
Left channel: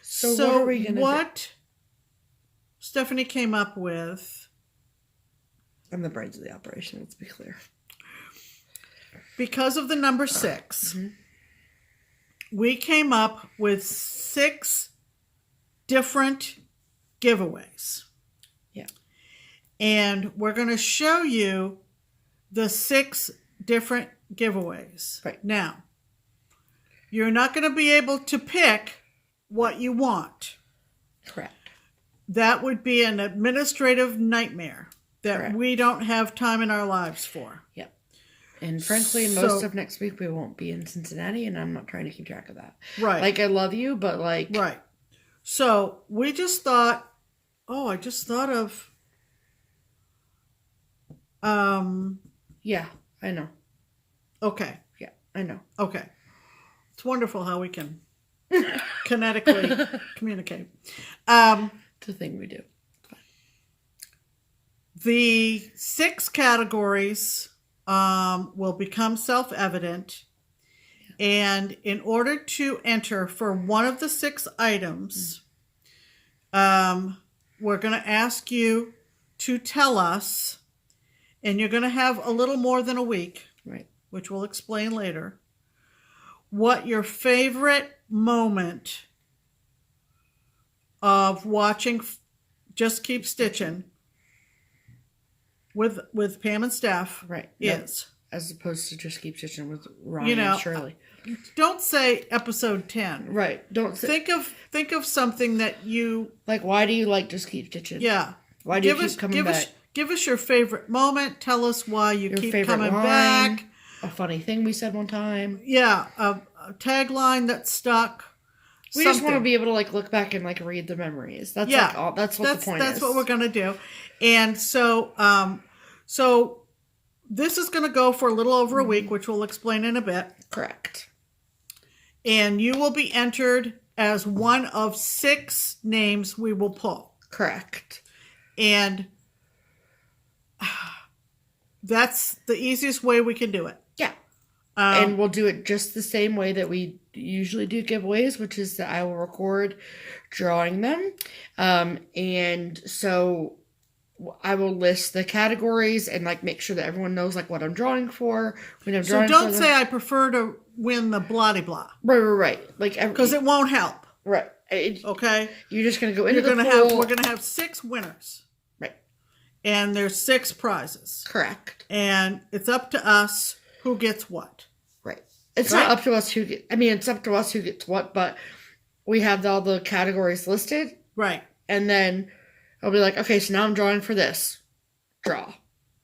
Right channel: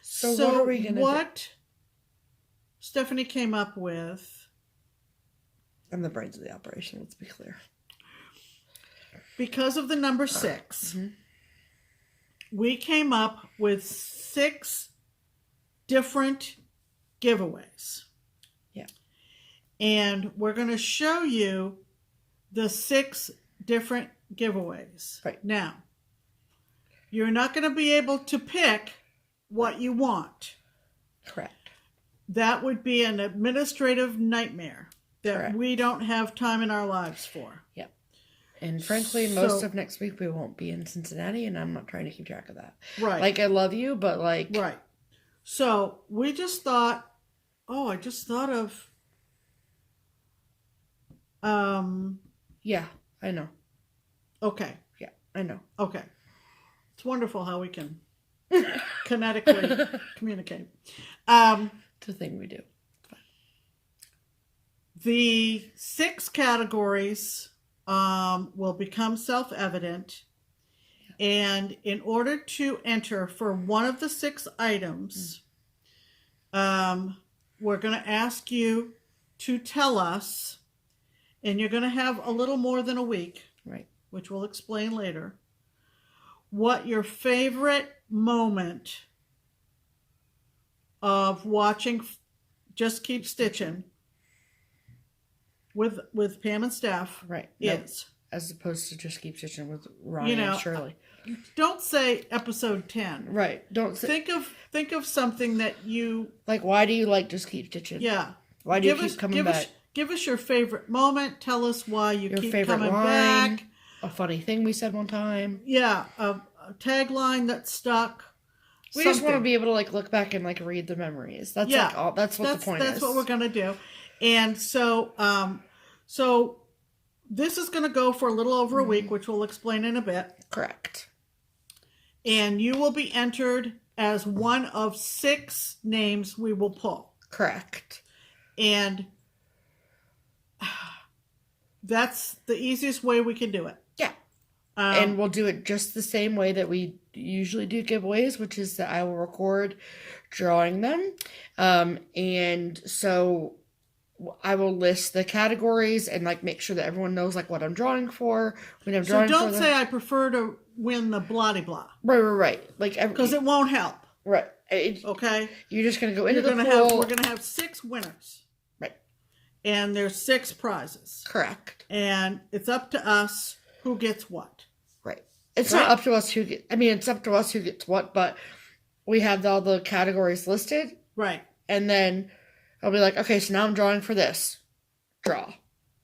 So what are we going to do? What Stephanie came up with. I'm the brains of the operation, let's be clear. Because of the number 6, we came up with 6 different giveaways. Yeah. And we're going to show you the 6 different giveaways. Right. Now, you're not going to be able to pick what you want. Correct. That would be an administrative nightmare that Correct. we don't have time in our lives for. Yep. And frankly, most of next week we won't be in Cincinnati, and I'm not trying to keep track of that. Right. Like, I love you, but like... Right. So, we just thought, I just thought of... Yeah, I know. Okay. Yeah, I know. Okay. It's wonderful how we can kinetically communicate. It's a thing we do. The 6 categories will become self-evident. And in order to enter for one of the 6 items, we're going to ask you to tell us, and you're going to have a little more than a week, Right. which we'll explain later, what your favorite moment of watching Just Keep Stitchin' with Pam and Steph Right. is. As opposed to Just Keep Stitchin' with Ronnie and Shirley. Don't say episode 10. Right. Don't think of something that you like. Why do you like Just Keep Stitchin'? Yeah. Why do you keep coming back? Give us your favorite moment. Tell us why you keep favorite coming line, back. A funny thing we said one time. Yeah, a tagline that stuck. We just want to be able to like look back and like read the memories. That's like all. That's what the point is. That's what we're gonna do. And so, so this is gonna go for a little over a week, which we'll explain in a bit. Correct. And you will be entered as one of 6 names we will pull. Correct. And that's the easiest way we can do it. Yeah. And we'll do it just the same way that we usually do giveaways, which is that I will record drawing them. And so I will list the categories and like make sure that everyone knows like what I'm drawing for. When I'm drawing so don't say I prefer to win the blah blah. Right. Like because it won't help. Right. Okay. You're just gonna go into the pool. We're gonna have 6 winners. Right. And there's 6 prizes. Correct. And it's up to us who gets what. Right. It's not up to us who gets. I mean, it's up to us who gets what, but we have all the categories listed. Right. And then I'll be like, okay, so now I'm drawing for this. Draw.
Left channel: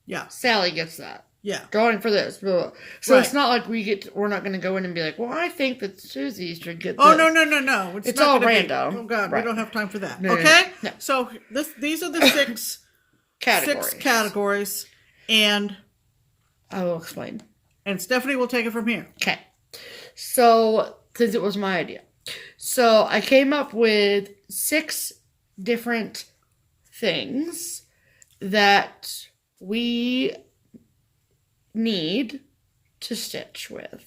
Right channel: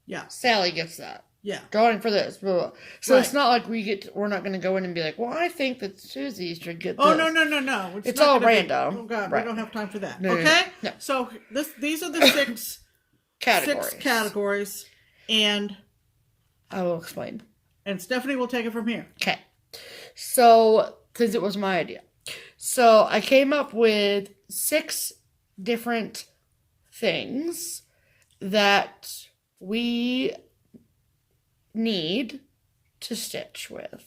Yeah. Sally gets that. Yeah. Drawing for this. Blah, blah. So Right. it's not like we're not going to go in and be like, well, I think that Susie should get this. Oh, no. It's not all gonna random. Oh, God, Right. we don't have time for that. No, okay? no. So these are the six categories. And I will explain. And Stephanie will take it from here. Okay. So, since it was my idea. So, I came up with 6 different things that we need to stitch with.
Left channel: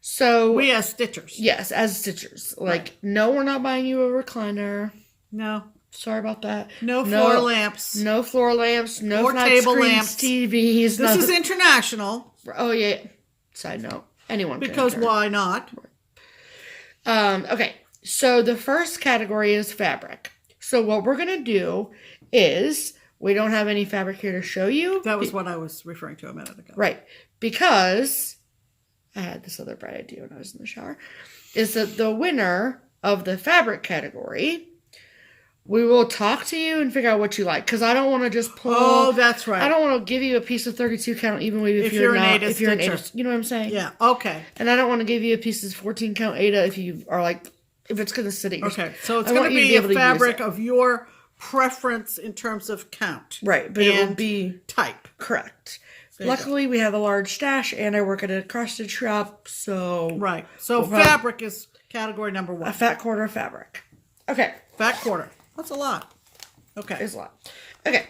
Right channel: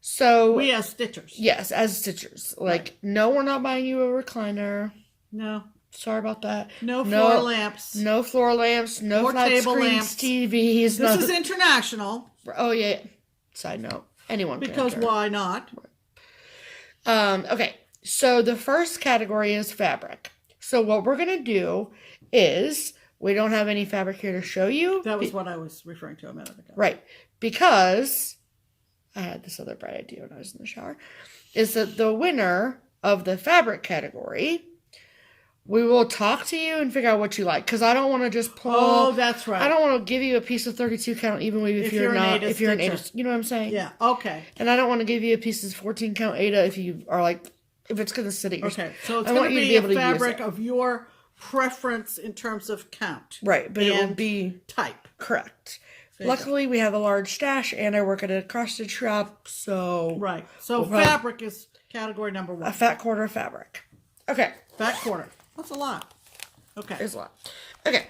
So, we as stitchers. Yes, as stitchers. Like, no, we're not buying you a recliner. No. Sorry about that. No floor lamps. No floor lamps. No Or flat table screens, lamps. TVs. This is international. Oh, yeah. Side note. Anyone can Because enter. why not? Okay. So the first category is fabric. So what we're going to do is, we don't have any fabric here to show you. That was what I was referring to a minute ago. Right. Because I had this other bright idea when I was in the shower. Is that the winner of the fabric category, we will talk to you and figure out what you like. Because I don't want to just pull. Oh, that's right. I don't want to give you a piece of 32 count, even if you're not. If you're an Ada, you know what I'm saying? Yeah. Okay. And I don't want to give you a piece of 14 count Ada if you are like, if it's going to sit at your. Okay. So it's going to be a fabric of your preference in terms of count. Right, but it will be type. Correct. Luckily, we have a large stash, and I work at a cross-stitch shop, so. Right. So fabric is category number 1. A fat quarter of fabric. Okay. Fat quarter. That's a lot. Okay. It's a lot. Okay.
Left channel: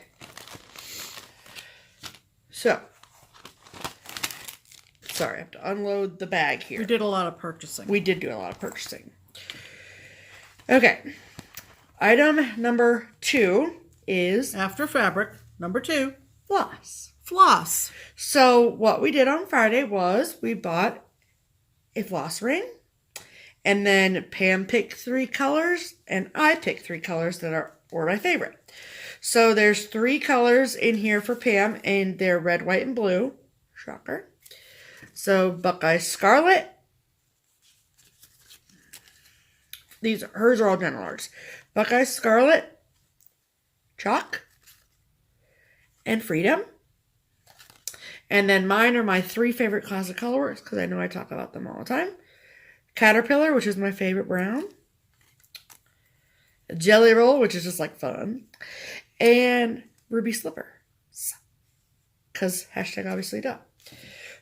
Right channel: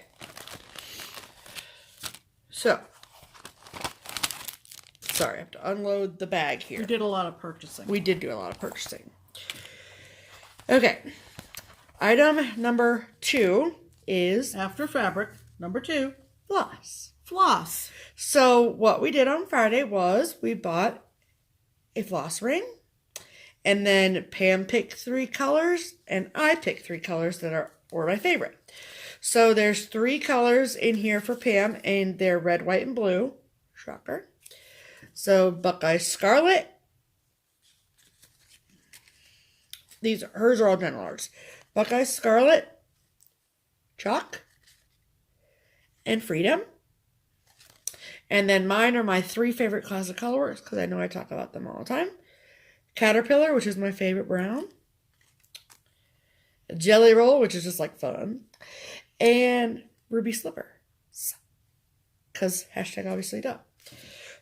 So. Sorry, I have to unload the bag here. You did a lot of purchasing. We did do a lot of purchasing. Okay. Item number 2 is... After fabric, number 2. Floss. Floss. So, what we did on Friday was we bought a floss ring. And then Pam picked 3 colors, and I picked 3 colors that were my favorite. So there's 3 colors in here for Pam, and they're red, white, and blue. Shocker. So Buckeye Scarlet. Hers are all general arts. Buckeye Scarlet, Chalk, and Freedom. And then mine are my 3 favorite classic colorworks, because I know I talk about them all the time. Caterpillar, which is my favorite brown. Jelly Roll, which is just like fun. And Ruby Slipper. Because hashtag obviously duh.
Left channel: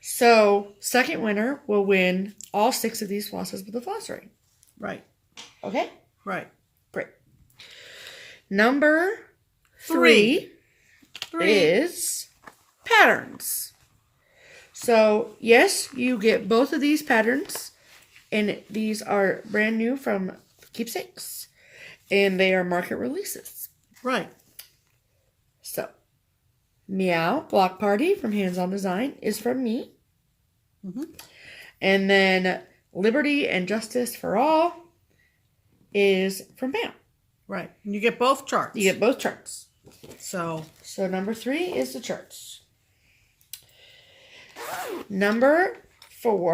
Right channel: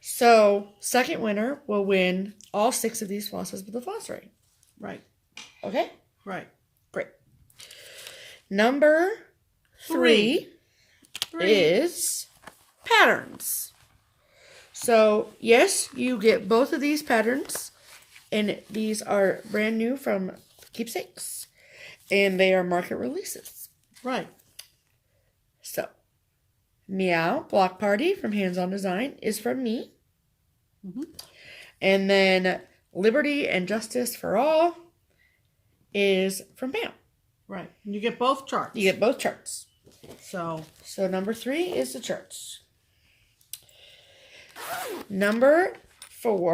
So, second winner will win all 6 of these flosses with a floss ring. Right. Okay? Right. Great. Number 3 is patterns. So, yes, you get both of these patterns. And these are brand new from Keepsakes. And they are market releases. Right. So, Meow Block Party from Hands On Design is from me. Mm-hmm. And then Liberty and Justice for All is from Pam. Right. And you get both charts. You get both charts. So number 3 is the charts. Number 4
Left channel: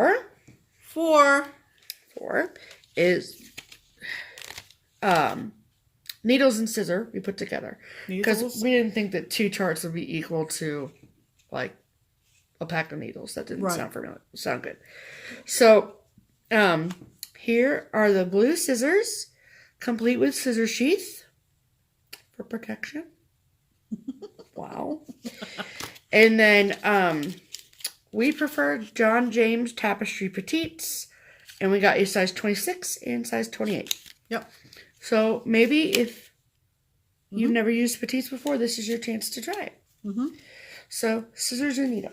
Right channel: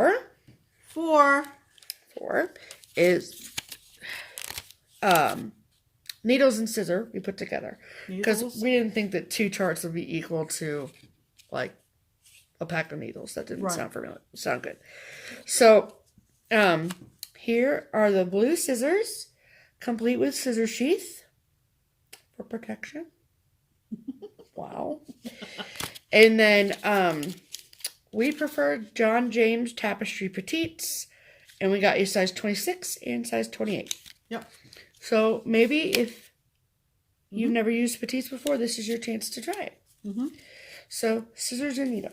is needles and scissor we put together. Because we didn't think that 2 charts would be equal to like a pack of needles. That didn't sound good. So here are the blue scissors, complete with scissor sheath for protection. Wow. And then we preferred John James Tapestry Petites, and we got a size 26 and size 28. Yep. So maybe if you've never used petites before, this is your chance to try it. Mm-hmm. So scissors and needle.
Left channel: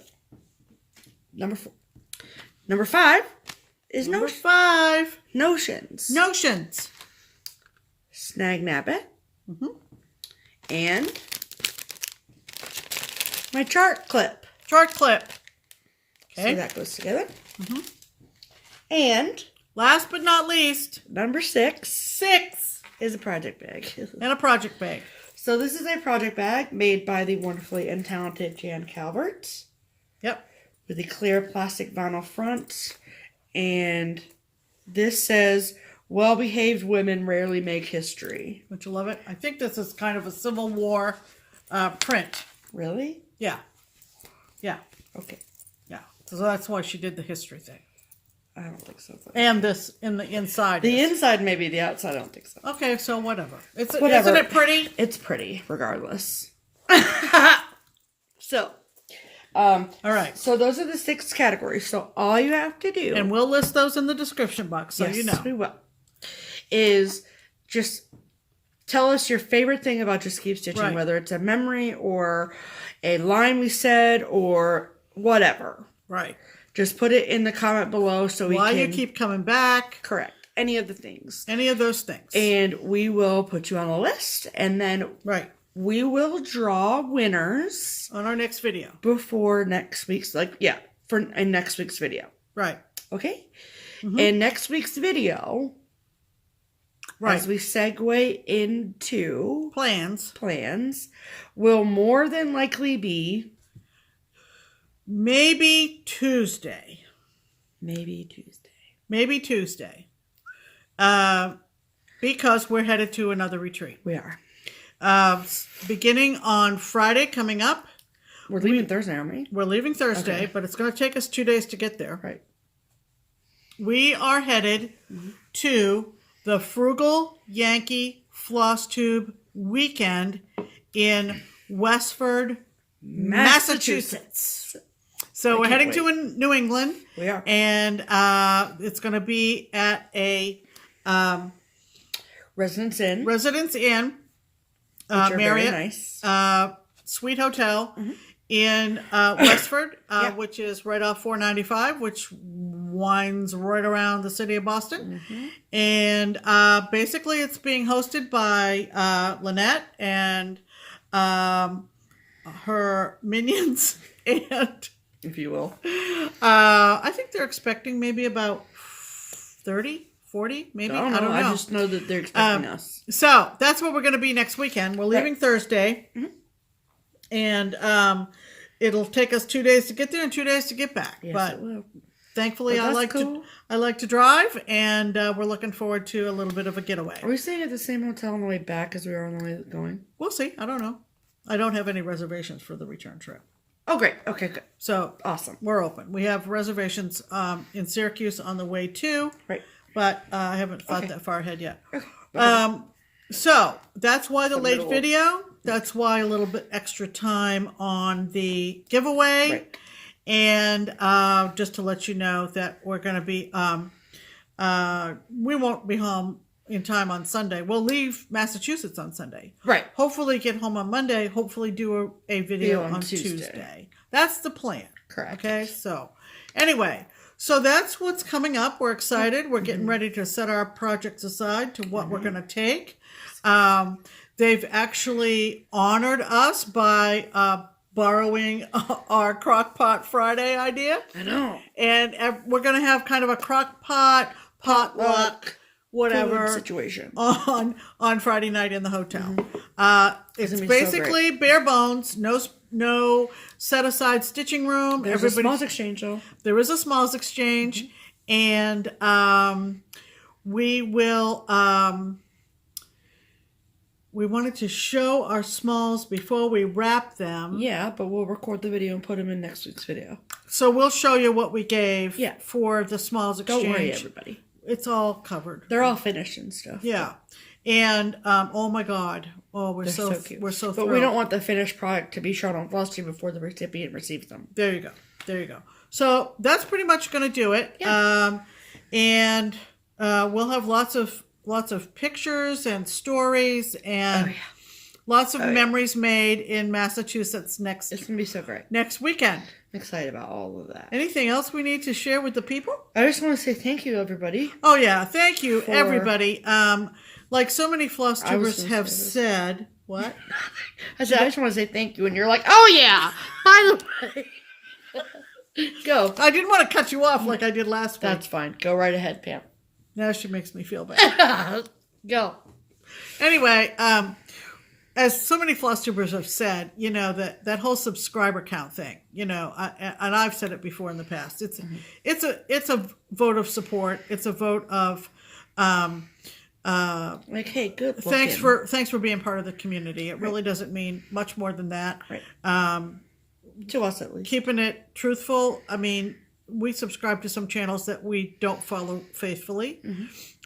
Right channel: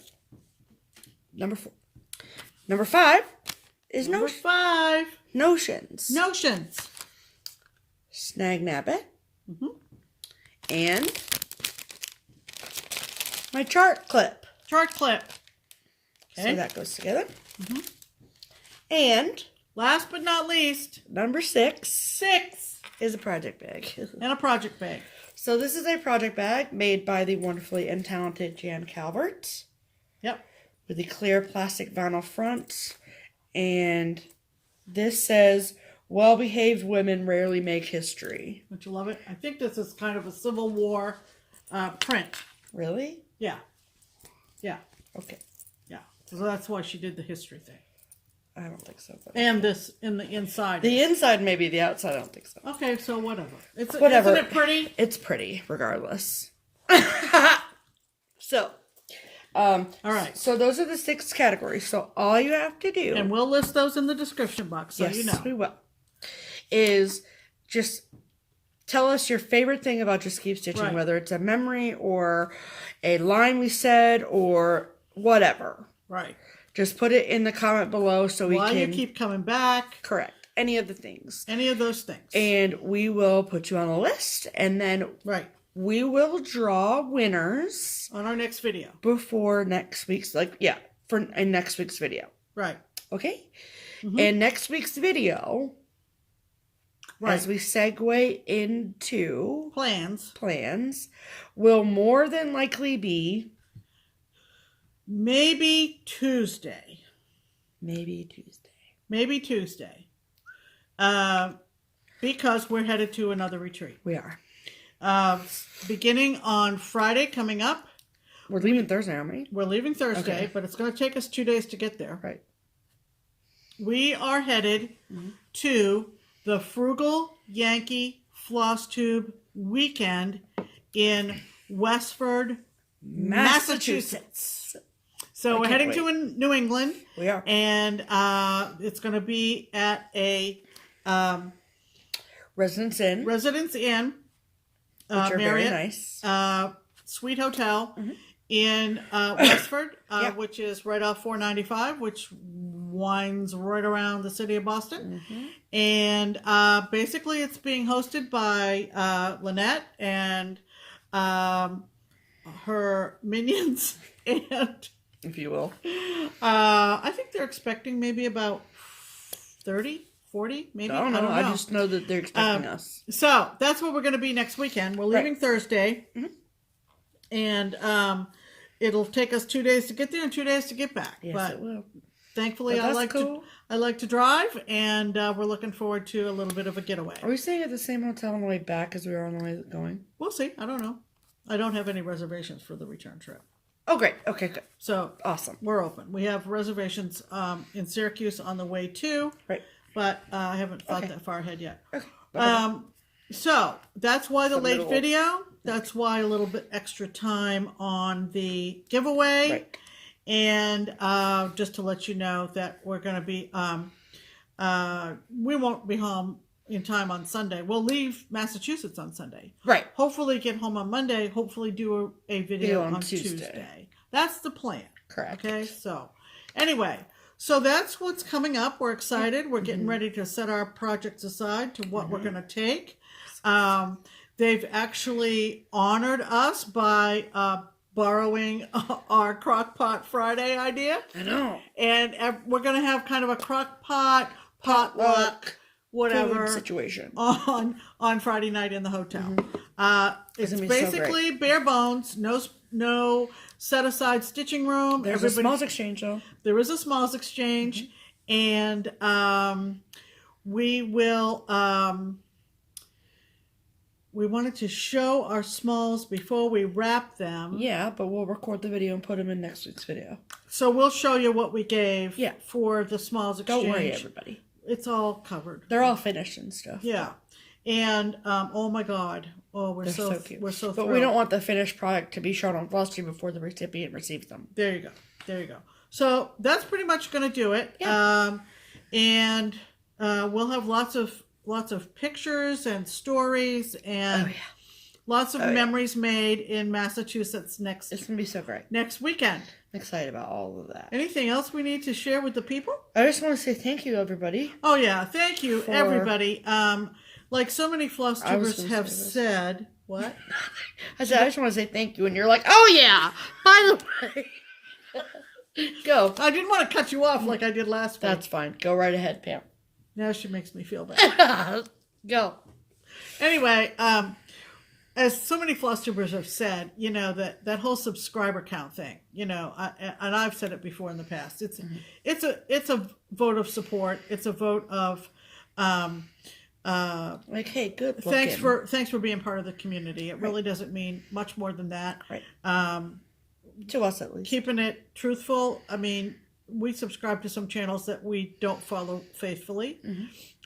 Number 4. Number 5 is notions. Snag-Nab-It. Mm-hmm. And my chart clip. Okay. So that goes together. Mm-hmm. And last but not least, number 6 is a project bag. And a project bag. So this is a project bag made by the wonderfully and talented Jan Calvert. Yep. With the clear plastic vinyl front. And this says, Well-behaved women rarely make history. Don't you love it? I think this is kind of a Civil War print. Really? Yeah. Yeah. Okay. Yeah. So that's why she did the history thing. I don't think so. And this in the inside. The inside, maybe. The outside, I don't think so. Okay, so whatever. Whatever. Isn't it pretty? It's pretty, regardless. So, all right. So those are the 6 categories. So all you have to do, And we'll list those in the description box, so yes, you know. we will, is just tell us your favorite thing about Just Keep Stitching, Right. whether it's a memory or a line we said or whatever. Right. Just put it in the comment below so we Why can... you keep coming back. Correct. Any of the things. Any of those things. And we will put you on a list, and then Right. we will draw winners On our next video. before next week's, in next week's video. Right. Okay? Mm-hmm. And next week's video, Right. as we segue into plans, will more than likely be maybe Tuesday. Maybe Tuesday. Because we're headed to another retreat. We are. Beginning on Friday coming up. We're leaving Thursday, aren't we? We're leaving Thursday, Okay. but it's going to take us 2 days to get there. Right. We are headed to the Frugal Yankee FlossTube weekend in Westford, Massachusetts. So we're heading to New England. We are. And it's going to be at a Residence Inn. Which are Marriott, very nice. Suite Hotel Mm-hmm. in Westford, Yeah. which is right off 495, which winds right around the city of Boston. Mm-hmm. And basically it's being hosted by Lynette and her minions. And if you will. I think they're expecting maybe about 30, 40, maybe. I don't know. I just know that they're expecting us. So that's where we're going to be next weekend. We're leaving Thursday. Mm-hmm. And it'll take us 2 days to get there and 2 days to get back. Yes, but it will. thankfully, But I that's cool. like to drive, and we're looking forward to a little bit of a getaway. Are we staying at the same hotel on the way back as we are on the way going? We'll see. I don't know. I don't have any reservations for the return trip. Oh, great. Okay, good. So Awesome. we're open. We have reservations in Syracuse on the way to, Right. but I haven't thought that far ahead yet. Okay. So that's why the late middle. video. That's why a little bit extra time on the giveaway. Right. And just to let you know that we're going to be, we won't be home in time on Sunday. We'll leave Massachusetts on Sunday. Right. Hopefully get home on Monday. Hopefully do a video on Tuesday. Tuesday. That's the plan. Correct. Okay, so anyway, so that's what's coming up. We're excited. We're getting ready to set our projects aside to what we're going to take. They've actually honored us by borrowing our Crock-Pot Friday idea. I know. And we're going to have kind of a Crock-Pot, potluck, whatever Food situation on Friday night in the hotel. It's gonna be so basically bare bones, no set aside stitching room. There's a smalls exchange, though. There is a smalls exchange, and we will. We wanted to show our smalls before we wrap them. Yeah, but we'll record the video and put them in next week's video. So we'll show you what we gave for the smalls exchange. Don't worry, everybody. It's all covered. They're all finished and stuff. Yeah. And oh my God. Oh, we're so cute. We're so But thrilled. we don't want the finished product to be shown on FlossTube before the recipient receives them. There you go. There you go. So that's pretty much going to do it. Yeah. And we'll have lots of pictures and stories and lots of memories made in Massachusetts It's going to be so great. next weekend. I'm excited about all of that. Anything else we need to share with the people? I just want to say thank you, everybody. Oh yeah, thank you everybody. Like so many FlossTubers have said, what? I said I just want to say thank you, and you're like, oh yeah. By the way, go. I didn't want to cut you off like I did last week. That's fine. Go right ahead, Pam. Now she makes me feel bad. Go. Anyway, as so many FlossTubers have said, you know, that whole subscriber count thing, you know, and I've said it before in the past. It's a vote of support. It's a vote of Like, hey, good looking. Thanks for being part of the community. It really doesn't mean much more than that. Right. To us, at least. Keeping it truthful. I mean, we subscribe to some channels that we don't follow faithfully.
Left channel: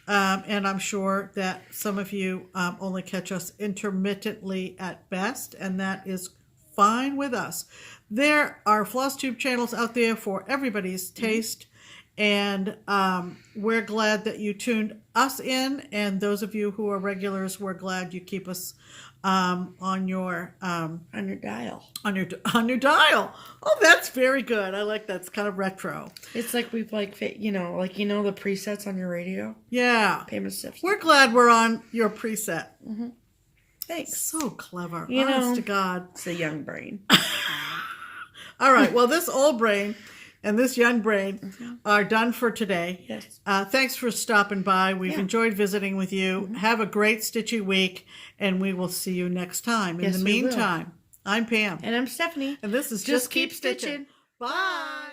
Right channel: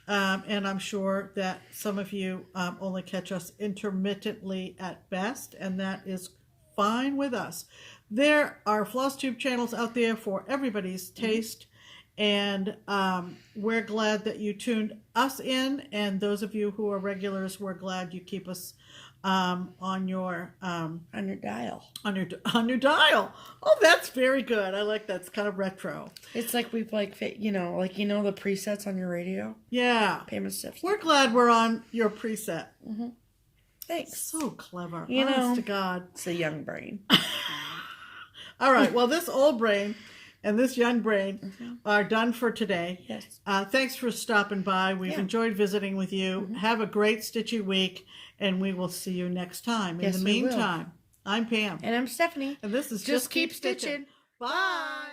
And I'm sure that some of you only catch us intermittently at best, and that is fine with us. There are FlossTube channels out there for everybody's taste, and we're glad that you tuned us in, and those of you who are regulars, we're glad you keep us on your dial. On your dial. Oh, that's very good. I like that. It's kind of retro. It's like we've like the presets on your radio. Yeah. Pam Steph. We're glad we're on your preset. Thanks. So clever. You Honest know, to God. It's a young brain. All right. Well, this old brain and this young brain are done for today. Yes. Thanks for stopping by. We've enjoyed visiting with you. Have a great stitchy week, and we will see you next time. In the meantime, I'm Pam. And I'm Stephanie. And this is Just Keep Stitching. Bye.